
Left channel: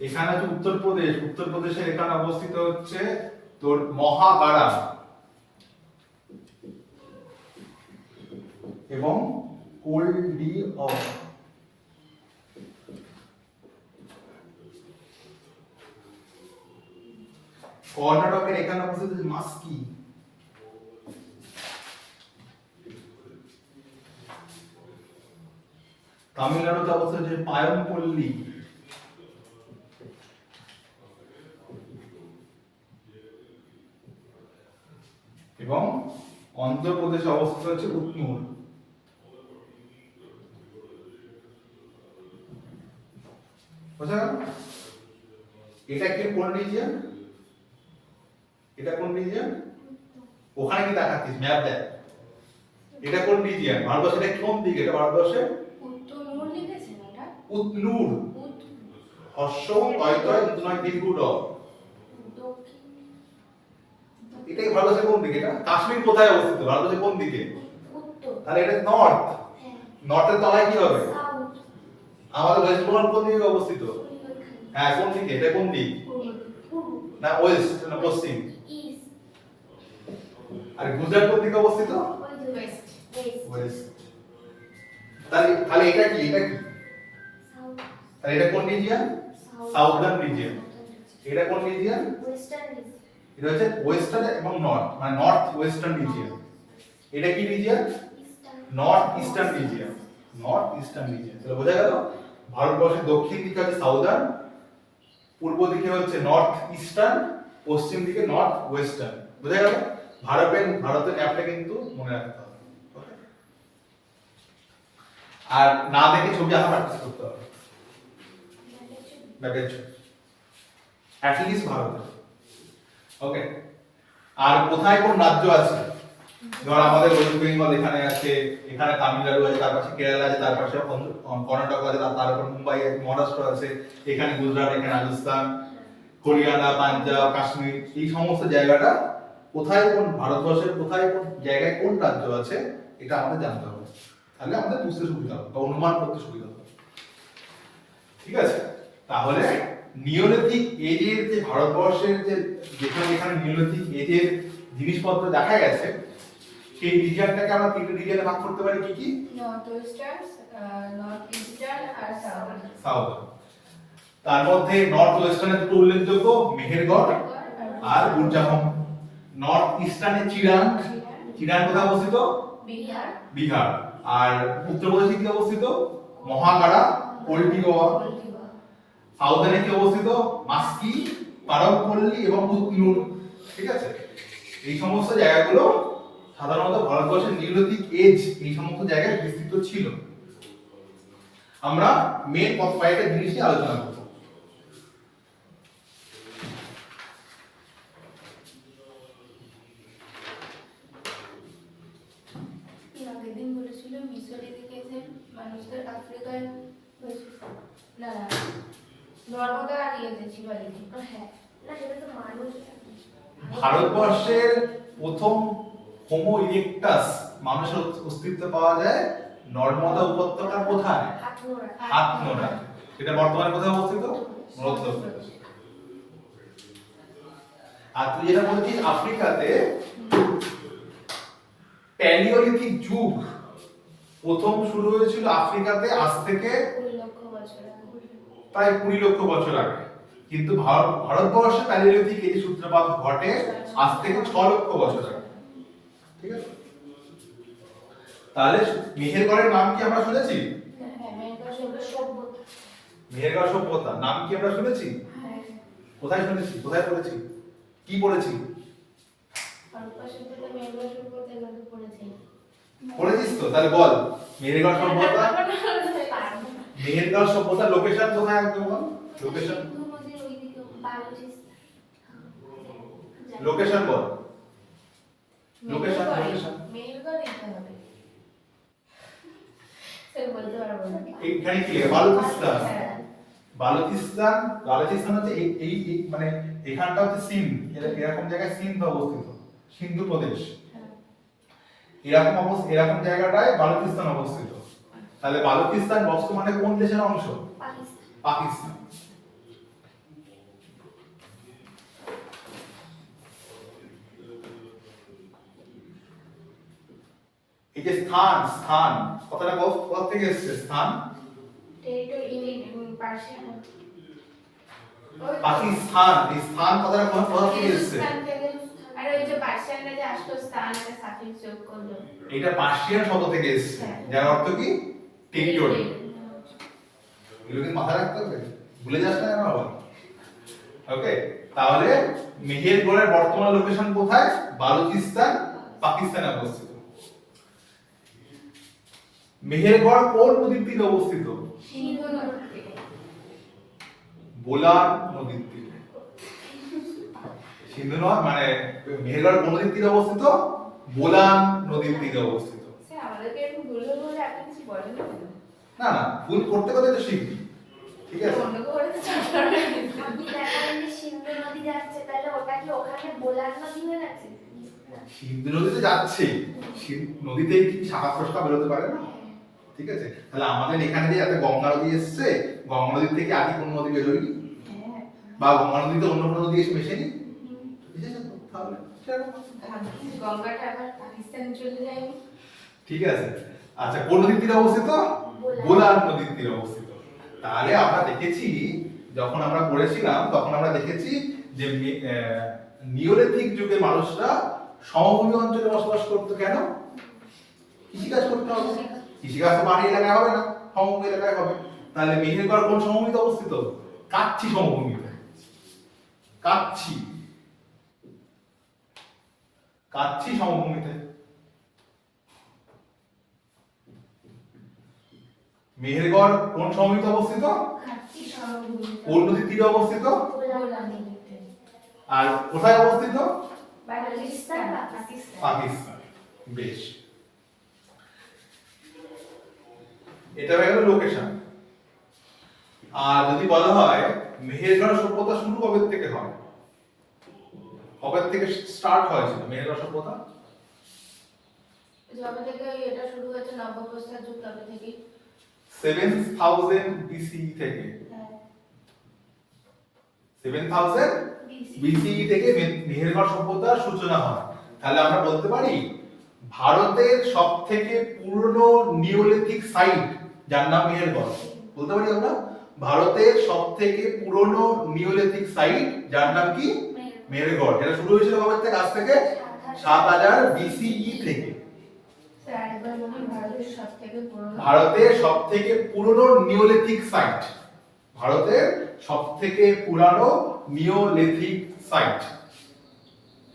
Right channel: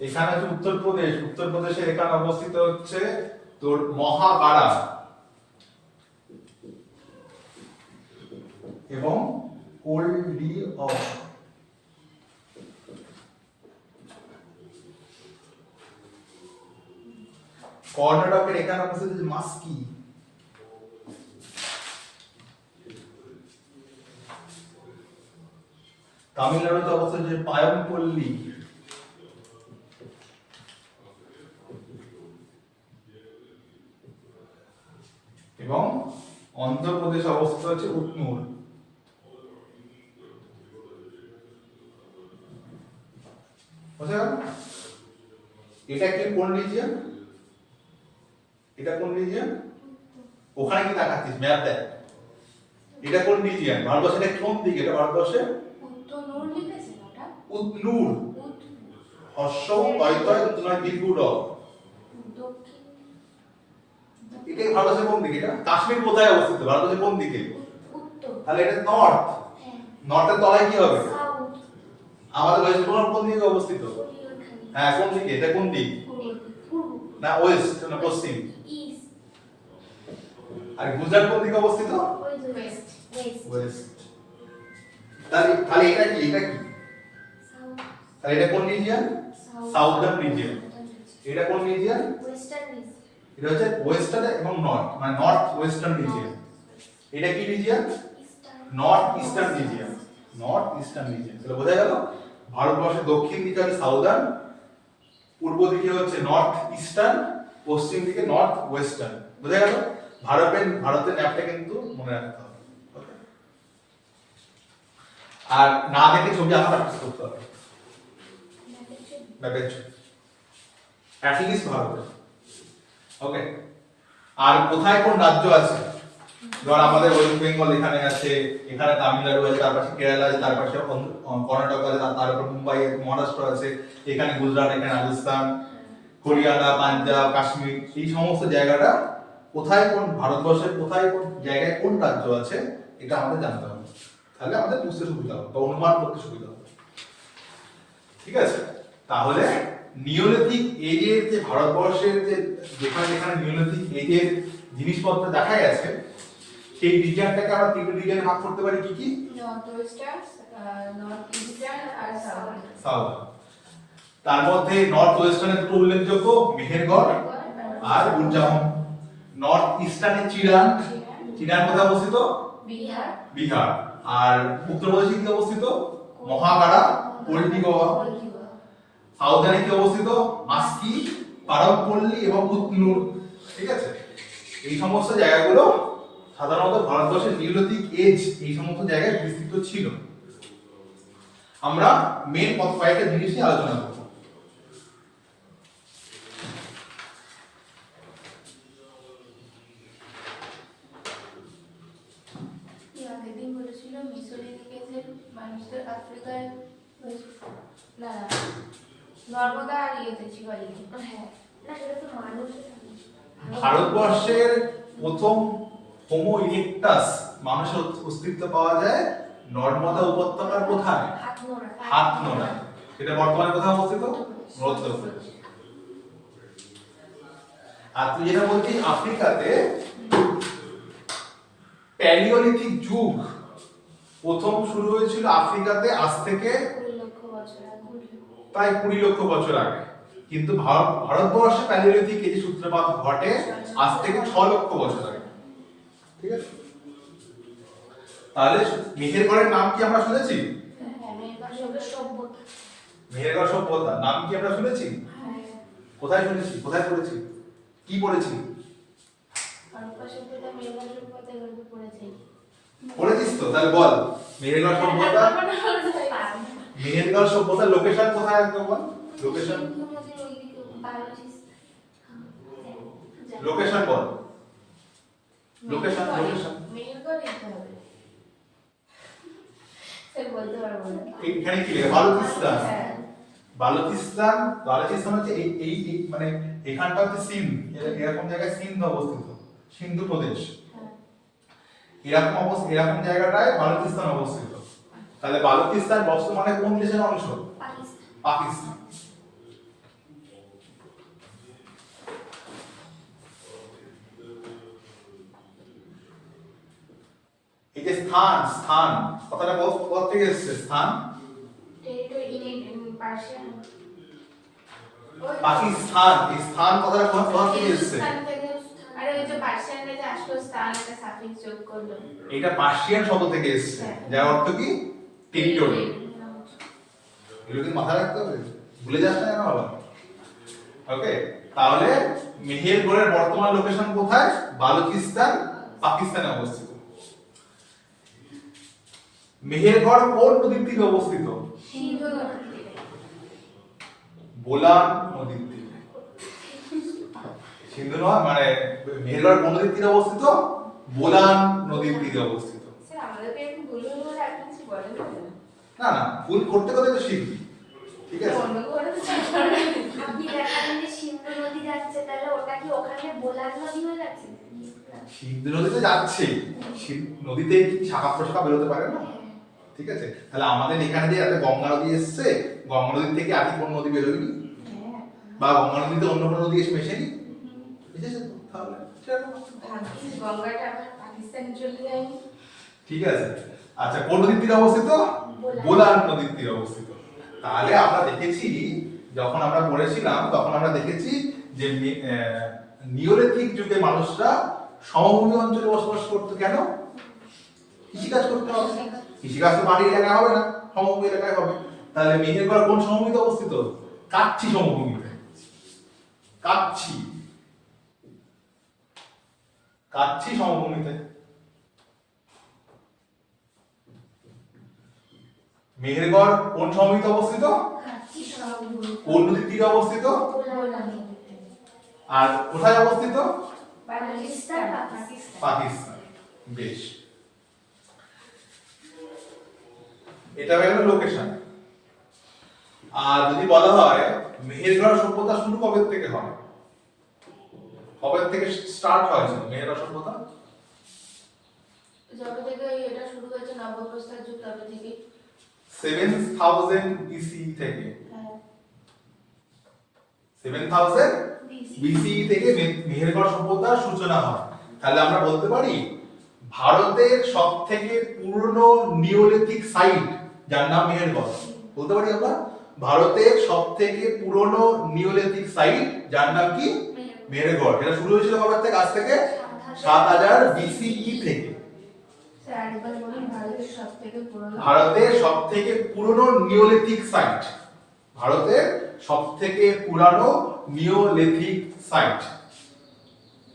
এখানে আছে উত্তরপ্রদেশের এখানে অবস্থিত হচ্ছে তোর মহাকারা এবং কোলদিওয়া। কর্ণাটকের এখানে অবস্থিত হচ্ছে মাস্কি। তামিলনাড়ুতে অবস্থিত হচ্ছে পায়মপল্লী। এবং অন্ধ্রপ্রদেশে অবস্থিত হচ্ছে উটনুর। বুঝা গেল? এটা কি কোন রিজিয়ন? এটা কোন রিজিয়ন? ওখানে কি দেখাচ্ছিস ম্যাপ দেখ। এটা কোন রিজিয়ন? ভারতবর্ষের এটা কোন দিকে? এটা ভারতবর্ষের উত্তর লিখেছেন ওটা? উটনুর। হর্ষ তয় নয় দীর্ঘ। এটা ভারতবর্ষের কোন দিকে? এটা কাশ্মীর কোথায় অবস্থিত? ভারতবর্ষের কোন দিকে? উত্তর। তাহলে এটা নর্থ। হ্যাঁ। নর্থের তলায় কি হবে? সাউথ। আমাদের ওয়েস্ট বেঙ্গল কোন দিকে অবস্থিত? হ্যাঁ, কোন দিকে? এটা কোন দিক? না ওয়েস্ট, না পশ্চিম। ইস্ট। আর গুজরাট কোন দিকে অবস্থিত? ওয়েস্ট। ওয়েস্ট। তাহলে এটা কি? এটা কি? সাউথ। তাহলে এটা কোন রিজিয়ন? Southern region. এটা কোন রিজিয়ন? ওয়েস্টার্ন। এটা হচ্ছে ওয়েস্টার্ন এবং নর্থ, মানে নর্থ ওয়েস্টার্ন রিজিয়ন। এটা কি region? North eastern region. North eastern region. তাহলে বোঝা গেল ভারতবর্ষের দক্ষিণ দিকে হচ্ছে সাউদার্ন, পূর্ব দিকে হচ্ছে নর্থ ইস্টার্ন, পশ্চিম দিকে নর্থ ওয়েস্টার্ন। বোঝা গেল? ভারতের ম্যাপটা কিন্তু মনে রাখতে হবে। ওকে, আর না দেখে ছবি আঁকা প্র্যাকটিস করতে হবে। ম্যাপের ছবি অ্যাট লিস্ট ভারতের। ওকে। আর কোথায় কোন রাজ্য আছে? ধর আমাদের ওয়েস্ট বেঙ্গল এখানে আছে, এখানে তামিলনাড়ু আছে, তার পাশে কেরালা আছে, তার পাশে কর্ণাটক আছে, তারপর মুম্বাই আছে, মহারাষ্ট্র আছে, এখানে গুজরাট, এখানে রাজস্থান, হরিয়ানা, পাঞ্জাব, কাশ্মীর, এই সমস্ত জায়গাটা কোথায় কোন ভারতবর্ষের কোথায় কোন জায়গায় কোন রাজ্য আছে এটা আমাদের জানতে হবে। তাহলে আমাদের বুঝতে সুবিধা হবে বা অনুমান করতে সুবিধা হবে। ঠিক আছে? তাহলে নিওলিথিক এজের যে ভারতবর্ষের যে যেখানে যেখানে নিওলিথিক এজের জিনিসপত্র দেখা গেছে সেই রিজিয়নটাকে আমরা তিনটে রিজিয়নে ভাগ করতে পারি কি কি? নর্থ ওয়েস্টার্ন, নর্থ ইস্টার্ন আর সাউথ। সাউথ। তার মধ্যে নর্থ ওয়েস্টার্নের দুটো উল্লেখযোগ্য মেহেরগড় আর গুরজাহম। নর্থ ইস্টার্নে চিরান। চিরান কোথায় অবস্থিত? বিহার। বিহার। আর উত্তরপ্রদেশে কি অবস্থিত? মহাকাড়া, পল্টিগোয়া। সাউদার্নে কি অবস্থিত? মাস্কি, পারমপল্লী এবং কুতনুর। ঠিক আছে? এই সমস্ত জায়গাগুলো সাধারণত ভারতবর্ষের নিওলিথিক এজ এই সমস্ত জায়গায় বিস্তৃত ছিল। আমরা মেন কয়েকটা জিনিস নিয়ে আলোচনা করব। আগের দিন বলেছিল মিসোলিথিক এজের মানুষদের আফ্রিকায় না নর্মদা আর ইয়েতে ছিল আর কি। হ্যাঁ, না সেটা তো মানুষ। ভারতবর্ষের প্রথম হোমো ইরেক্টাস মানুষের অস্তিত্ব পাওয়া যায় নর্মদা উপত্যকার কোথায়? হাতনোড়া। হাতনোড়া। এটা বর্তমানে কোথায় অবস্থিত? মধ্যপ্রদেশ। আর তুই যেটা বলছিস আফ্রিকাতে প্যালিওলিথিক যুগ প্রথম শুরু হয়েছিল আফ্রিকাতে আজ থেকে 20 লক্ষ বছর আগে। প্রায় 20 লক্ষ বছর আগে, কিন্তু ভারতবর্ষে প্যালিওলিথিক এজ সূত্রপাত ঘটে আজ থেকে 6 লক্ষ বছর আগে। ঠিক আছে? তাহলে মেহেরগড়ের নাম কি আমরা শুনেছি? হ্যাঁ, মেহেরগড় সভ্যতা। মেহেরগড় সভ্যতা নাম কি আমরা শুনেছি? হ্যাঁ, কোথায় শুনেছি? কোথায় পড়েছি? কি পড়েছি? হরপ্পা সভ্যতা, মেহেরগড় সভ্যতা এগুলো পড়েছি। পড়েছিস তো? তাহলে বল মেহেরগড় সভ্যতা, মেহেরগড় সভ্যতার লোকেশন কোথায় একদম বল। লোকেশন, সিন্ধু নদীর ওইদিকে বালুচিস্তান। লোকেশন বল। লোকেশন, লোকেশন মেহেরগড় লিখতে হবে। স্যার বলতে পারবো না। এইখানে কি লেখা? বালুচিস্তান। হ্যাঁ। বালুচিস্তান, বালুচিস্তান হচ্ছে এই এই এই মানে এখানটা হচ্ছে সিন্ধ, এরকম জায়গায় সিন্ধ অবস্থিত, সিন্ধু প্রদেশ। হ্যাঁ। এরকম জায়গাটায় বালুচিস্তান অবস্থিত। তাহলে বালুচিস্তান বর্তমানে কোন দেশের অংশ? পাকিস্তান। পাকিস্তান। এই যে স্থান, স্থান কথাটা কোথা থেকে এসেছে? স্থান টেরিটরি ইন পার্সিয়ান। পাকিস্তান, এই স্থান কথাটা কোথা থেকে এসেছে? হিন্দুস্তান থেকে। আরে ওই যে পার্সিয়ানরা যে আসলো স্থান এটা সাফিক্স যোগ করলো। এটা পার্সিয়ান শব্দ থেকে এসেছে, যার অর্থ কি? টেরিটরি। এগুলো কি মাথায় রাখতে হবে, ভুলে যাস না আবার। ওকে, তাহলে মেহেরগড়ের বর্তমান লোকেশন কোথায়? বালুচিস্তান, পাকিস্তানে অবস্থিত। মেহেরগড় কোন নদীর তীরে অবস্থিত? সিন্ধু নদী থেকে। বোলান নদীর তীরে। সিন্ধু নয়, মানে মেহেরগড় কোন নদীর তীরে অবস্থিত? বোলান নদীর তীরে অবস্থিত। স্যার আমাদেরকে একটু ভুল বলে আপনি কিছু বলেন না। না না, ভুল করতে করতে তো শিখবি। ঠিক আছে? অন্য করে তো চাকর না। আপনি দেখালেন যে সিন্ধু নদী যাচ্ছে, তাহলে ওটা কি ওখানে বোলার নদী হয়ে যাচ্ছে? সিন্ধু নদীতে যাচ্ছে, নদীতে কি শাখা প্রশাখা বেরোতে পারে না? ঠিক আছে? তাহলে আমাদের এখানে যে একটা গঙ্গা নদী এসছে, গঙ্গা নদী থেকে আগে কোন নদী বেরোয়নি? হ্যাঁ। বা গঙ্গা নদীতে অন্য কোনো নদী এসে মেশেনি? এসেছে তো, তাহলে সেরকম। ভাগ্যিস গঙ্গাটা আবার পাকিস্তানে চলে যায়নি। ঠিক আছে। আচ্ছা, কোন নদীর তীরে অবস্থিত? বোলান নদীর তীরে অবস্থিত। তাহলে আমরা দেখেছি, যখন আমরা পড়েছিলাম তখন আমরা দেখেছি যে নিওলিথিক যুগে মানুষরা সমভূমি অঞ্চলে বসবাস করতো। কেন? কৃষিকাজ করতে হবে। কৃষিকাজ তো মাটি এলাকায় হবে না, সমভূমি এলাকায় হবে। তাহলে মেহেরগড় কোন সমভূমিতে অবস্থিত? কাচ্ছি সমভূমিতে। কাচ্ছি, কাচ্ছি সমভূমিতে। মেহেরগড় কোন সমভূমিতে অবস্থিত? কাচ্চি সমভূমি। কোন নদীর তীরে অবস্থিত? বোলান নদীতে। আর কোথায় অবস্থিত? পাকিস্তান পাকিস্তান। বেশ, এটা হয়ে গেল লোকেশন। আর যদি বলা হয় মেহেরগড় সভ্যতা শুরু কবে থেকে হয়, কবে থেকে স্টার্ট হয়েছিল মেহেরগড় সভ্যতা? যবে থেকে এটা শুরু হয়েছে নবপ্রস্তর যুগ তবে থেকে 7000 BCE থেকে, হ্যাঁ 7000 BCE থেকে মেহেরগড় সভ্যতার সূচনা হয়। তাহলে আমরা বলতে পারি ভারতের সবথেকে পুরনো নিওলিথিক সাইট যার নাম মেহেরগড়। বলতে পারি আমরা ভারতের সবথেকে পুরনো নিওলিথিক সাইট যার নাম কি? মেহেরগড়। এটা শুরু হয়েছিল কবে থেকে? আজ থেকে 7000 BCE থেকে। স্যার আরেকবার বলুন, ভারতের সবথেকে পুরনো নিওলিথিক সাইট, ভারতের সবথেকে পুরানো নিওলিথিক সাইট,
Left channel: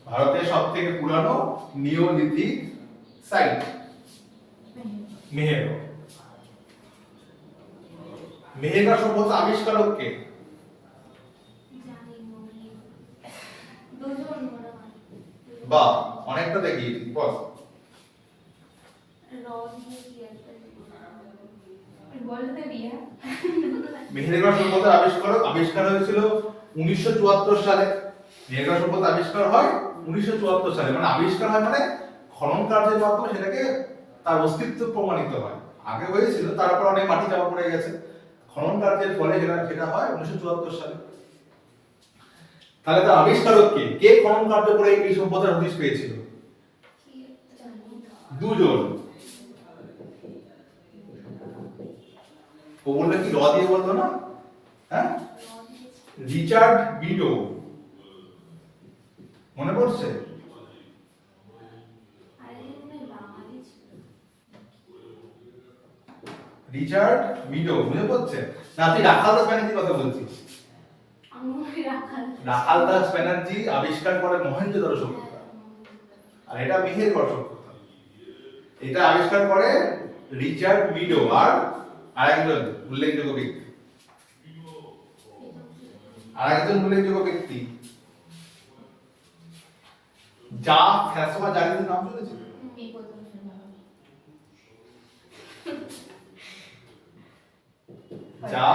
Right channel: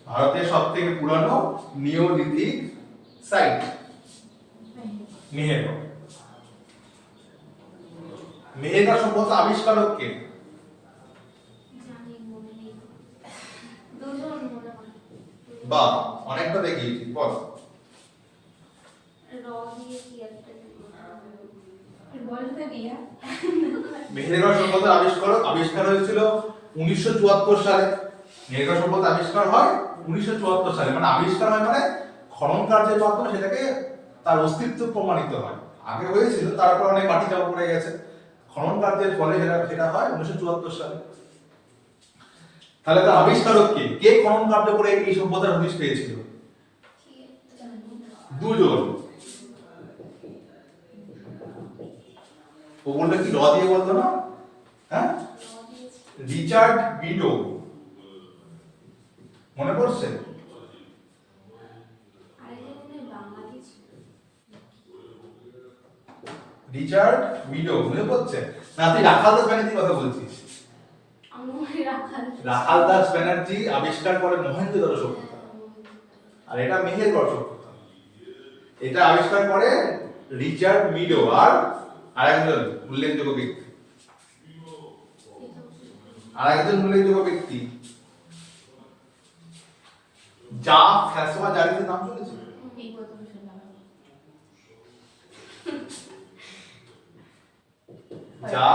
ভারতের সবথেকে পুরানো নিওলিথিক সাইট মেহেরগড়। মেহেরগড় সভ্যতা আবিষ্কারক কে? বা অনেকটা দেখি বল। বলতে দিয়া মেহেরগড় সভ্যতার আবিষ্কার হয়েছিল 1974 সালে। মেহেরগড় সভ্যতা আবিষ্কার হয় 1974 সালে। মানে আবিষ্কার হয় মানে খনন কার্যের মাধ্যমে সেটাকে তার অস্তিত্ব প্রমাণিত হয়। আগে হয়েছিল, তারপর অনেক মাটি চাপা পড়ে গেছে, খনন কার্যের ফলে সেটা হয় 1974 সালে। তাহলে তার আবিষ্কারক কে? কে খনন কার্য করে এই সভ্যতার হদিশ পেয়েছিল? দুজন। ও বললে কি র দিয়ে বলতো না? হ্যাঁ, রিচার্ড বিডো, মনে পড়ছে? রিচার্ড বিডো মনে পড়ছে না? তুই রাখাল দাস ব্যানার্জির কথা বলছিস। রাখাল দাস ব্যানার্জি আবিষ্কার করে মহেঞ্জোদারো সভ্যতা, আর এটা মেহেরগড় সভ্যতা। এটা আবিষ্কার করে রিচার্ড মিডো আর আরেকজন উল্লেখযোগ্য ব্যক্তি, যা ফ্যাসোয়া জারিদের নাম শুনেছিস? যা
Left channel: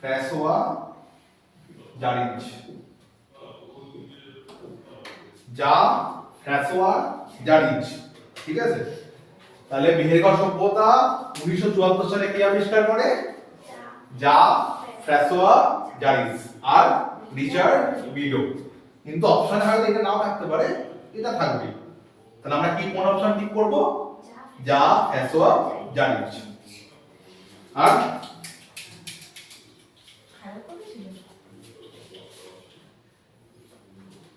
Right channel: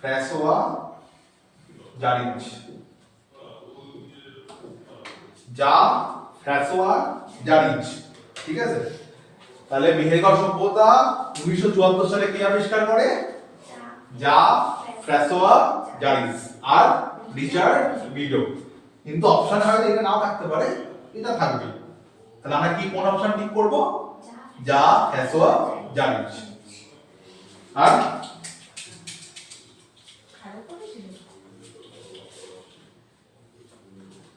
ফ্যাসোয়া জারিজ, যা ফ্যাসোয়া জারিজ, ঠিক আছে? তাহলে মেহেরগড় সভ্যতা 1974 সালে কে আবিষ্কার করে? যা ফ্যাসোয়া জারিজ আর রিচার্ড বিডো। কিন্তু অপশনে হয়তো এটা নাও থাকতে পারে, এটা থাকবে। তাহলে আমরা কি কোন অপশন ঠিক করব? যা ফ্যাসোয়া জারিজ। আর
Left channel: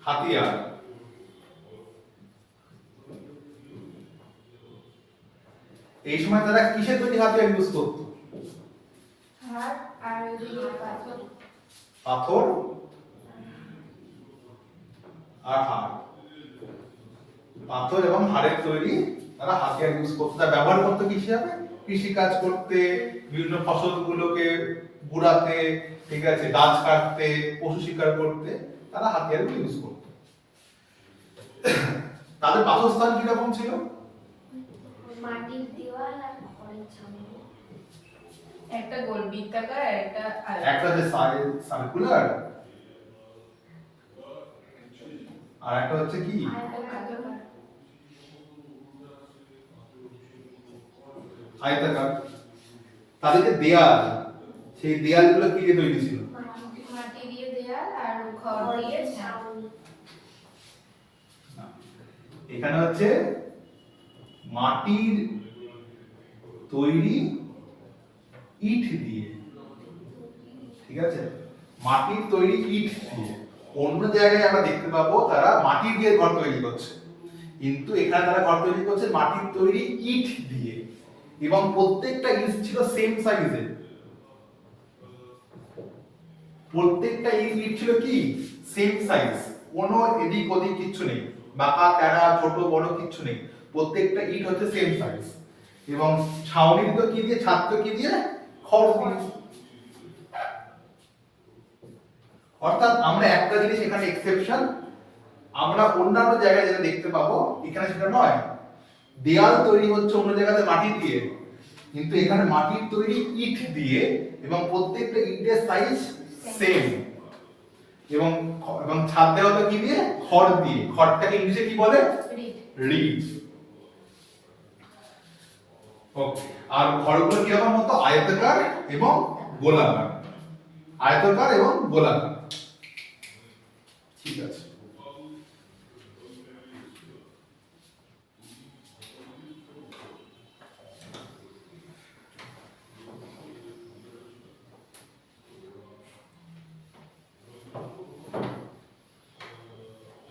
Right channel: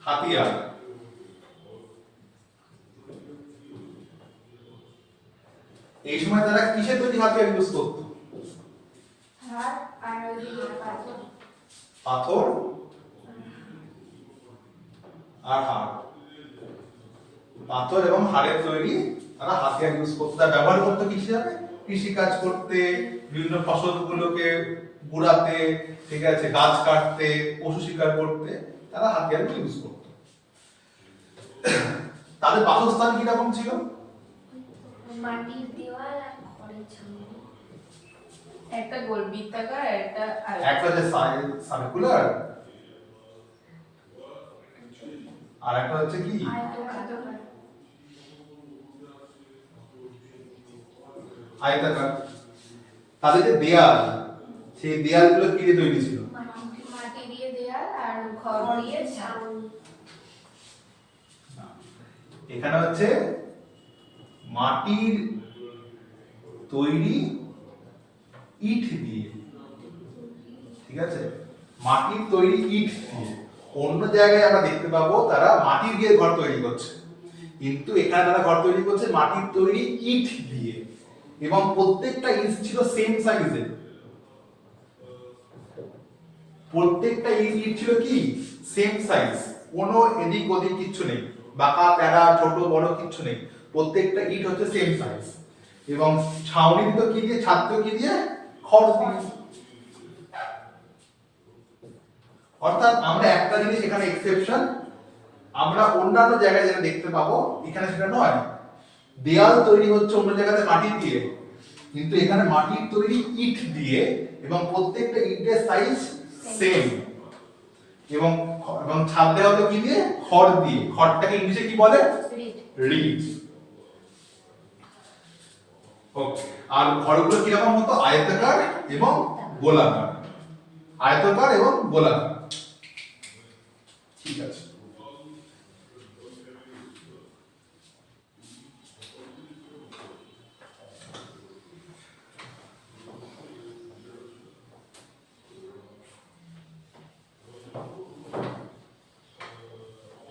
হাতিয়ার, এই সময় তারা কিসের তৈরি হাতিয়ার ইউজ করত? পাথর আর হাড়, পাথর এবং হাড়ের তৈরি তারা হাতিয়ার ইউজ করতে, তারা ব্যবহার করতে কি হিসাবে? কৃষি কাজ করতে, বিভিন্ন ফসলগুলোকে বুড়াতে, ঠিক আছে, গাছ কাটতে, পশু শিকার করতে তারা হাতিয়ারগুলো ইউজ করত। তাদের বাসস্থান কিরকম ছিল? মাটির দেওয়াল আর খড়ের ছাউনি। একটা গোল বৃত্তাকার, একটা যে সার্কুলার, আর একটা হচ্ছে কি আয়তাকার। তাদের যে দেয়াল, সেই দেয়ালগুলো কি দিয়ে তৈরি ছিল? মাটি দিয়ে দেয়াল আর খড় দিয়ে ছাউনি। এখানে হচ্ছে মাটির তৈরি ইট দিয়ে, ঠিক আছে, মাটির তৈরি ইট দিয়ে। অন্য জায়গায় আমরা দেখতে পাবো তারা মাটি দিয়ে ঘর তৈরি করছে, কিন্তু এখানে তারা ঘর তৈরি করছে মাটির তৈরি ইট দিয়ে, এবং প্রত্যেকটা ইট ছিল সেম সাইজের। প্রত্যেকটা ইট ছিল কি? সেম সাইজ, কোনো এদিক ওদিক কিচ্ছু নেই, বাঁকা তেরা ছোট বড় কিচ্ছু নেই, প্রত্যেকটা ইট হচ্ছে সেম সাইজ। এবং ছাউনি দিত কি দিয়ে? ছাদ কি দিয়ে? খড় দিয়ে। অর্থাৎ আমরা একটা জিনিস এখানে এক্সেপশন আমরা অন্যান্য জায়গায় যেটা দেখতে পাবো এখানে সেটা নয়, দেয়াল তৈরি হচ্ছে অন্য জায়গাতে মাটি দিয়ে, কিন্তু এখানে মাটির তৈরি ইট দিয়ে এবং প্রত্যেকটা ইটের সাইজ সেম, এবং এবং ছাদ দেওয়া হলো কি দিয়ে? খড় দিয়ে। খড়টাকে ইংলিশে কি বলে? রিড। ওকে, আর ঘরগুলো কি রকম হতো? আয়তাকার এবং গোলাকার, আয়তাকার এবং গোলাকার। ঠিক আছে,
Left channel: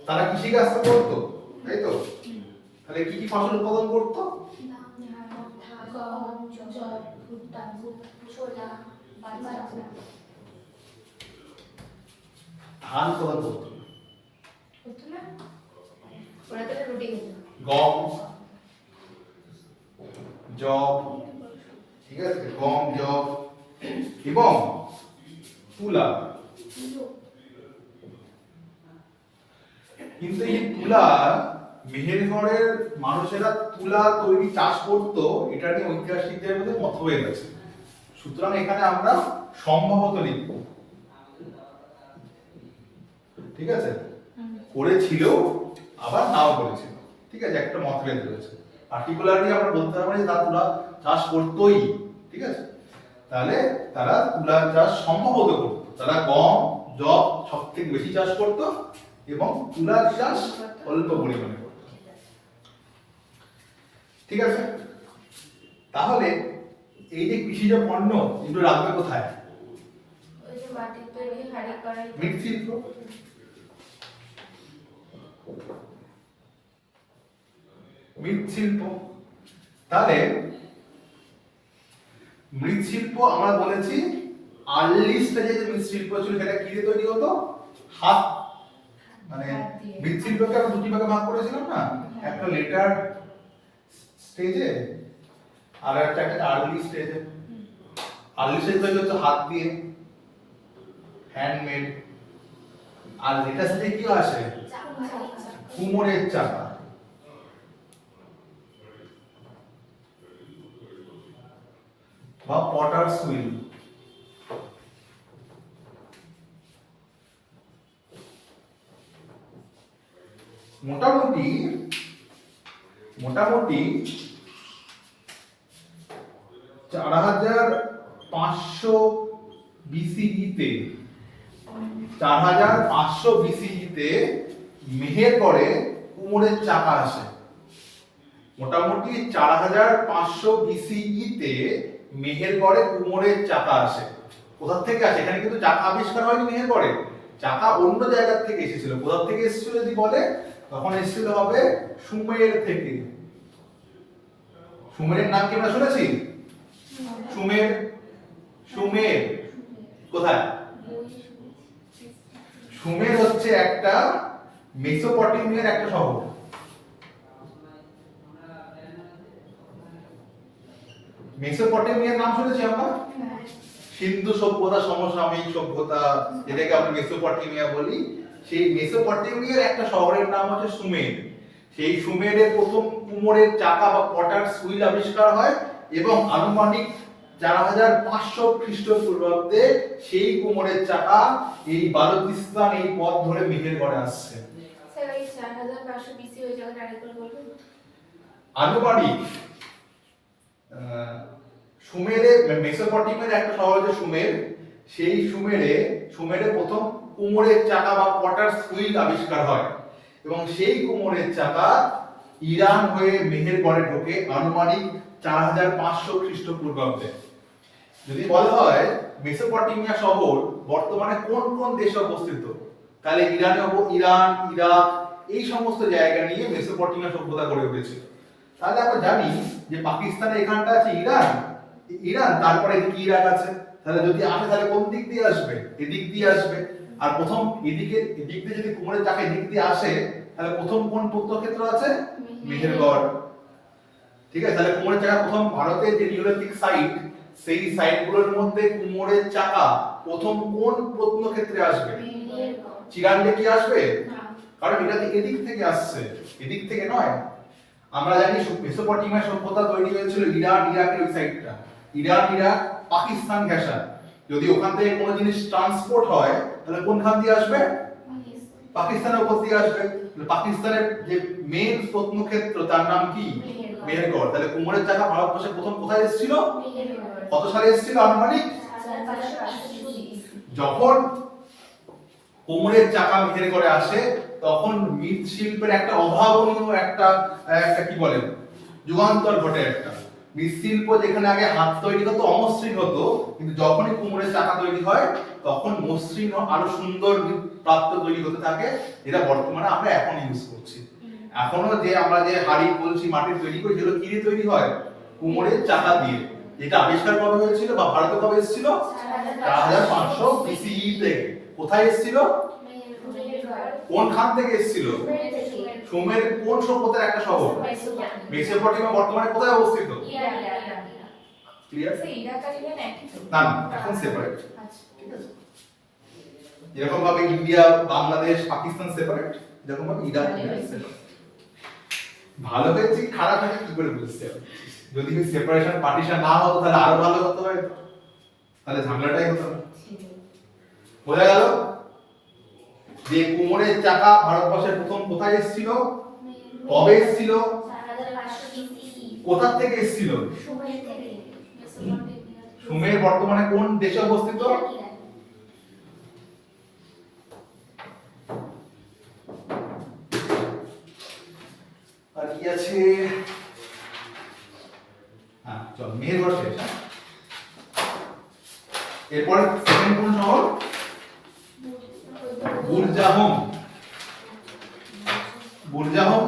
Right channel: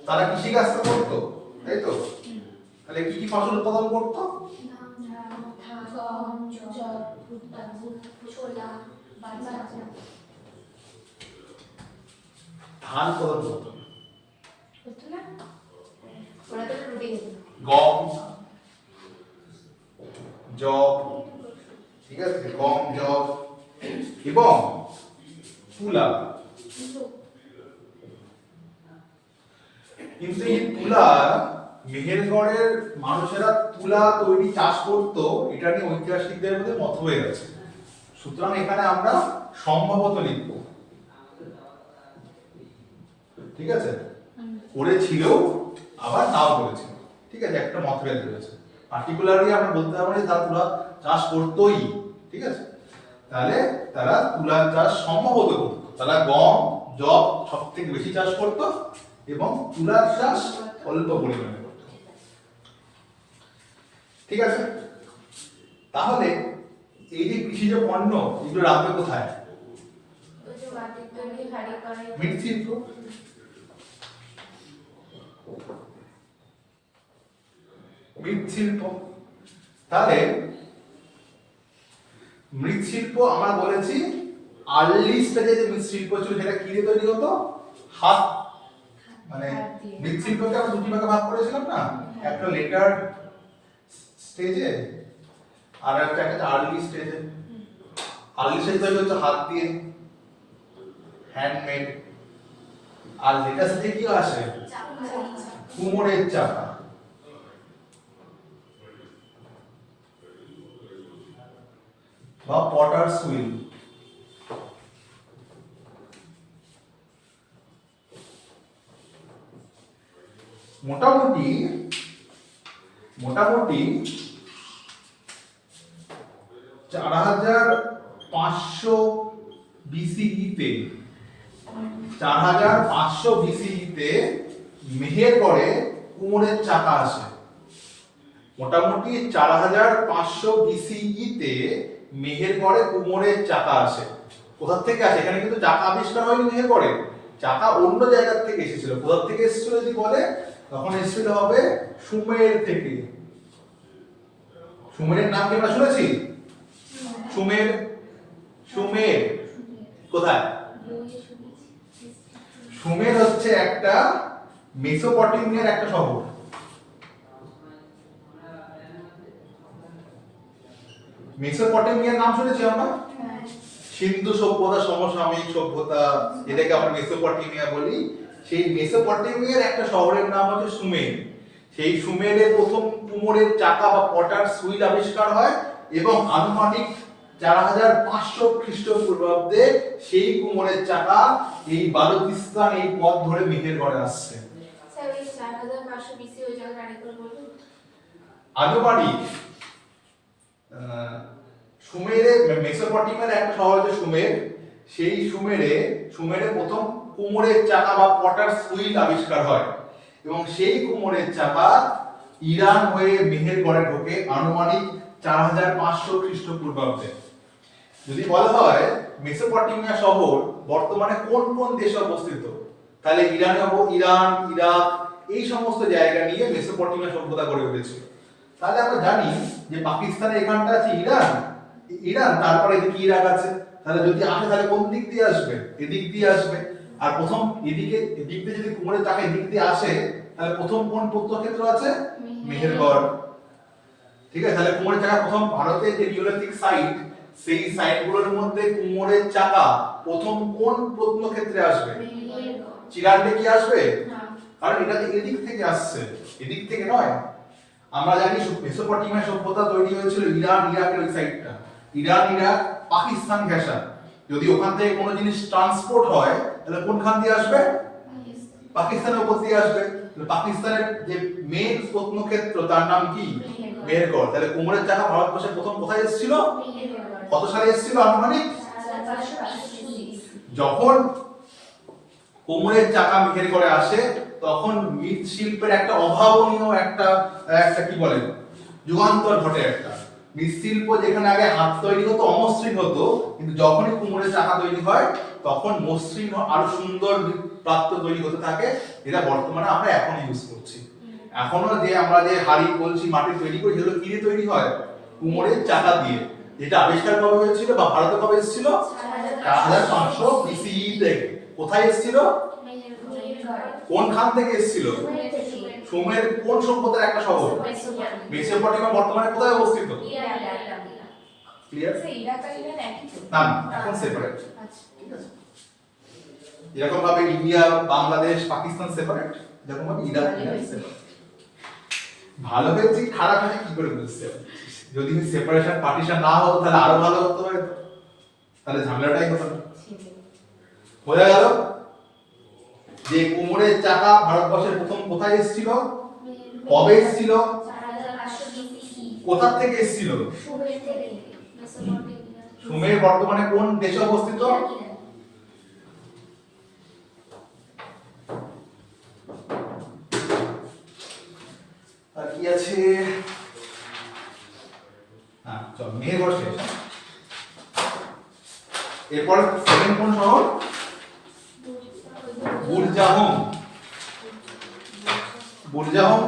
তারা কৃষিকাজ তো করতো, তাই তো? তাহলে কি কি ফসল উৎপাদন করতো? গম, জব, ভুট্টা, ছোলা, বাজরা। ধান উৎপাদন করতো না। হতো না? ওরা তো রুটি খেত। গম, জব, ঠিক আছে, গম, জব এবং তুলা। কিন্তু এই তুলা, মেহেরগড়ের মানুষেরা তুলা তৈরি চাষ করতো, এটা নিয়ে ঐতিহাসিকদের মধ্যে মতভেদ আছে। সুতরাং এখানে আমরা সম্ভবত লিখব, ঠিক আছে? করেছিল আবার নাও করেছিল, ঠিক আছে, একটা মতভেদ রয়েছে। পার্টিকুলারলি আমরা বলতে পারবো যে তারা তুলা চাষ করতোই, ঠিক আছে? তাহলে তারা তুলা চাষ সম্ভবত করতো, তারা গম, জব সব থেকে বেশি চাষ করতো এবং তুলার চাষ অল্প পরিমাণে করতো, ঠিক আছে? তাহলে এই যে কৃষিজ পণ্য এগুলো রাখবে কোথায়? ওই যে মাটির তৈরি হাড়ি কড়াই। মৃৎশিল্প, মৃৎশিল্প। তাহলে মৃৎশিল্প আমরা বলেছি আর্লি স্টেজে যে মৃৎশিল্প ছিল সেটা কি দিয়ে তৈরি হতো? হাত, মানে মৃৎশিল্পকে আমরা দুটি ভাগে ভাগ করেছিলাম না, একটা লেটার স্টেজে আর একটা আর্লি স্টেজে। আর্লি স্টেজ তৈরি হচ্ছে হাত দিয়ে, হ্যান্ডমেড। আর লেটার স্টেজে কি আসে? কুমোরের চাকা। বা পটারস হুইল। মোটামুটি 4500 বিসিইতে 4500 বিসিইতে মেহেরগড়ে কুমোরের চাকা আসে। মোটামুটি 4500 বিসিইতে মেহেরগড়ে কুমোরের চাকা আসে। কোথা থেকে আসে? এখানে কিন্তু চাকা আবিষ্কার হয়নি মেহেরগড়ে, চাকা অন্য জায়গা থেকে এসেছিল। কোথা থেকে এসেছিল যদি বলে, তখন এসেছিল হবে সুমের থেকে। সুমেরের নাম কি আমরা শুনেছি? সুমের, সুমের কোথায়? সুমের হচ্ছে একটা মেসোপটেমিয়ার একটা শহর। মেসোপটেমিয়ার নাম শুনেছি আমরা? সিন্ধু সভ্যতা, সমসাময়িক সভ্যতা, যেটাকে আমরা মেসোপটেমিয়া বলি। সেই মেসোপটেমিয়ার একটা শহরের নাম হচ্ছে সুমের। সেই সুমেরের প্রথম কুমোরের চাকা বা পটার সুইল আবিষ্কার হয় এবং আনুমানিক 4500 খ্রিস্টপূর্বাব্দে সেই কুমোরের চাকা এই বালুচিস্তান এই পথ ধরে মেহেরগড়ে আসছে। স্যার এই 4500 বিসি ওই জায়গাটা আরেকবার বলবেন? আনুমানিক সুমেরে, মেসোপটেমিয়ার একটা শহর হচ্ছে সুমের। সেই সুমেরে প্রথম কুমোরের চাকা বা পটার সুইল আবিষ্কার হয় এবং সেই কুমোরের চাকা ইরান হয়ে মেহেরগড়ে ঢোকে আনুমানিক 4500 খ্রিস্টপূর্বাব্দে। যদি বলা হয় মেসোপটেমিয়া শহর বর্তমানে কোন কোন দেশে অবস্থিত, তাহলে ইরান, ইরাক এই সমস্ত জায়গা নিয়ে মেসোপটেমিয়া সভ্যতা গড়ে উঠেছিল। তাহলে আমরা জানি যে পাকিস্তানের এখানটা আছে ইরান, তারপরে এদিকে ইরাক আছে। তাহলে যদি আসে তাহলে কোন দিক দিয়ে আসবে? এদিক দিয়ে আসবে। আর প্রথম এদিক দিয়ে যদি কুমোরের চাকা এদিক দিয়ে আসে, তাহলে প্রথম কোন প্রত্নক্ষেত্র আছে? মেহেরগড়। ঠিক আছে, তাহলে কুমোরের চাকা প্রথম ভারতের যে নিওলিথিক সাইট, সেই সাইটগুলোর মধ্যে কুমোরের চাকা প্রথম কোন প্রত্নক্ষেত্রে আসবে? চিরান্ডে কি আসবে? কারণ এটা যে এদিক থেকে আসছে, এদিক থেকে নয়। আমরা জানি মেসোপটেমিয়া সভ্যতা তৈরি হয়েছিল ইরান ইরাকের ওই সাইডটা, ইরান ইরাক পাকিস্তান ঘেঁষা। যদি ওখান থেকে কোনো জিনিস ট্রান্সপোর্ট হয় তাহলে কোনখান দিয়ে আসবে? পাকিস্তানের উপর দিয়ে আসবে। পাকিস্তানের যে মেন প্রত্নক্ষেত্র তার নাম কি? মেহেরগড়। তাহলে কুমোরের চাকা ভারতবর্ষে প্রথম কোথায় এসেছিল? কত সালে এসেছিল আনুমানিক? যখন কুমোরের চাকা মেহেরগড়ে আসে তখন মৃৎশিল্পের একটা অভাবনীয় একটা একটা কি বলে যুগান্তর ঘটে। একটা মৃৎশিল্প যেখানে আগে হাত তৈরি হতো, অমসৃণ হতো, কিন্তু যখনই কুমোরের চাকা তৈরি হয় তখন মসৃণ আরো সুন্দর প্রাপ্ত তৈরি হতে থাকে, যেটা বর্তমানে আমরা এখন ইউজ করছি। এখনো যে আমরা যে হাড়ি কলসি মাটির তৈরি করি সেগুলো কি দিয়ে তৈরি হয়? কুমোরের চাকা দিয়ে। যেটা আবিষ্কার কবে হয়েছিল বা ভারতে কবে এসেছিল? 4500 BCE থেকে। কোথায় এসেছিল? কোন খান থেকে এসেছিল? সুমের কোন সভ্যতার একটা শহর? মেসোপটেমিয়া বর্তমানে কোথায় অবস্থিত? ক্লিয়ার? না এখন সেপারেট। ঠিক আছে, যেরকম ভাবে ইন্ডিয়া বাংলাদেশ পাকিস্তান সেপারেট, যেরকম ভাবে ইরাক সেপারেট। ভালো হয়েছে কি খারাপ হয়েছে কি করে বুঝতে হবে? যদি সেপারেশন পার্টিশন না হতো তাহলে আরো ভালো হতো, তাহলে ঝামেলাটাই হতো না। বোঝা গেল যে কুমোরের চাকা ভারতবর্ষের প্রথম কোথায় এসেছিল, কবে এসেছিল, কোথা থেকে এসেছিল? সুমের বর্তমানে কোন দেশে অবস্থিত? আর কি আছে? হ্যাঁ চল মেহেরগড় শেষ। এরপর সেকেন্ড কোন শহর? বুরজাহম। বুরজাহম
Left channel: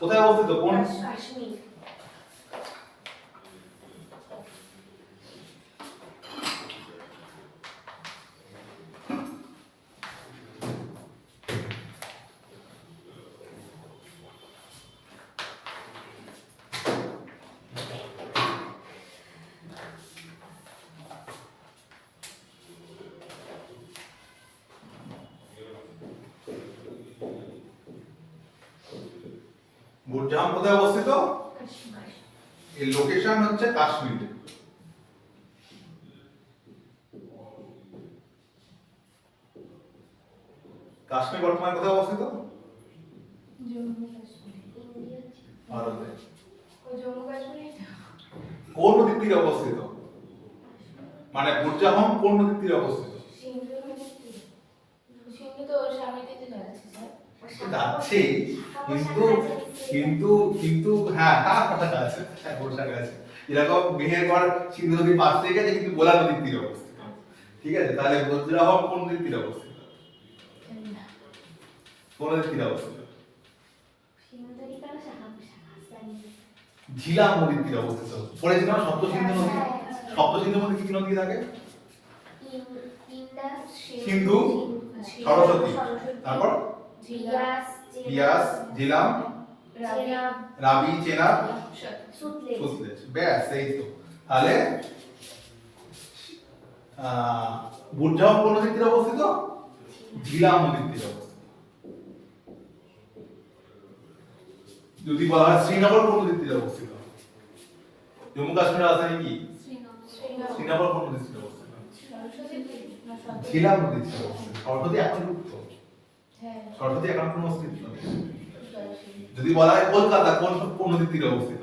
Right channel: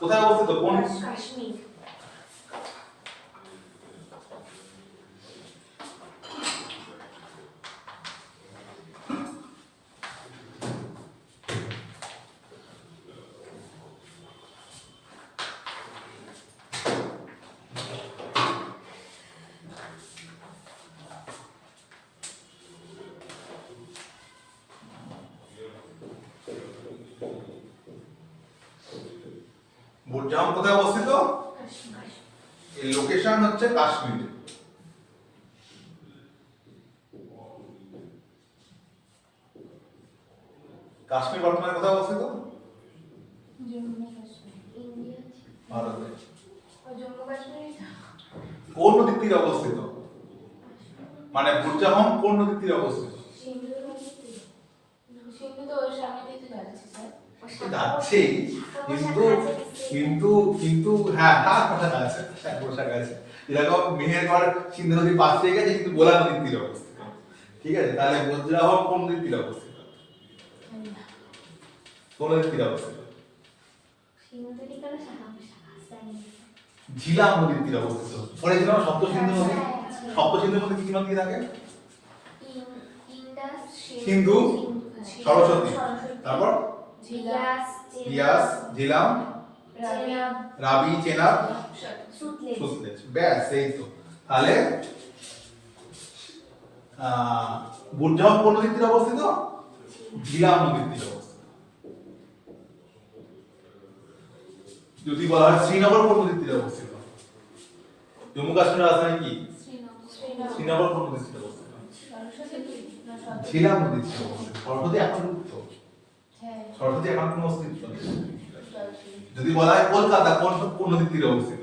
কোথায় অবস্থিত? কোন? কাশ্মীর। বুরজাহম কোথায় অবস্থিত? এই লোকেশন হচ্ছে কাশ্মীর। কাশ্মীর বর্তমানে কোথায় অবস্থিত? ভারতে। কোন নদীর তীরে অবস্থিত? মানে বুরজাহম কোন নদীর তীরে অবস্থিত? যাচ্ছে কিন্তু কিন্তু কিন্তু হ্যাঁ কাছাকাছি, কাছাকাছি। এরকম মেহেরগড় সিন্ধু নদীর পাশ থেকে গেছে কিন্তু বোলা নদীর তীরে অবস্থিত। ঠিক আছে, তাহলে বুরজাহম কোন নদীর তীরে অবস্থিত? কোন নদীর তীরে অবস্থিত? ঝিলাম নদীর তীরে অবস্থিত। পড়েছিলাম সপ্ত সিন্ধু নদী। সপ্ত সিন্ধুর মধ্যে কি নদী থাকে? সিন্ধু, সরস্বতী, তারপর বিয়াস, ঝিলাম, রাবি, চেনাব, সুতলেজ। ব্যাস এই তো। তাহলে বুরজাহম কোন নদীর তীরে অবস্থিত? ঝিলাম নদীর তীরে অবস্থিত। যদি বলা হয় শ্রীনগর কোন নদীর তীরে অবস্থিত? জম্মু কাশ্মীরের রাজধানী কি? শ্রীনগর কোন নদীর তীরে অবস্থিত? ঝিলাম নদীর তীরে অবস্থিত। সরস্বতী এখন যুক্ত, সরস্বতী এখন কোন অস্তিত্ব নেই। যদি বলা হয় কলকাতা কোন কোন নদীর তীরে অবস্থিত?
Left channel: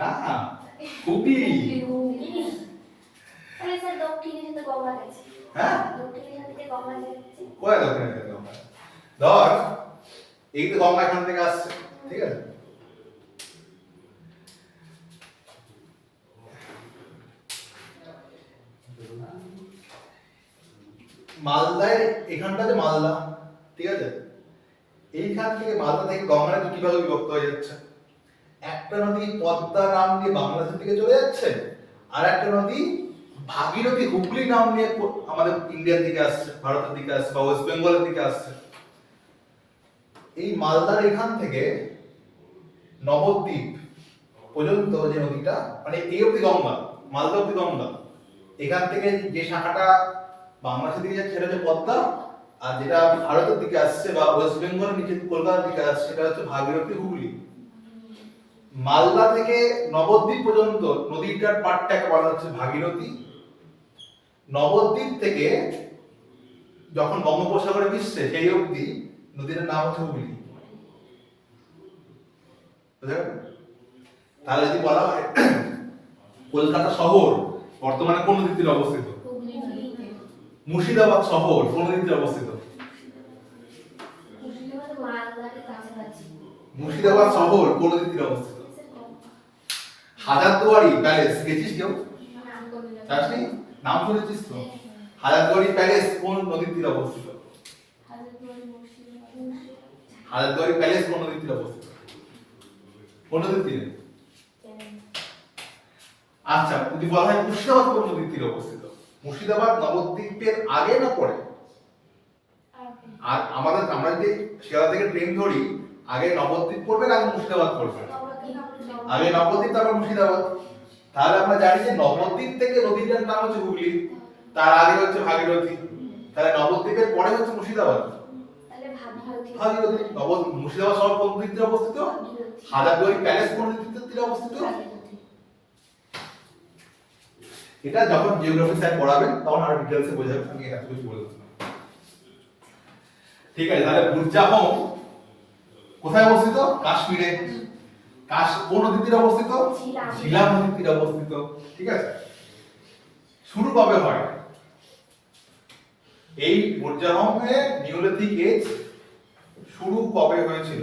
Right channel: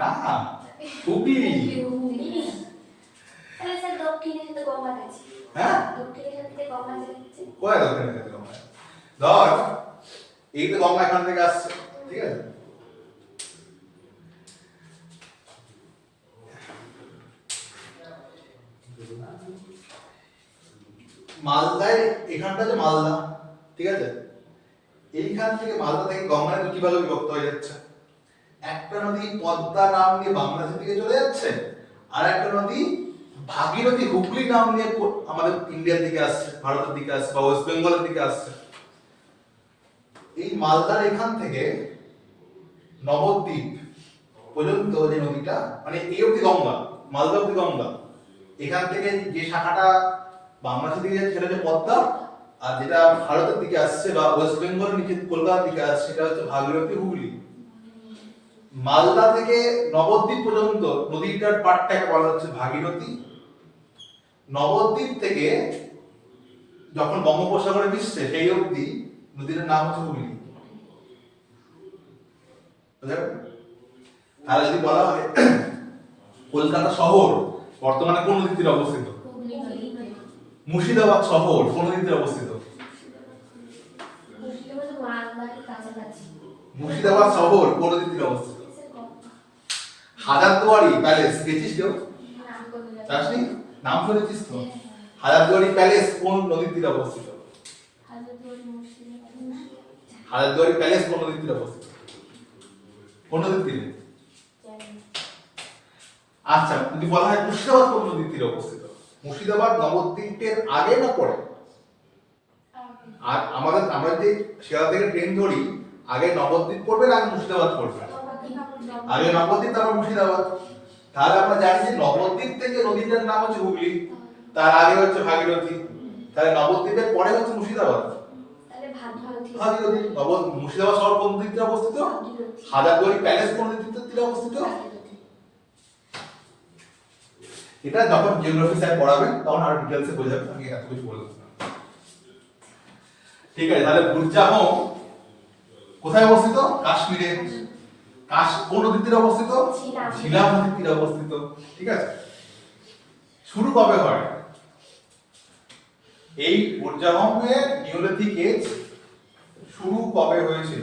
না, হুগলি। তাহলে স্যার দক্ষিণে তো গঙ্গা আছে। হ্যাঁ, দক্ষিণের সাথে গঙ্গা যাচ্ছে। কোথায় দক্ষিণে থেকে গঙ্গা? ধর এই তো গঙ্গা এখান থেকে আসছে, ঠিক আছে? মালদায় এখানটা যে মালদা, ঠিক আছে, এইখান থেকে মালদা থেকে গঙ্গা নদী কিভাবে বিভক্ত হয়ে যাচ্ছে? একটা নদী পদ্মা নাম নিয়ে বাংলাদেশের দিকে চলে যাচ্ছে, আর একটা নদী ভাগীরথী হুগলি নাম নিয়ে আমাদের ইন্ডিয়ার দিকে আসছে, ভারতের দিকে আসছে বা ওয়েস্ট বেঙ্গলের দিকে আসছে। এই মালদার এখান থেকে নবদ্বীপ পর্যন্ত যে নদীটা, মানে এই অবধি গঙ্গা, মালদা অবধি গঙ্গা, এখান থেকে যে শাখাটা বাংলাদেশের দিকে যাচ্ছে সেটা হচ্ছে পদ্মা, আর যেটা ভারতের দিকে আসছে বা ওয়েস্ট বেঙ্গলের নিচে কলকাতার দিকে আসছে সেটা হচ্ছে ভাগীরথী হুগলি। মালদা থেকে নবদ্বীপ পর্যন্ত নদীটার পাটটাকে বলা হচ্ছে ভাগীরথী। নবদ্বীপ থেকে যখন বঙ্গোপসাগরে মিশছে সেই অবধি নদীটার নাম হচ্ছে হুগলি। তাহলে যদি বলা হয় কলকাতা শহর বর্তমানে কোন নদীর তীরে অবস্থিত? হুগলি নদীতে। মুর্শিদাবাদ শহর কোন নদীর তীরে অবস্থিত? মালদার কাছাকাছি। মুর্শিদাবাদ শহর কোন নদীর তীরে অবস্থিত? হাজারদুয়ারি প্যালেস গেছিস কেউ? যাসনি? নাম শুনেছিস তো? হাজারদুয়ারি প্যালেস কোন নদীর তীরে অবস্থিত? হাজারদুয়ারি প্যালেস কোন নদীর তীরে অবস্থিত? কোন নদীর তীরে? আচ্ছা, যদি বলা হয় মুর্শিদাবাদ কোন নদীর তীরে অবস্থিত? মুর্শিদাবাদ নবদ্বীপের আগে না পরে? আর আমরা যদি শিয়ালদা থেকে ট্রেন ধরি, আগে নবদ্বীপ পড়বে না আগে মুর্শিদাবাদ পড়বে? আগে নবদ্বীপ তারপর মুর্শিদাবাদ। তাহলে আমরা জানি যে নবদ্বীপ থেকে নদীটার নাম হচ্ছে হুগলি, তার আগে হচ্ছে ভাগীরথী। তাহলে নবদ্বীপের পরে হচ্ছে মুর্শিদাবাদ। ভাগীরথী। মুর্শিদাবাদ শহর কোন দিক থেকে অবস্থিত? হাজারদুয়ারি প্যালেস কোন দিক থেকে অবস্থিত? এটা যখন জিওগ্রাফি স্যার পড়াবেন তখন আরো ডিটেইলসে বোঝাবেন, আমি এত কিছু বলে দিলাম। ঠিক আছে, তাহলে বুরজাহম কোথায় অবস্থিত? কাশ্মীরে। কোন নদীর তীরে অবস্থিত? ঝিলাম নদীর তীরে অবস্থিত। ঠিক আছে, শুরু কবে হয়? এই বুরজাহমের নিওলিথিক এজ শুরু কবে হয়েছিল?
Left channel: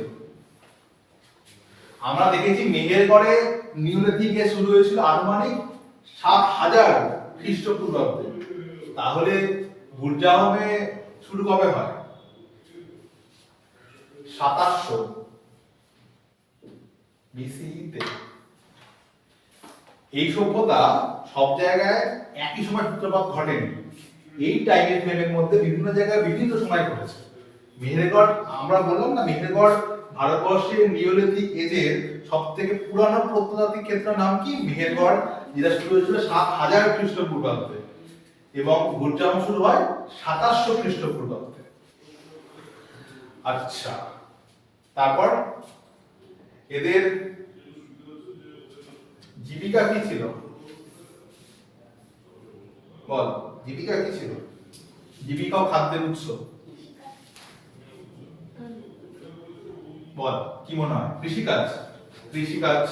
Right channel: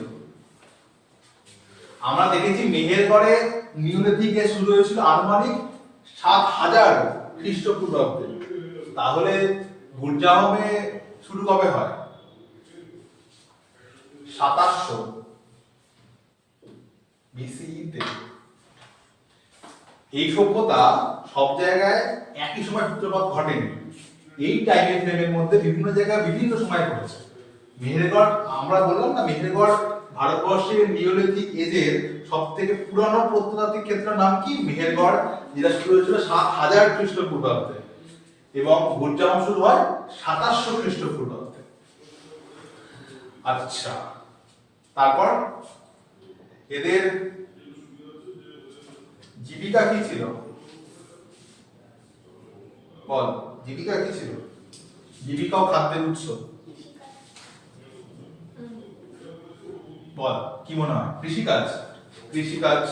আমরা দেখেছি মেহেরগড়ে নিওলিথিক এজ শুরু হয়েছিল আনুমানিক ৭০০০ খ্রিস্টপূর্বাব্দে। তাহলে বুরজাহমে শুরু কবে হয়? ২৭০০ বিসিই তে। এই সভ্যতা সব জায়গায় একই সময় সূত্রপাত ঘটেনি, এই টাইম ফ্রেমের মধ্যে বিভিন্ন জায়গায় বিভিন্ন সময় ঘটেছে। মেহেরগড়, আমরা বললাম না, মেহেরগড় ভারতবর্ষের নিওলিথিক এজের সব থেকে পুরানো প্রত্নতাত্ত্বিক ক্ষেত্রের নাম কি? মেহেরগড়, যেটা শুরু হয়েছিল ৭০০০ খ্রিস্টপূর্বাব্দে এবং বুরজাহম শুরু হয় ২৭০০ খ্রিস্টপূর্বাব্দে। আচ্ছা, তারপর এদের জীবিকা কি ছিল? বল, জীবিকা কি ছিল? জীবিকা ও খাদ্যের উৎস বল, কি মনে হয়? কৃষিকাজ। কৃষিকাজ।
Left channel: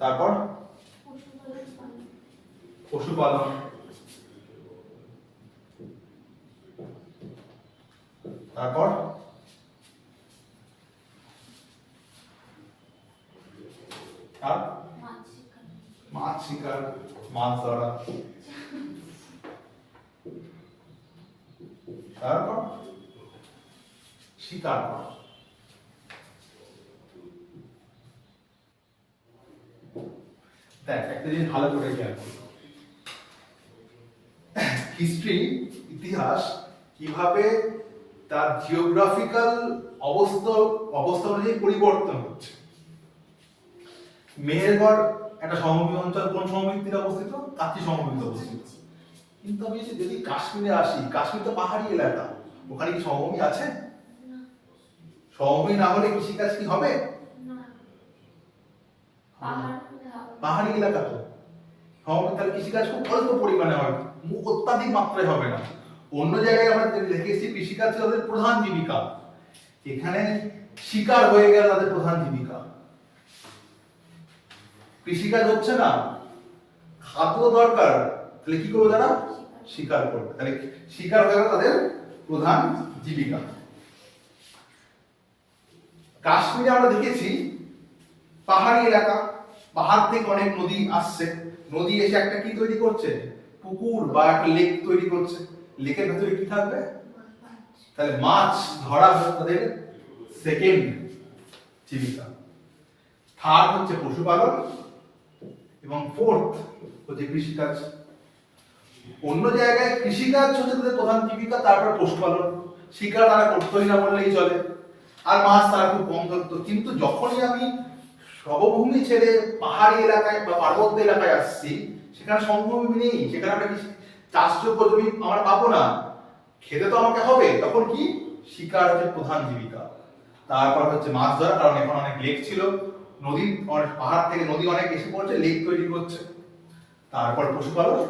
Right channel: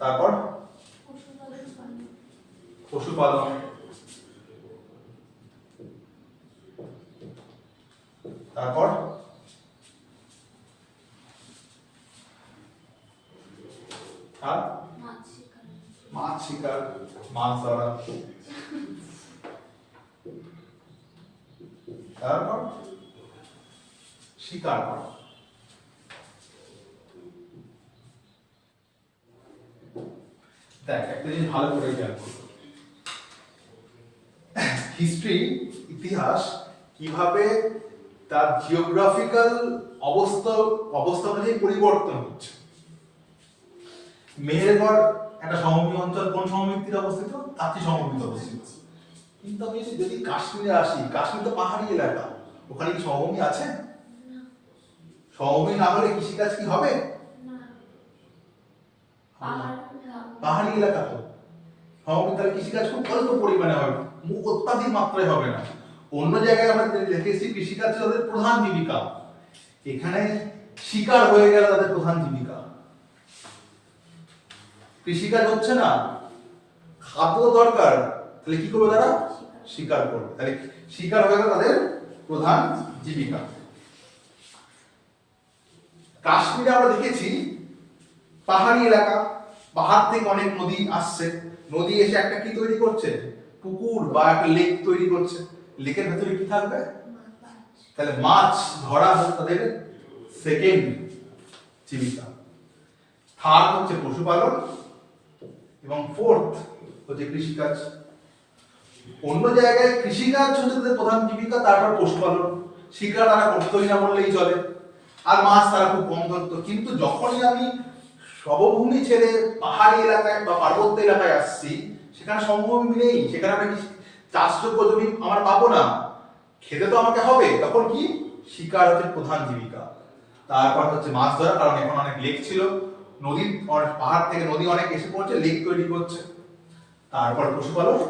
তারপর পশুপালন। তারপর আর মাছ শিকার, মাছ ধরা। তারপর শিকার করা। দেখ, একটা জিনিস ভালো করে খেয়াল করো, হিস্ট্রি, ইতিহাস কিভাবে তার জিওগ্রাফিক্যাল অবস্থা অনুযায়ী পরিবর্তন হচ্ছে। মেহেরগড় একটা সমভূমি অঞ্চল, কোন সমভূমির তীরে অবস্থিত? তাঁতি সমভূমিতে অবস্থিত। কিন্তু আমি যদি কাশ্মীরে আসি, কাশ্মীর তো পাহাড়ি এলাকা, ওখানে কি সমভূমি আছে? সমভূমি না হলে কৃষিকাজ কি হবে? পাহাড়ি এলাকা তো সমভূমি, তাহলে কৃষিকাজ খুব অল্প পরিমাণে হবে, অত্যাধিক মাত্রায় হবে না। অন্য জায়গায় আমরা দেখেছি কৃষিকাজ তাদের প্রধান জীবিকা, এখানে শিকার হয়ে গেল তাদের প্রধান জীবিকা। কৃষিকাজ হচ্ছে না, খাদ্য দরকার, তাহলে কি করবে তারা? শিকার করবে। তাহলে শিকার হয়ে গেল তাদের প্রধান জীবিকা। কাশ্মীরে আমরা দেখেছি পাহাড়ি এলাকা, পাহাড় থেকে অনেক নদী আসছে, নদী এসে একটা কি তৈরি করছে? পুকুর বা একটা লেক তৈরি করছে। লেকের ভেতরে কি থাকবে? তাহলে মাছ ধরা হচ্ছে তাদের সেকেন্ড জীবিকা। থার্ড হচ্ছে পশুপালন এবং ফোর্থ হচ্ছে কৃষিকাজ। অন্য জায়গায় কৃষিকাজ হচ্ছে তাদের প্রধান জীবিকা, তারপর পশুপালন। শিকার তারা করতোই না বললেই চলে, আর মাছ তারা খুব কম ধরতো। কিন্তু যখনই আমি সমভূমি ছেড়ে পাহাড়ি এলাকায় বা পার্বত্য এলাকায় আসছি, সেখানে সমভূমি নেই, সেখানে আমরা চাষযোগ্য জমি আমরা পাবো না, খেতে তো আমাকে হবে, তখন কি শিকার হচ্ছে প্রধান জীবিকা। তারপর হচ্ছে মাছ ধরা, কারণ এখন অনেক লেক ছিল, নদী পাহাড় থেকে নদী অনেক এসে পড়ছে, লেক তৈরি করছে। তারপর পশুপালন,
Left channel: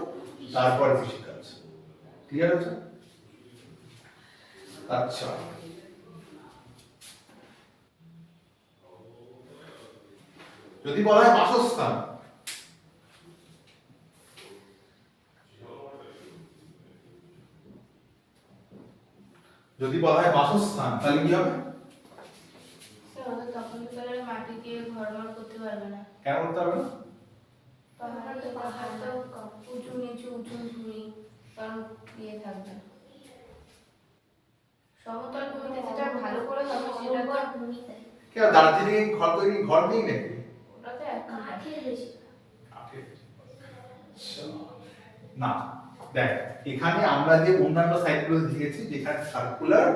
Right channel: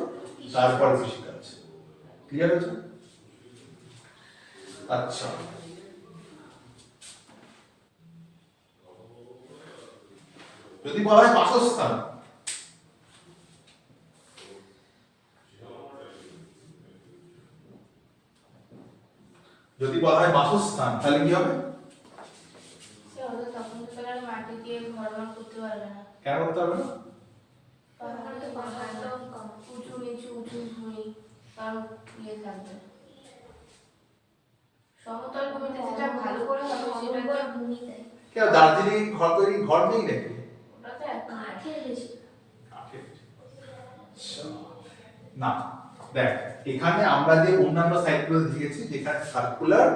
তারপর কৃষিকাজ। ক্লিয়ার হচ্ছে? আচ্ছা, যদি বলা হয় বাসস্থান, যদি বলা হয় বাসস্থান তাহলে কি হবে? তখন তো তারা মাটি দিয়ে ঘর বানাতে করতে পারবে না। কেন করতে হবে না? পাহাড় তো পাহাড় না, উঁচু নিচু উঁচু ভূমি, কারণ ইয়ে থাকবে না। সমতল ভূমিতে যেটা ভালো করে হবে সেটা তো ভূমিতে কেন দার্জিলিং ঘর তৈরি ঘর নেই নাকি? ওটা তো এক কাঠের বেশি। না, দেখ এখানে আমরা যে অন্যান্য সাইটগুলো দেখেছি যেখানে সার্কুলার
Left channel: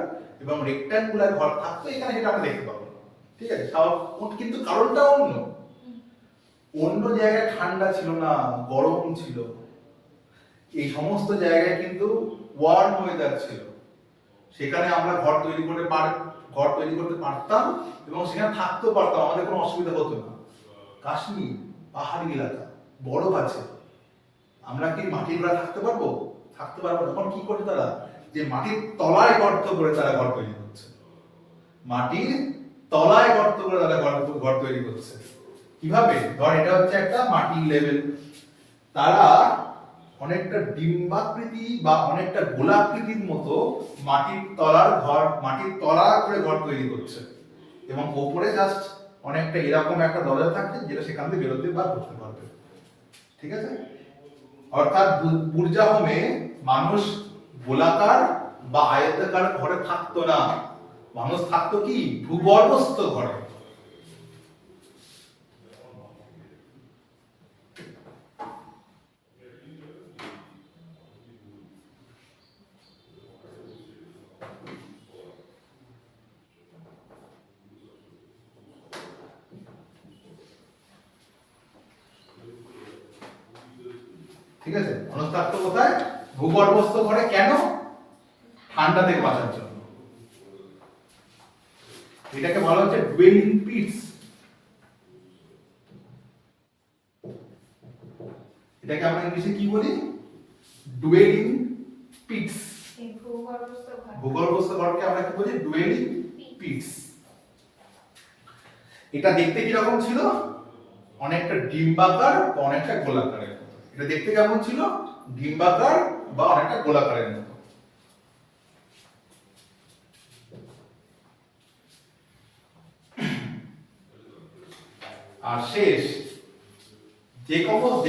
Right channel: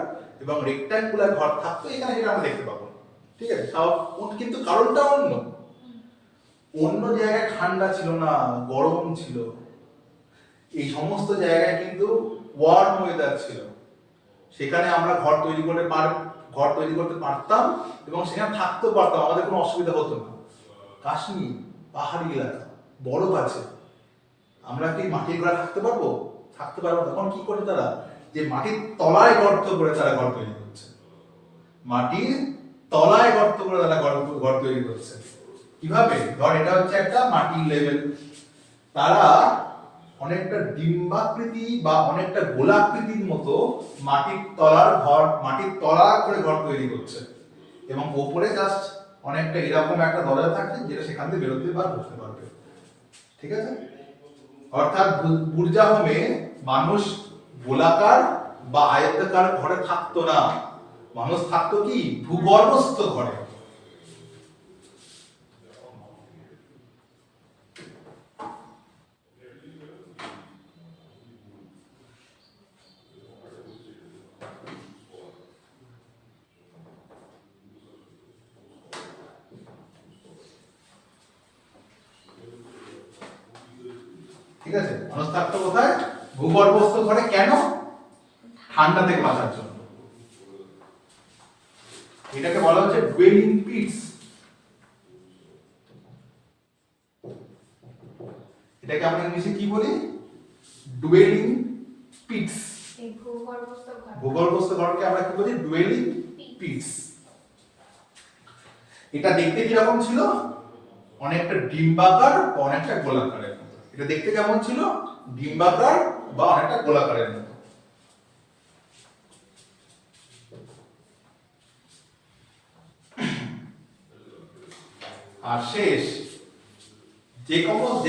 এবং রেক্ট্যাঙ্গুলার ঘর থাকতো, এখানে এটা আমরা দেখতে পাবো না। ঠিক আছে, কিন্তু কারণটা অন্য। অন্য জায়গায় ঠান্ডা ছিল না, গরম ছিল, এই সমস্ত জায়গায় কিন্তু ওয়ার্ম ওয়েদার ছিল, সেখানে আমরা ঘর তৈরি করতে পারতাম এবং সেখানে থাকতেও পারতাম, আমাদের কোনো অসুবিধা হতো না। কাশ্মীর পাহাড়ি এলাকা, বরফ আছে, আমরা কি মাটির ঘরে থাকতে পারবো? থাকতে পারবো না। তখন কি করছে তারা? যে মাটির তলায় গর্ত করে তারা ঘর তৈরি করছে, মাটির তলায় গর্ত করে তারা ঘর তৈরি করছে। কিভাবে? ধর এটা হচ্ছে একটা মাটির লেভেল, তারা অনেকটা ডিম্বাকৃতি বা অনেকটা গোলাকৃতির মতো মাটির তলা করে ঘর তৈরি করছে, এবং উপরে জাস্ট অনেকটা এরকম একটা দরজা থাকছে যেটা সেখান থেকে বেরোতে বা ঢুকতে পারবে। ঠিক আছে, অর্থাৎ বুর্জা হোমে মানুষ গোলাকার বা আয়তাকার ঘরে থাকতো না, মানুষ থাকতো কি ভূগর্ভস্থ ঘরে। ঠিক আছে, মানুষ থাকতো কোথায়? ভূগর্ভস্থ ঘরে। কেন? ঠান্ডা থেকে বাঁচার জন্য। এটাকে বলা হচ্ছে ডুয়েলিং পিটস। এটাকে আমরা ইংলিশে কি বলি? ডুয়েলিং পিটস। এই ভূগর্ভস্থ ঘর, ভূগর্ভস্থ ঘরকে আমরা কি বলি? ডুয়েলিং পিটস। এটা দেখতে কি রকম ছিল? অনেকটা ডিম্বাকার বা অনেকটা গোলাকারের মতো। এটা দেখতে কেমন ছিল? ডিম্বাকার বা অনেকটা গোলাকারের মতো। আর শেষ যে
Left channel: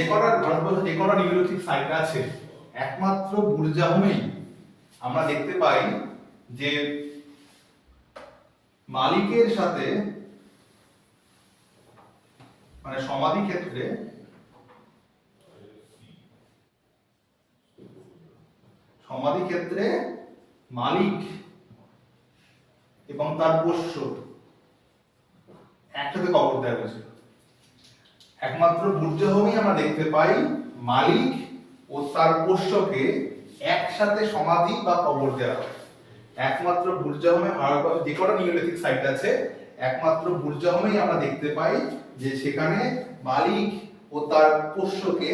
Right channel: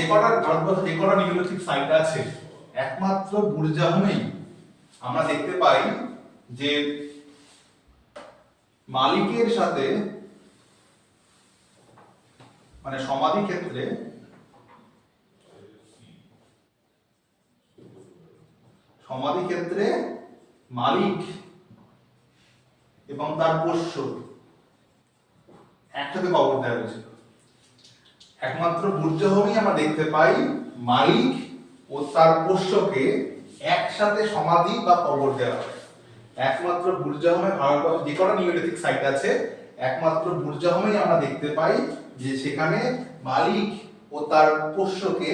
কটা ভারতবর্ষে যে কটা নিওলিথিক সাইট আছে, একমাত্র বুর্জা হোমেই আমরা দেখতে পাই যে মালিকের সাথে, মানে সমাধি ক্ষেত্রে মালিক এবং তার পোষ্য একসাথে কবর দেওয়া হয়েছিল। একমাত্র বুর্জা হোমেই আমরা দেখতে পাই মালিক ও তার পোষ্যকে একসাথে সমাধি বা কবর দেওয়া হয়। একমাত্র বুর্জা হোমে, ভারতবর্ষে যে কটা নিওলিথিক সাইট আছে, একমাত্র বুর্জা হোমেই আমরা দেখতে পাই যে সেখানে মালিক ও তার পোষ্যকে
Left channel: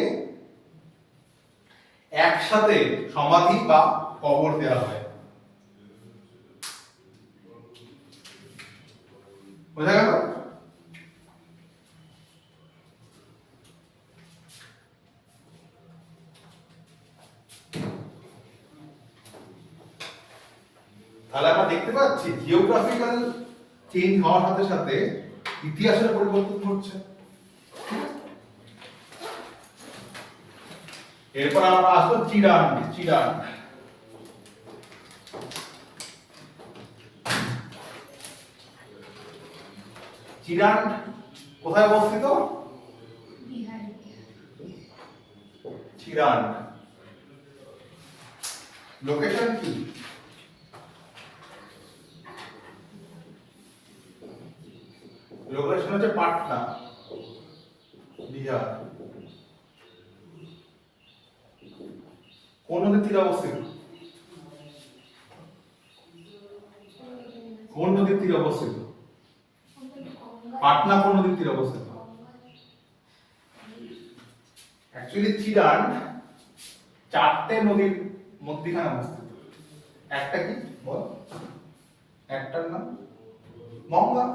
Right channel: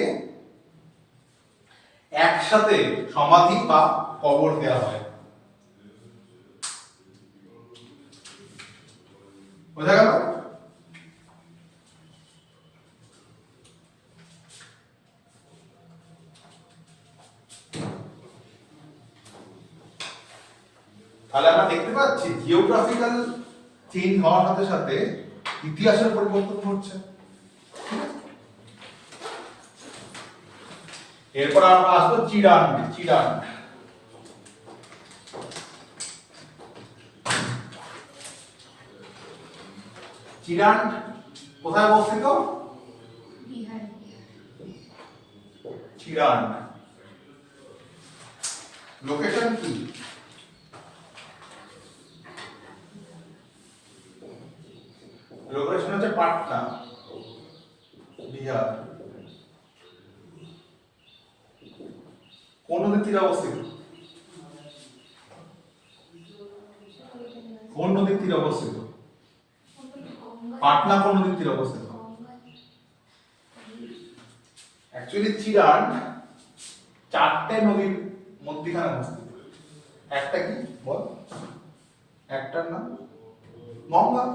একসাথে সমাধি বা কবর দেওয়া হয়। বোঝা গেল? তাহলে আমরা দেখতে পাচ্ছি জিওগ্রাফিক্যাল চেঞ্জ হওয়ার সাথে সাথে ইতিহাসের পরিবর্তন ঘটছে। এরপর আমরা আসবো চিরান। চিরান কোথায় অবস্থিত? বিহার। চিরান লোকেশন কি? লোকেশন হচ্ছে পাটনা, বিহার। কোন নদীর তীরে অবস্থিত? কোন নদীর তীরে অবস্থিত? পাটনা কোন নদীর তীরে অবস্থিত? অ্যাকচুয়ালি চিরান চারটে নদীর মধ্যখানে অবস্থিত। একটা কি বল? একটার নাম গঙ্গা,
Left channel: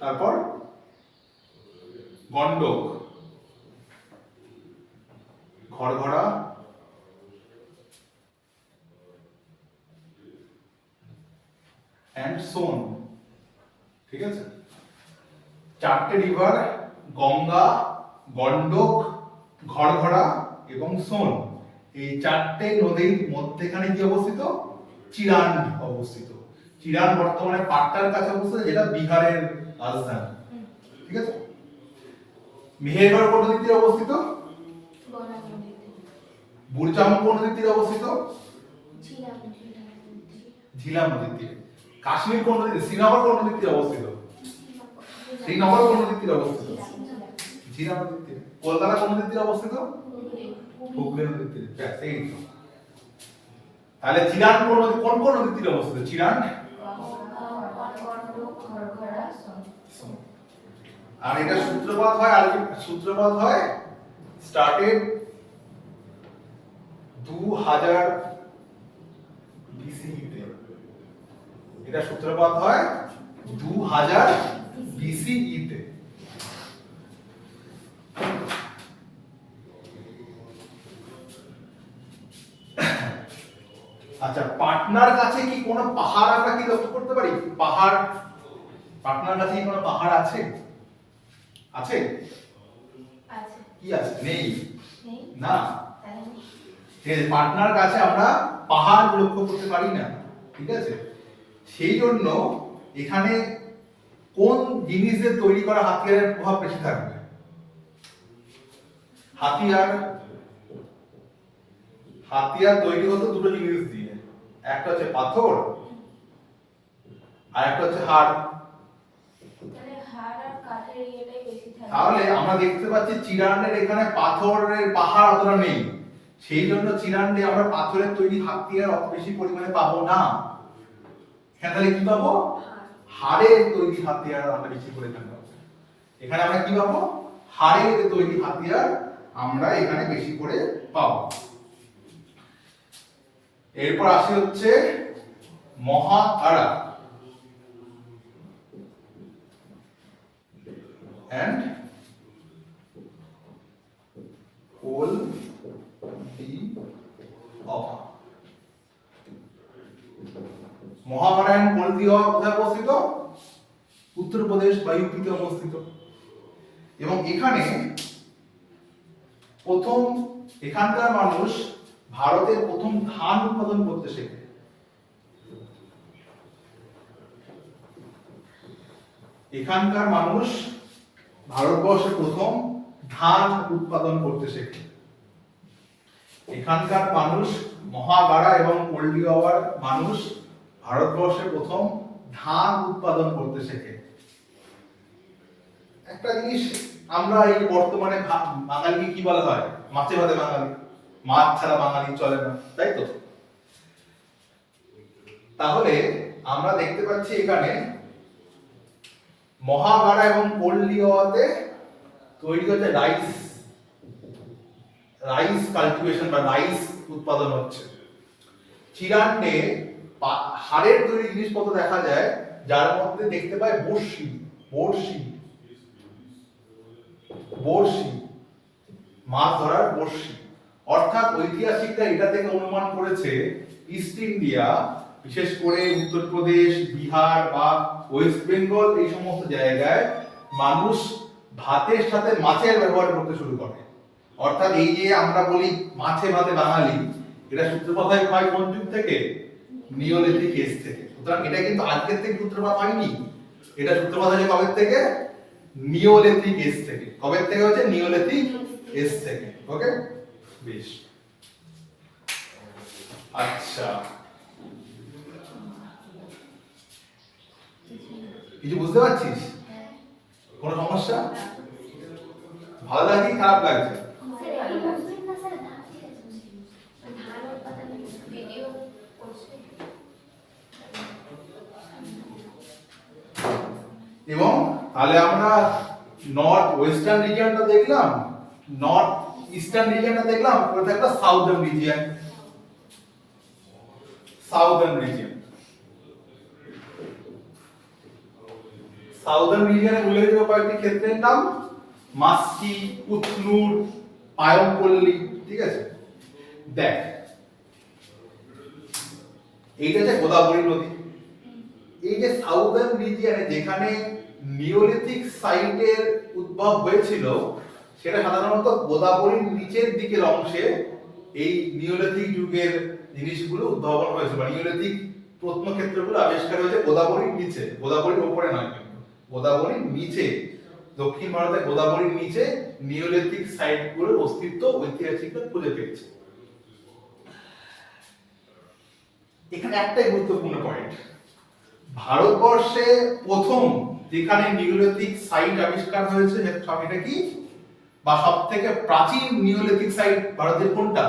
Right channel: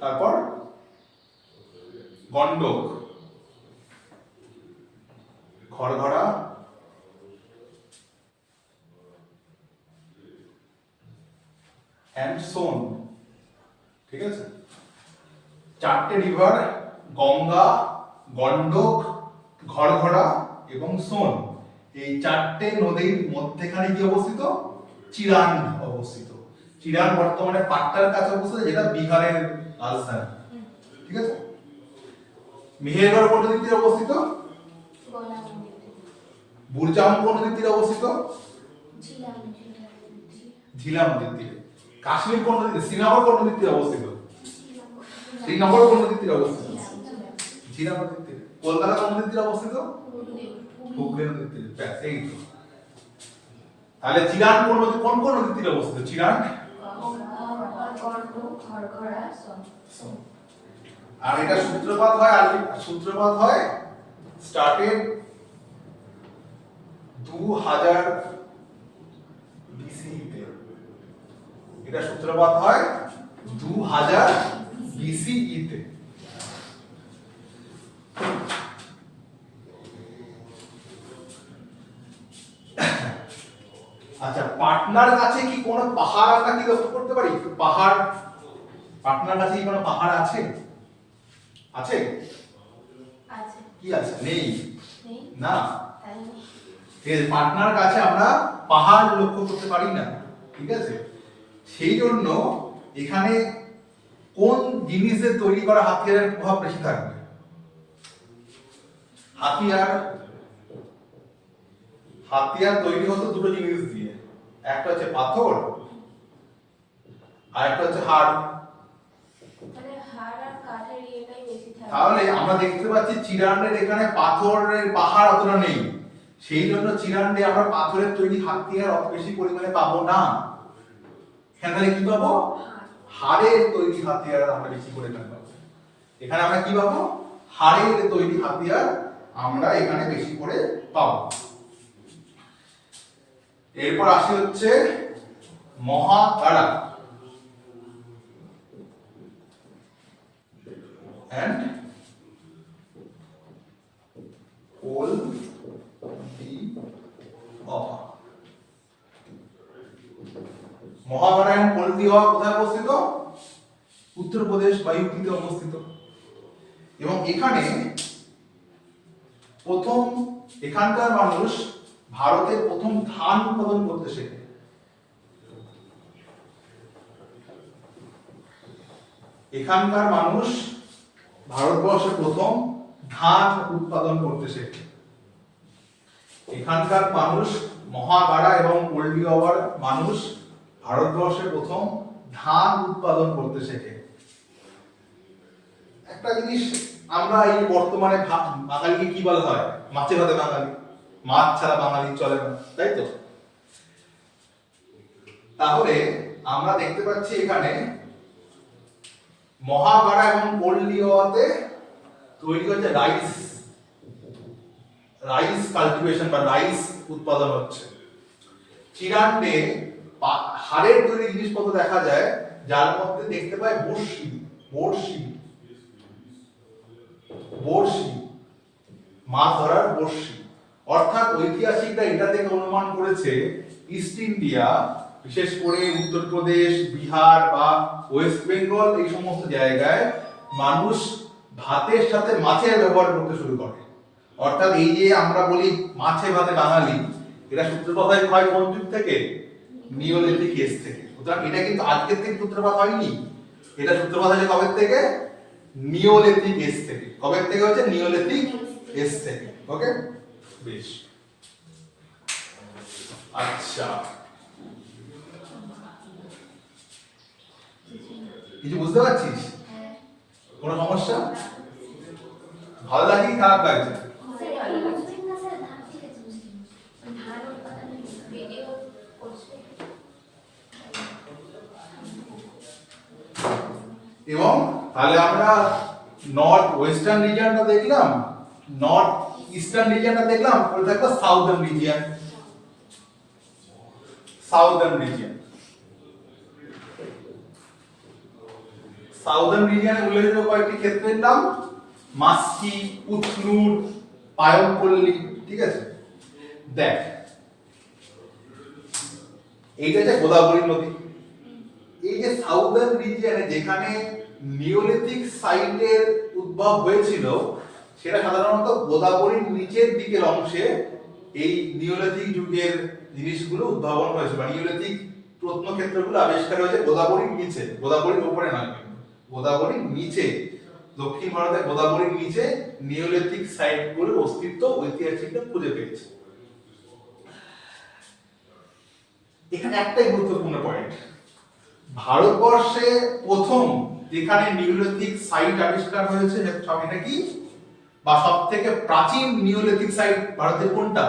তারপর গন্ডক, ঘড়ঘড়া, এন্ড সোন। ঠিক আছে, চারটে রিভার গঙ্গা, গন্ডক, ঘড়ঘড়া এবং সোন, এই চারটে নদীর মধ্যখানে কি অবস্থিত? চিরান অবস্থিত। চিরান বর্তমানে পাটনার কাছে অবস্থিত, যেটা বিহারের রাজধানী। ঠিক আছে, মেহেরগড় কোন নদীর তীরে অবস্থিত? বুরজাম কোন নদীর তীরে অবস্থিত? ঝিলাম নদীর তীরে। কাশ্মীর কোন নদীতে? শ্রীনগর কোন নদীর তীরে অবস্থিত? শ্রীনগর কোন নদীর তীরে অবস্থিত? ঝিলাম নদীর তীরে। কলকাতা কোন নদীর তীরে অবস্থিত? হুগলি নদীর তীরে। ব্যাস, এই তো। তাহলে চিরান কোন নদী, কোন কোন নদীর তীরে অবস্থিত? চিরান আর এটা সূত্রপাত হয়, আর সূত্রপাত হয় স্টার্টেড 2000 BCE তে। এটা সূত্রপাত হয় 2000 BCE তে। আচ্ছা, পাটনার কাছে কি কোনো পাহাড় আমরা কি লক্ষ্য করতে পারি? পাহাড়, পাটনার কাছে কি কোনো পাহাড় আছে? আছে? কি আছে? নেই না। এই পাটনার কাছে আমরা পাহাড় লক্ষ্য করতে পারি না। ঠিক আছে, সেই জন্য এখানে কোন জিনিসের তৈরি করা হাতিয়ারের প্রভাব বেশি থাকবে? হাতিয়ার তৈরি হতো দুটো জিনিস দিয়ে, একটা হচ্ছে পাথর আর একটা হচ্ছে হাড়। তাহলে আমরা দেখতে পাচ্ছি চিরানের এখানে পাথরের পাহাড় অতটা নেই, সেই জন্য চিরানে আমরা পাথরের তৈরি হাতিয়ার অত বেশি পরিমাণে পাবো না। এখানে কি পাবো? হাড়ের তৈরি হাতিয়ার আমরা বেশি করে পাবো। এখানে আমরা কি পাবো? হাড়ের তৈরি হাতিয়ার আমরা এখানে বেশি করে পাবো। এরপর আসি হচ্ছে মহাকারা and মহাকারা and হলদিয়া কোথায় অবস্থিত? উত্তরপ্রদেশ বা ইউপিতে অবস্থিত। এবং এখানে প্রথম, এখানকার মানুষ ভারতের প্রথম ধান উৎপাদন করতে শেখে। এখানকার মানুষ ভারতবর্ষে প্রথম ধান উৎপাদন করতে শেখে। এখানকার মানুষ, মহাগাড়া এবং হলদিয়ার মানুষ ভারতবর্ষে প্রথম ধান উৎপাদন করতে শেখে। একটা জিনিস, আমরা এই বর্তমানে বাঙালিকে কি বলা হয়? মাছে ভাতে বাঙালি, মাছ ছাড়া বাঙালি চলে না, তাই তো? তাহলে আমরা দেখতে পাচ্ছি এখানে মহাগাড়া এবং হলদিয়াতে তৈরি হচ্ছে রাইস কাল্টিভেশন বা রাইস উৎপাদন হচ্ছে। চিরান্ডে হাড়ের তৈরি জিনিসপত্র দেখা যায়, যার মধ্যে দেখতে পাই বড়শি, মাছ ধরার বড়শি। অর্থাৎ ঐতিহাসিকরা এটা থেকে অনুমান করেছে ইস্ট ইন্ডিয়া, বিশেষ করে উত্তরপ্রদেশ, বিহার বা ওয়েস্ট বেঙ্গল, এই সমস্ত জায়গায় মানুষ ভাতের সাথে মাছের ব্যবহার করতে শুরু করে। অর্থাৎ এই যে আমরা বলি মাছে ভাতে বাঙালি, এটা সূত্রপাত হয় কোন যুগ থেকে? নিওলিথিক এজ থেকে। সুতরাং এটা কিন্তু আজকের থেকে সূত্রপাত হয়নি, এটা সূত্রপাত হয়েছে কবে থেকে? নিওলিথিক এজ থেকে। কবে থেকে হচ্ছে? নিওলিথিক এজ থেকে। ওকে, বেশ। আচ্ছা, কিছু বুঝতে পারছিস? কোনো সমস্যা? ভালো লাগে কি খারাপ লাগছে? স্যার বুঝবেন না স্যার, ধান ঠিক আছে বুঝলি, ধান উৎপাদন ভিডিও করছে। এবং তাহলে আমরা নর্থ ওয়েস্টার্ন রিজিয়নটা দেখলাম, নর্থ ইস্টার্ন রিজিয়নটা দেখলাম, ওটা একটা southern region. Southern region, southern রিজিয়নে উল্লেখযোগ্য কয়েকটি ক্ষেত্রের নাম মাস্কি, উতনুর, পায়মপল্লী, ঠিক আছে? দেখ, এইটা যে গোদাবরী নদী, এই যে সাউদার্ন রিজিয়নে যেখানে নিওলিথিক সাইটের উদ্ভব হয়েছিল, সেটা সাধারণত গোদাবরীর নিচের দিকের অংশে এই নিওলিথিক যুগের জিনিসগুলো উদ্ভাবন হয়েছে, বা নিওলিথিক প্রত্নক্ষেত্রগুলো আবিষ্কার হয়েছে গোদাবরীর নিচে, গোদাবরীর উপরে নয়, কিন্তু গোদাবরীর নিচে, দক্ষিণ ভারতের গোদাবরীর নিচে নিওলিথিক সাইটগুলোর অস্তিত্ব ঐতিহাসিকরা খুঁজে পেয়েছে। এখানে একটাই গুরুত্বপূর্ণ পয়েন্ট, ভারতবর্ষে প্রথম যেখানে নিওলিথিক সাইট আবিষ্কার হয়েছে এটা কি, বা সব থেকে প্রাচীন নিওলিথিক সাইট ভারতের কোনটা?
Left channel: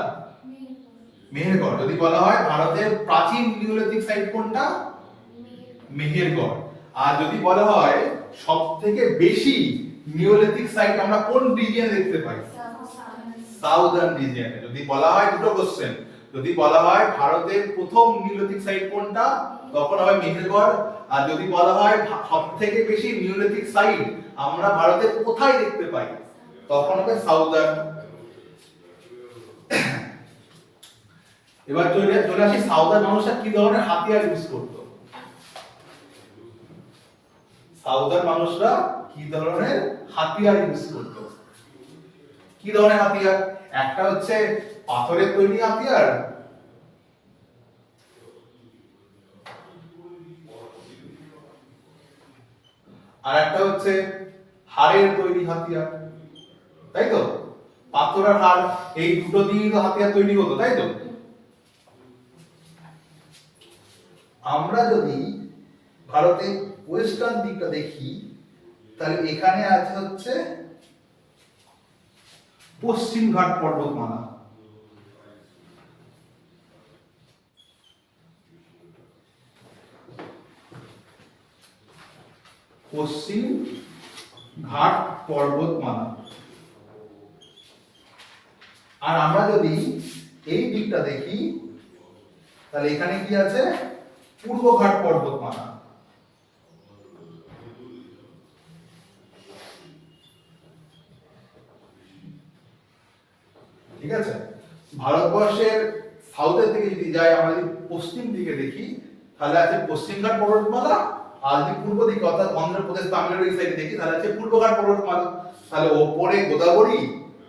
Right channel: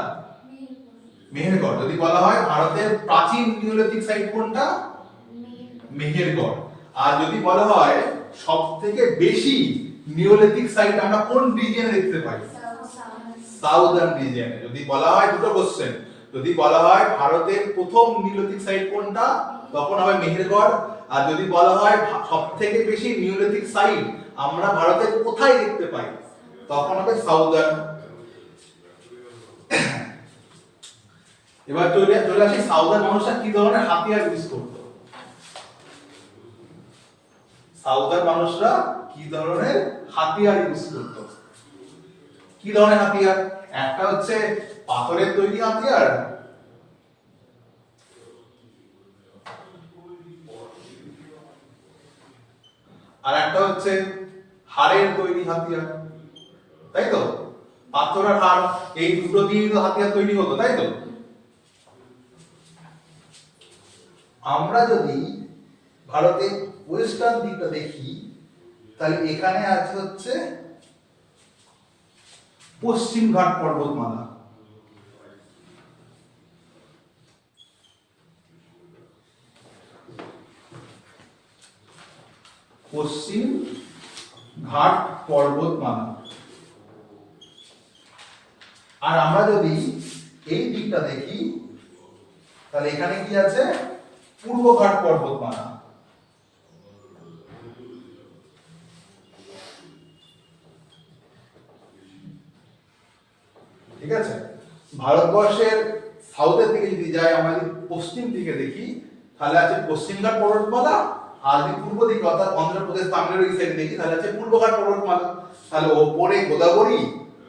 মেহেরগড়। যদি বলা হয় ভারতের প্রাচীন নিওলিথিক সাইট কোনটা? মেহেরগড়। আর যদি বলা হয় সব থেকে বেশি নিওলিথিক সাইট আমরা কোন রিজিয়নে দেখতে পাই? সাউদার্ন রিজিয়নে। যদি বলা হয়, দুটো কোশ্চেন, যদি বলা হয় ভারতের প্রথম নিওলিথিক সাইট কোনটা, তখন হবে মেহেরগড়। আর যদি বলা হয় সব থেকে বেশি নিওলিথিক সাইট আমরা ভারতের কোথায় দেখতে পাই, তখন হবে সাউদার্ন। এবার চলে আসি সাউদার্ন মানুষরা কি ধরনের হাতিয়ার ইউজ করতো। সাউদার্ন মানুষরা কি ধরনের হাতিয়ার ইউজ করতো? কি ধরনের হাতিয়ার? একটা হচ্ছে পাথরের তৈরি হাতিয়ার, আর একটা হচ্ছে হাড়ের তৈরি হাতিয়ার, তাই তো? পাথর আর হাড়, এই দুটো দিয়ে তো হাতিয়ার তৈরি হতো, তাই তো? আমরা যদি ভারতের ওয়েস্টার্ন দিকটা দেখি, তাহলে এখানে আছে হচ্ছে পশ্চিম ঘাট পর্বতমালা। পশ্চিম ঘাট পর্বতমালা। আর আমরা যদি এই দিকটা দেখি, তাহলে এখানে কি আছে? পূর্ব ঘাট পর্বতমালা। ঠিক আছে? ভারতবর্ষের সাউথের দিকে যদি যাই, আমরা যদি পশ্চিম দিকে দেখি, তাহলে আছে পশ্চিমঘাট পর্বতমালা। আর যদি পূর্ব দিকে অর্থাৎ অন্ধ্রপ্রদেশ, তামিলনাড়ু সাইডে দেখি, তাহলে আছে পূর্বঘাট পর্বতমালা। তাহলে ওপরে গোদাবরী,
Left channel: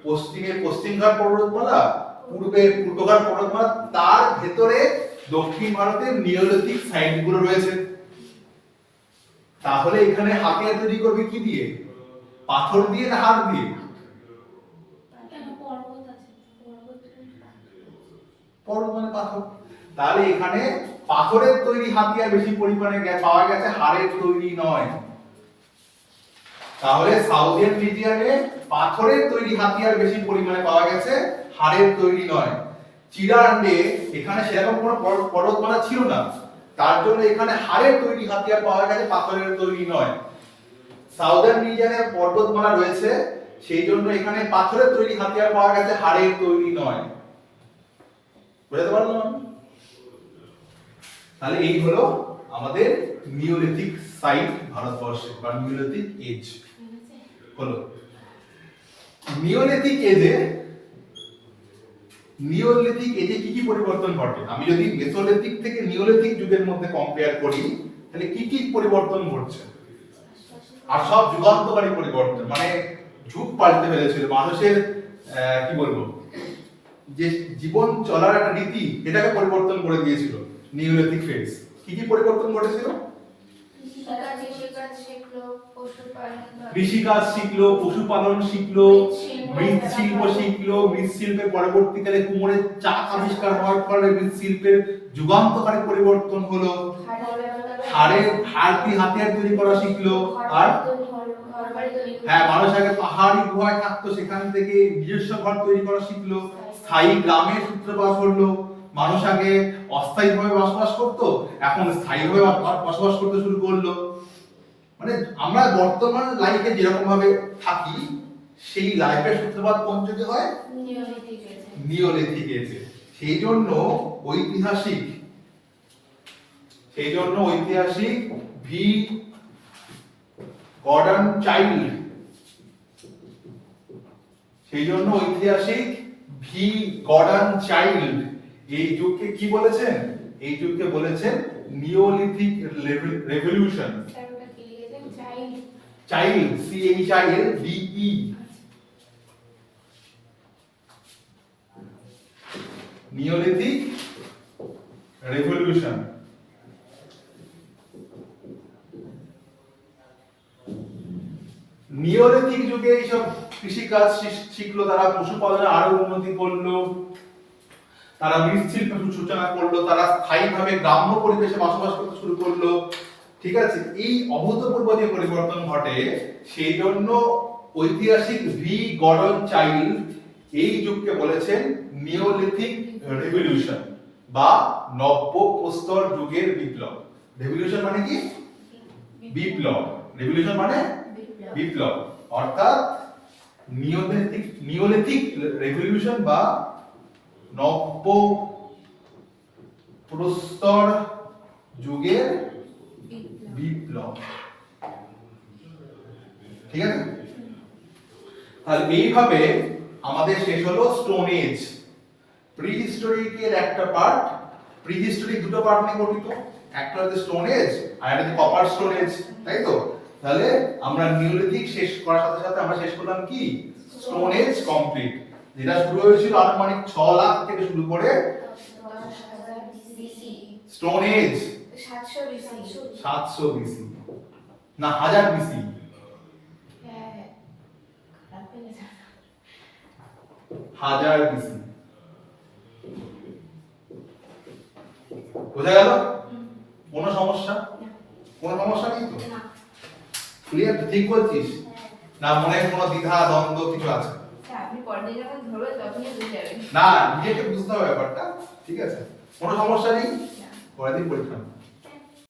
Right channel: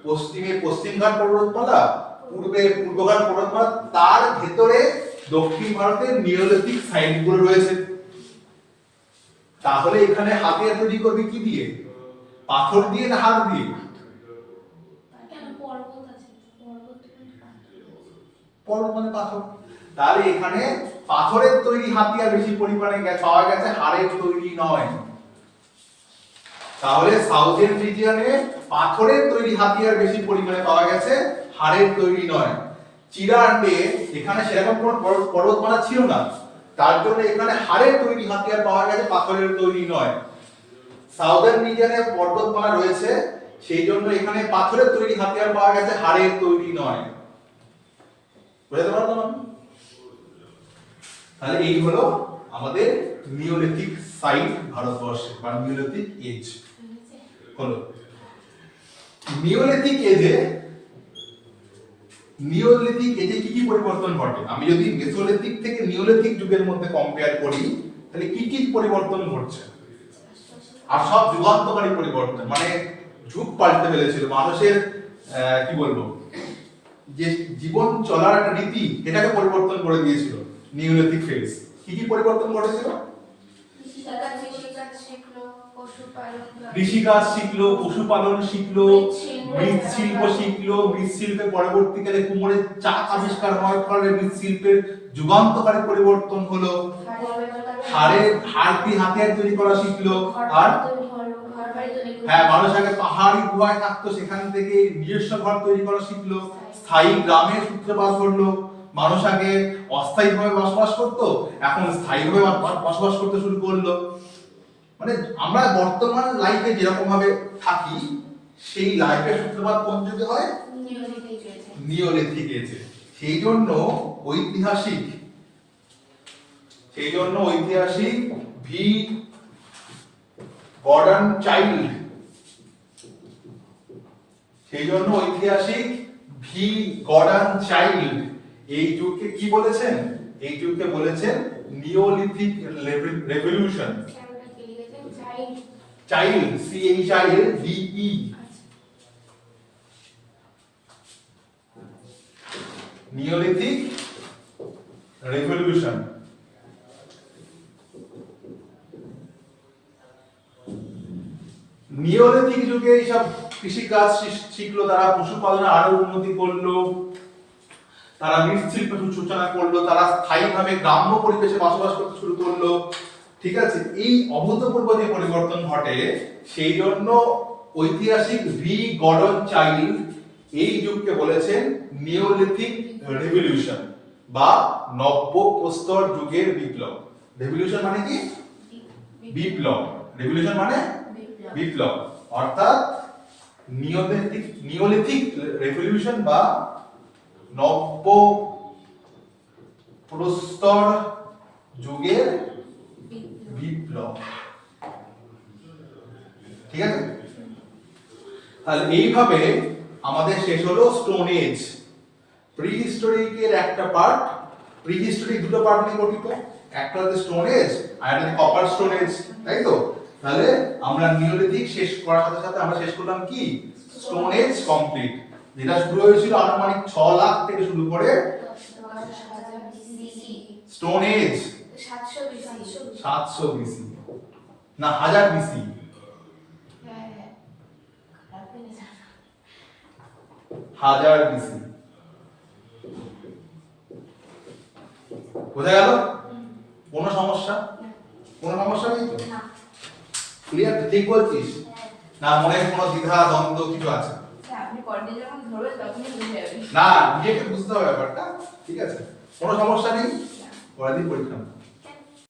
পশ্চিমে পশ্চিমঘাট পর্বতমালা, পূর্বে পূর্বঘাট পর্বতমালা, তার ভেতরে দক্ষিণ ভারতের নিওলিথিক সাইটগুলো রয়েছে। তাহলে এখানে হাতিয়ার তৈরি করবে কি দিয়ে? পাথর দিয়ে না হাড় দিয়ে? পর্বত মানে পাথর। তাহলে এখানে পাথরের তৈরি হাতিয়ার বেশি পরিমাণে পাওয়া গেছে, হাড়ের তৈরি নয়। তাহলে সাউদার্ন রিজিয়নে পাথরের তৈরি হাতিয়ার বেশি পরিমাণে পাওয়া গেছে, হাড়ের তৈরি নয়। চিরান্ডে এখানে সেরকম কোনো পর্বতমালা ছিল না, তার জন্য এখানে হাড়ের তৈরি হাতিয়ার পাওয়া গেছে, পাথরের তৈরি নয়। সাউদার্ন রিজিয়নে পর্বতমালা রয়েছে, সেই জন্য এখানে পাথরের তৈরি হাতিয়ার পাওয়া গেছে, হাড়ের তৈরি নয়। বুঝতে পারলাম? তাহলে এই হলো আমাদের নিওলিথিক সাইট ভারতবর্ষে, বা নিওলিথিক এজ হলো। নিওলিথিক এজে কি কি পরিবর্তন ঘটে? আমি যদি মেসোলিথিক থেকে নিওলিথিক যুগের মধ্যে কম্পেয়ার করি, তাহলে কি কি পরিবর্তন ঘটছে? আর সব যুগান্তকারী পরিবর্তন, মানে যুগ পাল্টে ফেলেছিল মানুষের, কি বলবো, যে জীবন চলার একটা রীতি, এটাকে পরিবর্তন করে দিয়েছিল নিওলিথিক ফেজ। কি কি পরিবর্তন ঘটেছিল? কৃষিকাজ শিখলো, পশুপালন শিখলো, মৃৎশিল্প শিখলো। মৃৎশিল্পের পরবর্তীকালে কুমোরের চাক আবিষ্কার হওয়ার ফলে মৃৎশিল্পের যুগান্তকারী পরিবর্তন হলো। হাড় দিয়ে হাতিয়ার তৈরি করা শিখলো। আর ঘর বাড়ি তৈরি করতে। হ্যাঁ, মানুষ আগে পাহাড়ি গুহায় থাকতো, সেখান থেকে নিজস্ব ঘর তৈরি করা শিখলো, স্থায়ী গ্রামের সূত্রপাত হলো। মানুষ আগে অস্থায়ীভাবে বসবাস করতো, এখন স্থায়ীভাবে বসবাস করতে শুরু করলো। মানে আমরা বর্তমান লাইফে যেরকম ভাবে থাকি, সেই লাইফের সূত্রপাত কোন যুগে হয়? নিওলিথিক এজে। নিওলিথিক এজে। সেই জন্য ঐতিহাসিক ভি গর্ডন চাইল্ড এই যুগকে কি বলেছেন? এই যুগকে বলেছেন নিওলিথিক রেভলিউশন। ওটা কি লিখেছেন? Child. Child, CHILDE, neolithic revolution. Neolithic যুগে এইসব কৃষিকাজ শিখলো, তারা পশুপালনে আরো উন্নতি করলো, তারা মৃৎশিল্পের সূচনা করলো, তারা স্থায়ীভাবে গ্রাম্য পরিবেশে বসবাস করতে শুরু করলো। ঠিক আছে, এই অভূতপূর্ব যে পরিবর্তন ঘটে, সেই জন্য ঐতিহাসিক ভি গর্ডন চাইল্ড এই যুগকে বলেছেন নিওলিথিক রেভলিউশন বা নব্য প্রস্তর যুগের বিপ্লব। রেভলিউশন মানে কি? বিপ্লব। রেভলিউশন মানে বিপ্লব, অর্থাৎ নিওলিথিক রেভলিউশন বা নব্য প্রস্তর যুগের বিপ্লব। ঠিক আছে, তাহলে এইভাবে আমাদের শেষ হলো স্টোন এজ। প্রিহিস্টোরিকের একটা পার্ট, প্রিহিস্টোরিক দুটো পার্ট নিয়ে গঠিত, একটা হচ্ছে স্টোন এজ আর একটা হচ্ছে কপার স্টোন এজ, তাই তো? তাহলে আমরা নিওলিথিক শেষ করার সাথে সাথে আমরা শেষ করলাম কি? স্টোন এজ কমপ্লিট, যেটা শুরু হয়েছিল আনুমানিক 6 লাখ থেকে শুরু করে 10,000 BC। Stone age 700 BC। 700 BC না 1000 BC। হ্যাঁ, খারাপ হয়ে গেছে। 1000 BC। বোঝা গেল? কোনো সমস্যা? কোনো সমস্যা নেই তো? না। ক্লিয়ার? ঠিক বলছিস না? মনে কোনো দ্বিধা দ্বন্দ্ব কিছু আছে? আপনি পরে যখন ধরবেন তখনই বুঝে যাবেন। না, নিজেকে বুঝতে হবে ব্যাপারটা। ঠিক আছে, কোনো সমস্যা নেই, পরের দিন পরীক্ষা।